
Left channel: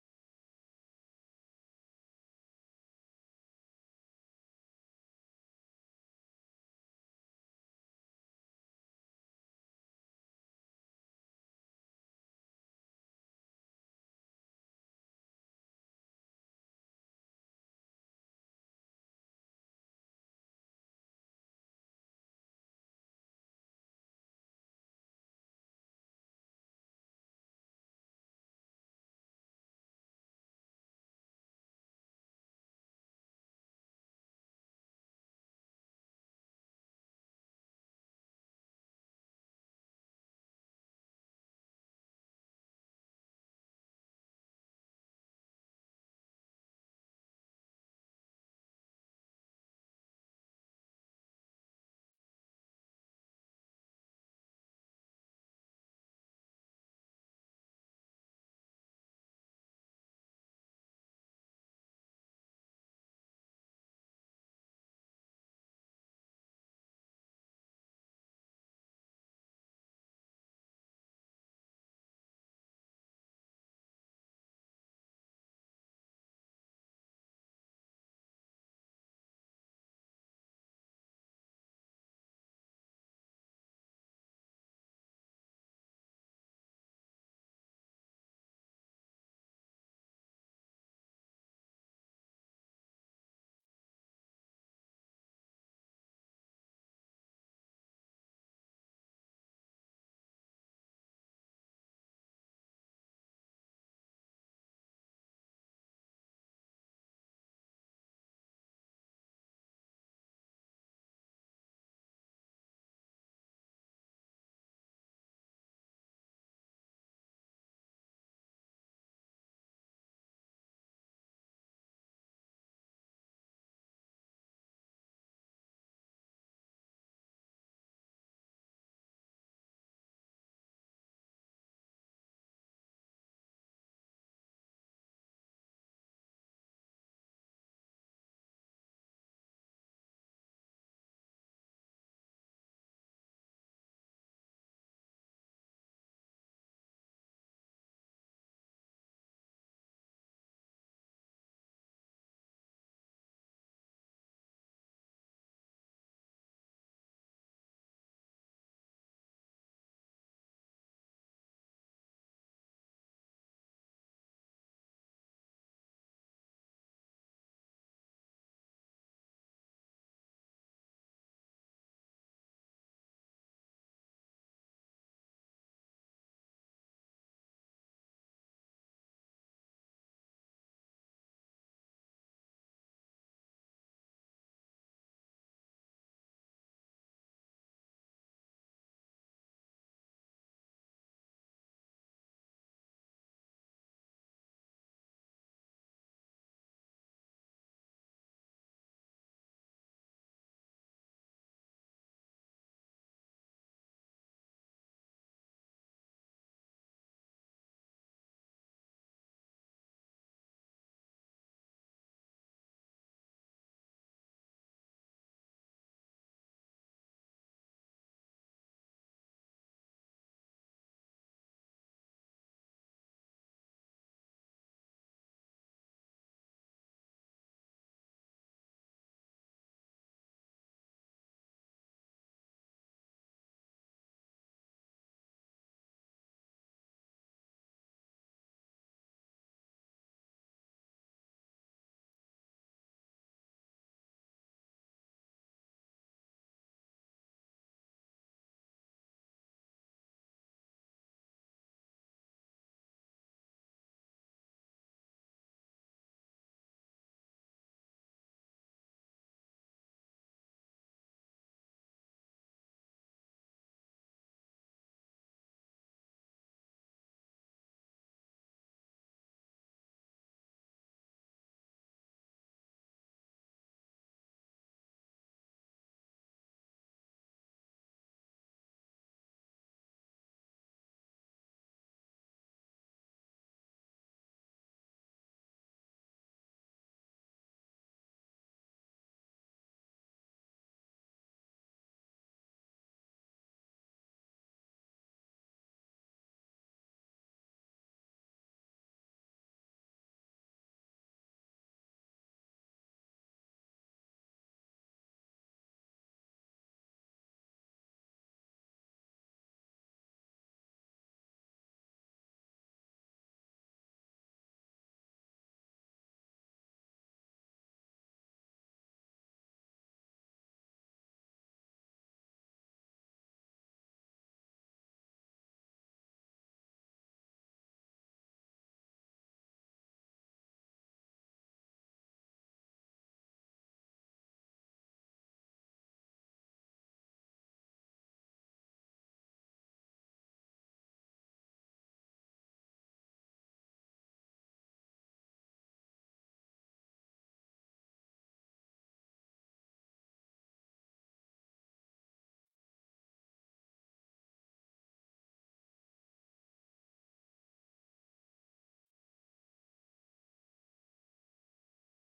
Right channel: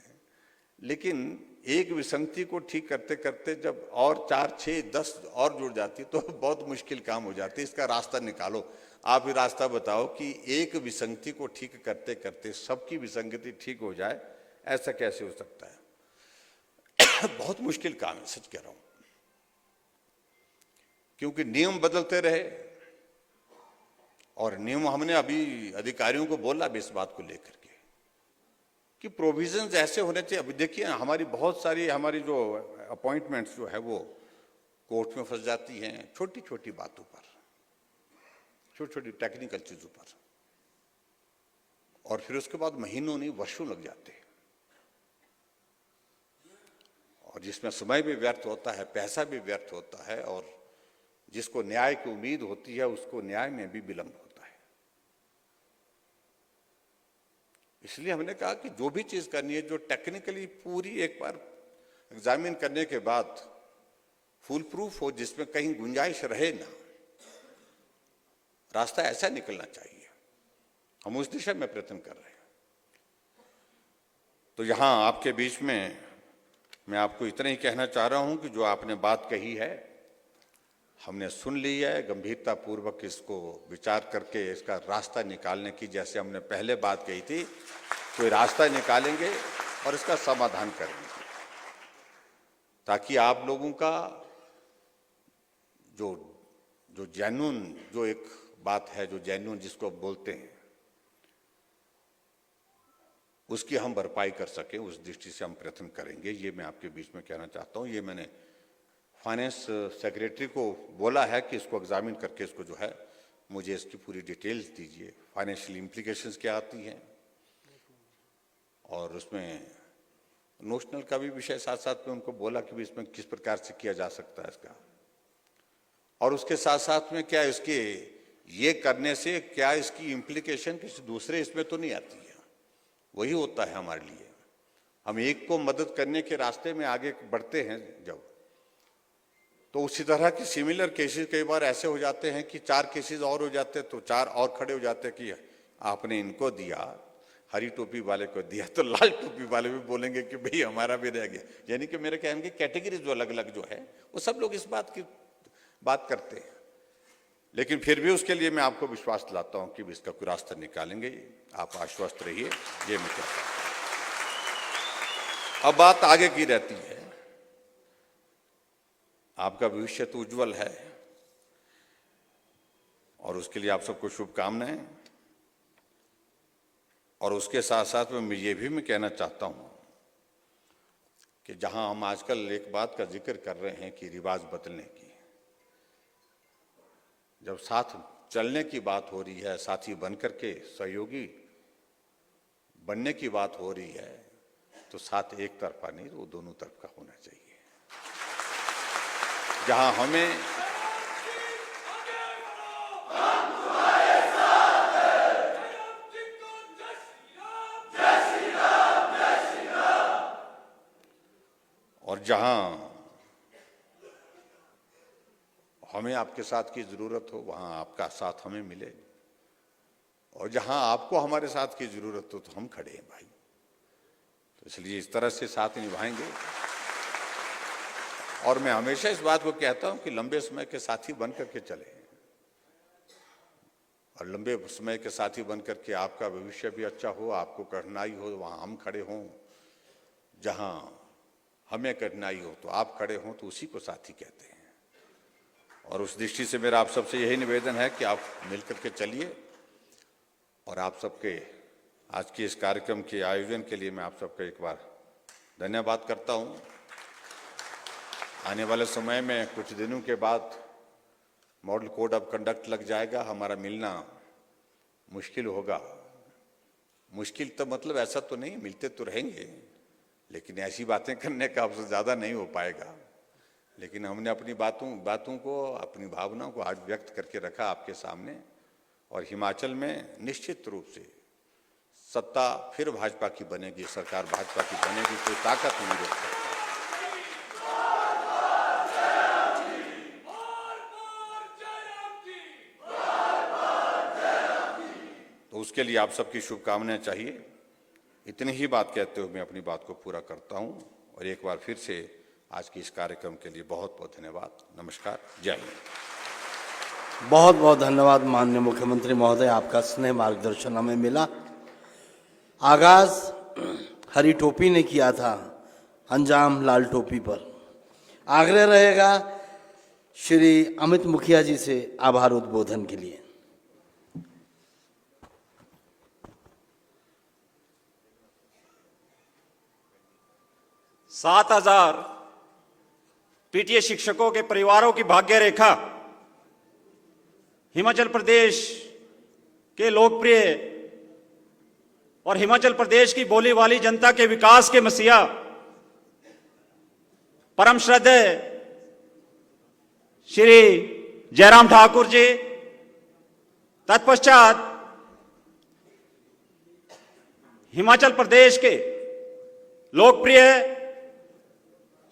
लेकिन एक विसंगति को ठीक करते करते जब और 4, 6, 10 और जुड़ जाती तो बहुत मुश्किल काम हो जाती है। इसका रास्ता निकालो, आप ही रास्ता बताओ कि एक विसंगति को ठीक करते करते सबकी विसंगति ठीक हो जाए, ऐसा कैसे हो सकता है? बहुत मुश्किल काम है, सच कह रहा हूं, क्योंकि नियम बदलते रहे। और नियम हमने अभी अधिकारियों को बोला भी इस बात को लेकर के कि प्रोविजंस ऐसे होने चाहिए। अभी देखिए हमारी बहुत सारी हमारी जो अपॉइंटमेंट्स जो है वो कोर्ट में फंस जाती हैं, छोटी छोटी बातों पर, छोटी छोटी टेक्निकल चीजों पर, और फिर उसके बाद महीनों नहीं वर्षों लग जाते हैं, और जिसमें समय भी व्यर्थ होता है, पैसा भी व्यर्थ होता है, और जिसको न्याय की उम्मीद होती है उसको न्याय में भी विलंब होता है। इसलिए हमने कहा कि जो भी चीज करनी है, जो टेक्निकली पूरी एक बार एग्जामिन करने के बाद फुल प्रूफ हो, जिसमें कहीं गुंजाइश रहे ना, रास्ता ऐसा निकलना चाहिए। हम उस दिशा में प्रयत्न कर रहे हैं। तो यहां आपके बीच में मैं आपको इतना ही कहना चाह रहा हूं कि जो आपने बात कही है हमने सुन ली है, गंभीरता पूर्वक इसको विचार करके इसका रास्ता निकालने की, जैसे हमने पहले बात कही थी, कोई रास्ता निकालेंगे और इसका समाधान करेंगे, ताकि आप लोगों का जो जेन्युइन जो एक बात है, जो जेन्युइन जिसको बोलते हैं, उसकी हम भरपाई कर सकें, उस दृष्टि से हम प्रयत्न करेंगे। ये मैं आपके बीच में कहना चाहता हूँ। ये मैंने फाइनेंस सेक्रेटरी को बोला है कि इसको एग्जामिन करके इसको जो है मुझे इसकी पूरी डिटेल्स दीजिए, फाइनेंशियल इम्प्लीकेशंस क्या आती हैं और उसमें नोशनल का भी विषय साथ साथ में उनको बोला कि भी इसमें किस प्रकार से किया जा सकता है इसका, और उसके साथ साथ में क्या इसके ये करने से क्या इसकी इम्प्लीकेशन किसी दूसरे इसमें तो नहीं आती है। वही होता है हमारे लिए, हम एक को मदद करने के रास्ते में आगे बढ़ते हैं जब, तो उसी तरह की सिमिलर केसेस कई बार ऐसे हो जाते हैं कि 4 केसेस और हो जाते हैं, तो 4 और खड़े हो जाते हैं कि आपने इनको दिया, हरी टोपी वाले को दिया, तो लाल टोपी वाले भी बोलेंगे कि भाई हमारा भी रह गया। यानी कि मेरे कहने की कैटेगरी जो अलग अलग जो है वो सब लोग इस बात की बात करते हैं, लेकिन फिर भी उसके लिए मैं आपको विश्वास दिलाता हूं कि इसका कोई रास्ता निकालेंगे। आप आश्वस्त रहिए, ये मैं कहता हूं। अब बात आगे की रहती है, आपका भविष्य तो उज्जवल है और उसके लिए आप सबको शुभकामनाएं। और उसके साथ साथ में ये भी मैं कहना चाहता हूं कि जहां हम आजकल एक बात का जिक्र कर रहे हैं कि रिवाज बदलने की, जब साथ चलने की बात हो रही है, साथी बनकर के सहयोगी बनने की बात हो रही है, तो साथ एक तरफा नहीं, वो दोनों तरफ का होना चाहिए। जहां हमें और जहां हमें आपके साथ की जरूरत हो वहां आपका साथ हमें मिले, और जहां आपको हमारे साथ की जरूरत हो तो हम खड़े हैं भाई। तो इसलिए इस तरह से साथ निभाएंगे। और मैं हमेशा इस बात को कहता हूं कि लंबे समय के साथी बनकर के चले, और लंबे समय के साथी बनकर के आपका भविष्य भी अच्छा हो, आपको कठिनाई हो वहां हम खड़े हों, जहां हमें कठिनाई हो तो आप खड़े हों, तो उसी को साथी कहते हैं। और उस दृष्टि से मेरा आप सबसे यही निवेदन है कि आप मिलकर के चलिए। और आप सबके आज के इस कार्यक्रम के आयोजन के लिए मैं आप सबका एक बार धन्यवाद करता हूं। आने वाले समय में कुछ दिनों के बाद मॉडल कोड ऑफ कंडक्ट लग जाएगा, हमारा मिलना मुश्किल होगा। मुश्किल तो मतलब ऐसा तो नहीं, मिलते तो रहेंगे, लेकिन ऐसी बातें करने का अवसर ज़्यादा नहीं हो पाएगा। लेकिन हमने अपनी बातों को, अपनी भावनाओं को आज व्यक्त करके रखा आपके सामने। और हिमाचल में निश्चित रूप से सत्ता फिर भाजपा की बनेगी, सरकार भाजपा की बनेगी, कोई ताकत नहीं रोक सकती। तो उसके लिए आप सबकी शुभकामनाएं चाहिए। इतनी ही बात कहते हुए मैं अपनी बात को पूरा करता हूं, और एक बार फिर से आज के इस कार्यक्रम के लिए बहुत बहुत धन्यवाद। नमस्कार, जय हिंद। बहुत बहुत धन्यवाद माननीय मुख्यमंत्री महोदय, आपका स्नेह मार्गदर्शन हमें मिला। आगाज हरी टोपी ने किया था, अंजाम लाल टोपी पर। आग्रह रहेगा श्री अमित मुखिया जी से आभार उद्बोधन के लिए। 7,000 पीटीए शिक्षकों के परिवारों की भाग्य रेखा, हिमाचल प्रदेश के लोकप्रिय और हिमाचल प्रदेश की बोली वाली जनता के विकास के मसीहा परम श्रद्धेय श्री जयराम ठाकुर जी, तत्पश्चात हिमाचल प्रदेश के लोकप्रिय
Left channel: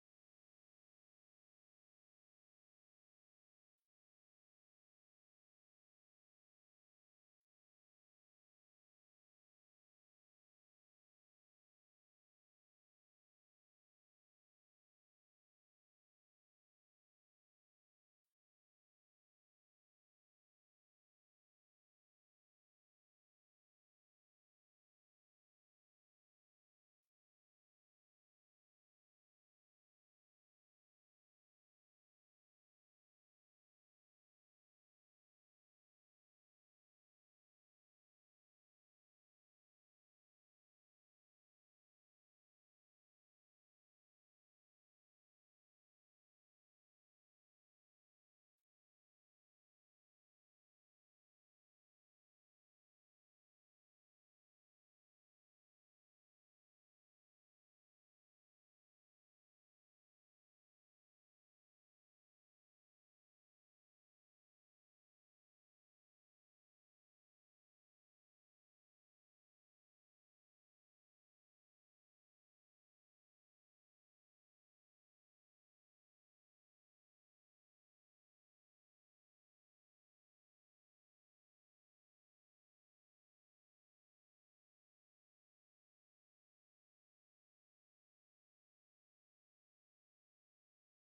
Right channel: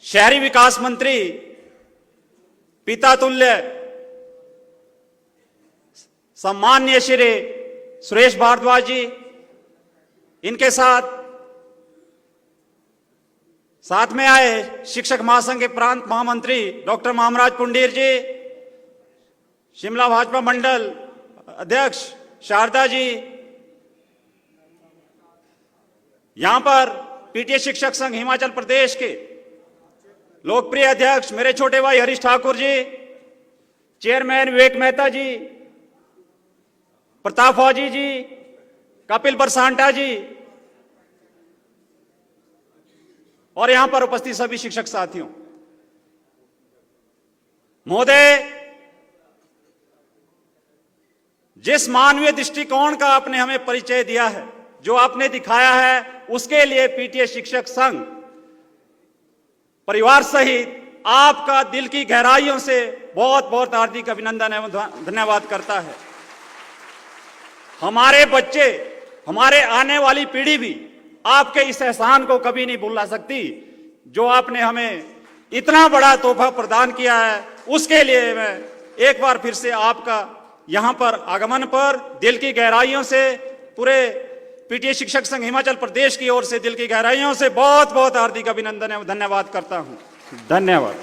शहरी विकास मंत्री, पिता तुल्य सम्मान्य श्री सुरेश भारद्वाज जी, इनके साथ में आए शिक्षक महासंघ के प्रांत महामंत्री डॉक्टर मामराज पुंडीर जी, शिमला भाजपा मंडल अध्यक्ष शारदा जी, यहां पर पीटीए शिक्षक संघ हिमाचल प्रदेश के लोकप्रिय अध्यक्ष मेरे छोटे भाई हरीश ठाकुर जी, चेयरमैन विवेक मेहता जी, प्रताप फौजी जी, कपिल बरसांटा जी, और यहां पर उपस्थित सभी शिक्षक साथियों। महोदय, जिस मानवीय दृष्टिकोण का आपने हमें परिचय दिया है, जो आपने दिखाया है, उसके लिए पीटीए शिक्षक संघ परिवार सहित आपका दिल की गहराइयों से बहुत बहुत हार्दिक अभिनंदन एवं धन्यवाद करता है। हमारे बच्चे, हमारे आने वाली पीढ़ी भी आपके इस एहसान को कभी नहीं भुला सकती जो आपने हमें इतना बड़ा तोहफा प्रदान किया है। उसके लिए मैं एक बार फिर से आपका यहां पर आगमन पर दिल की गहराइयों से पूरे पीटीए शिक्षक संघ हिमाचल प्रदेश की ओर से दिल की गहराइयों से बहुत बहुत हार्दिक अभिनंदन एवं धन्यवाद करता हूं। धन्यवाद।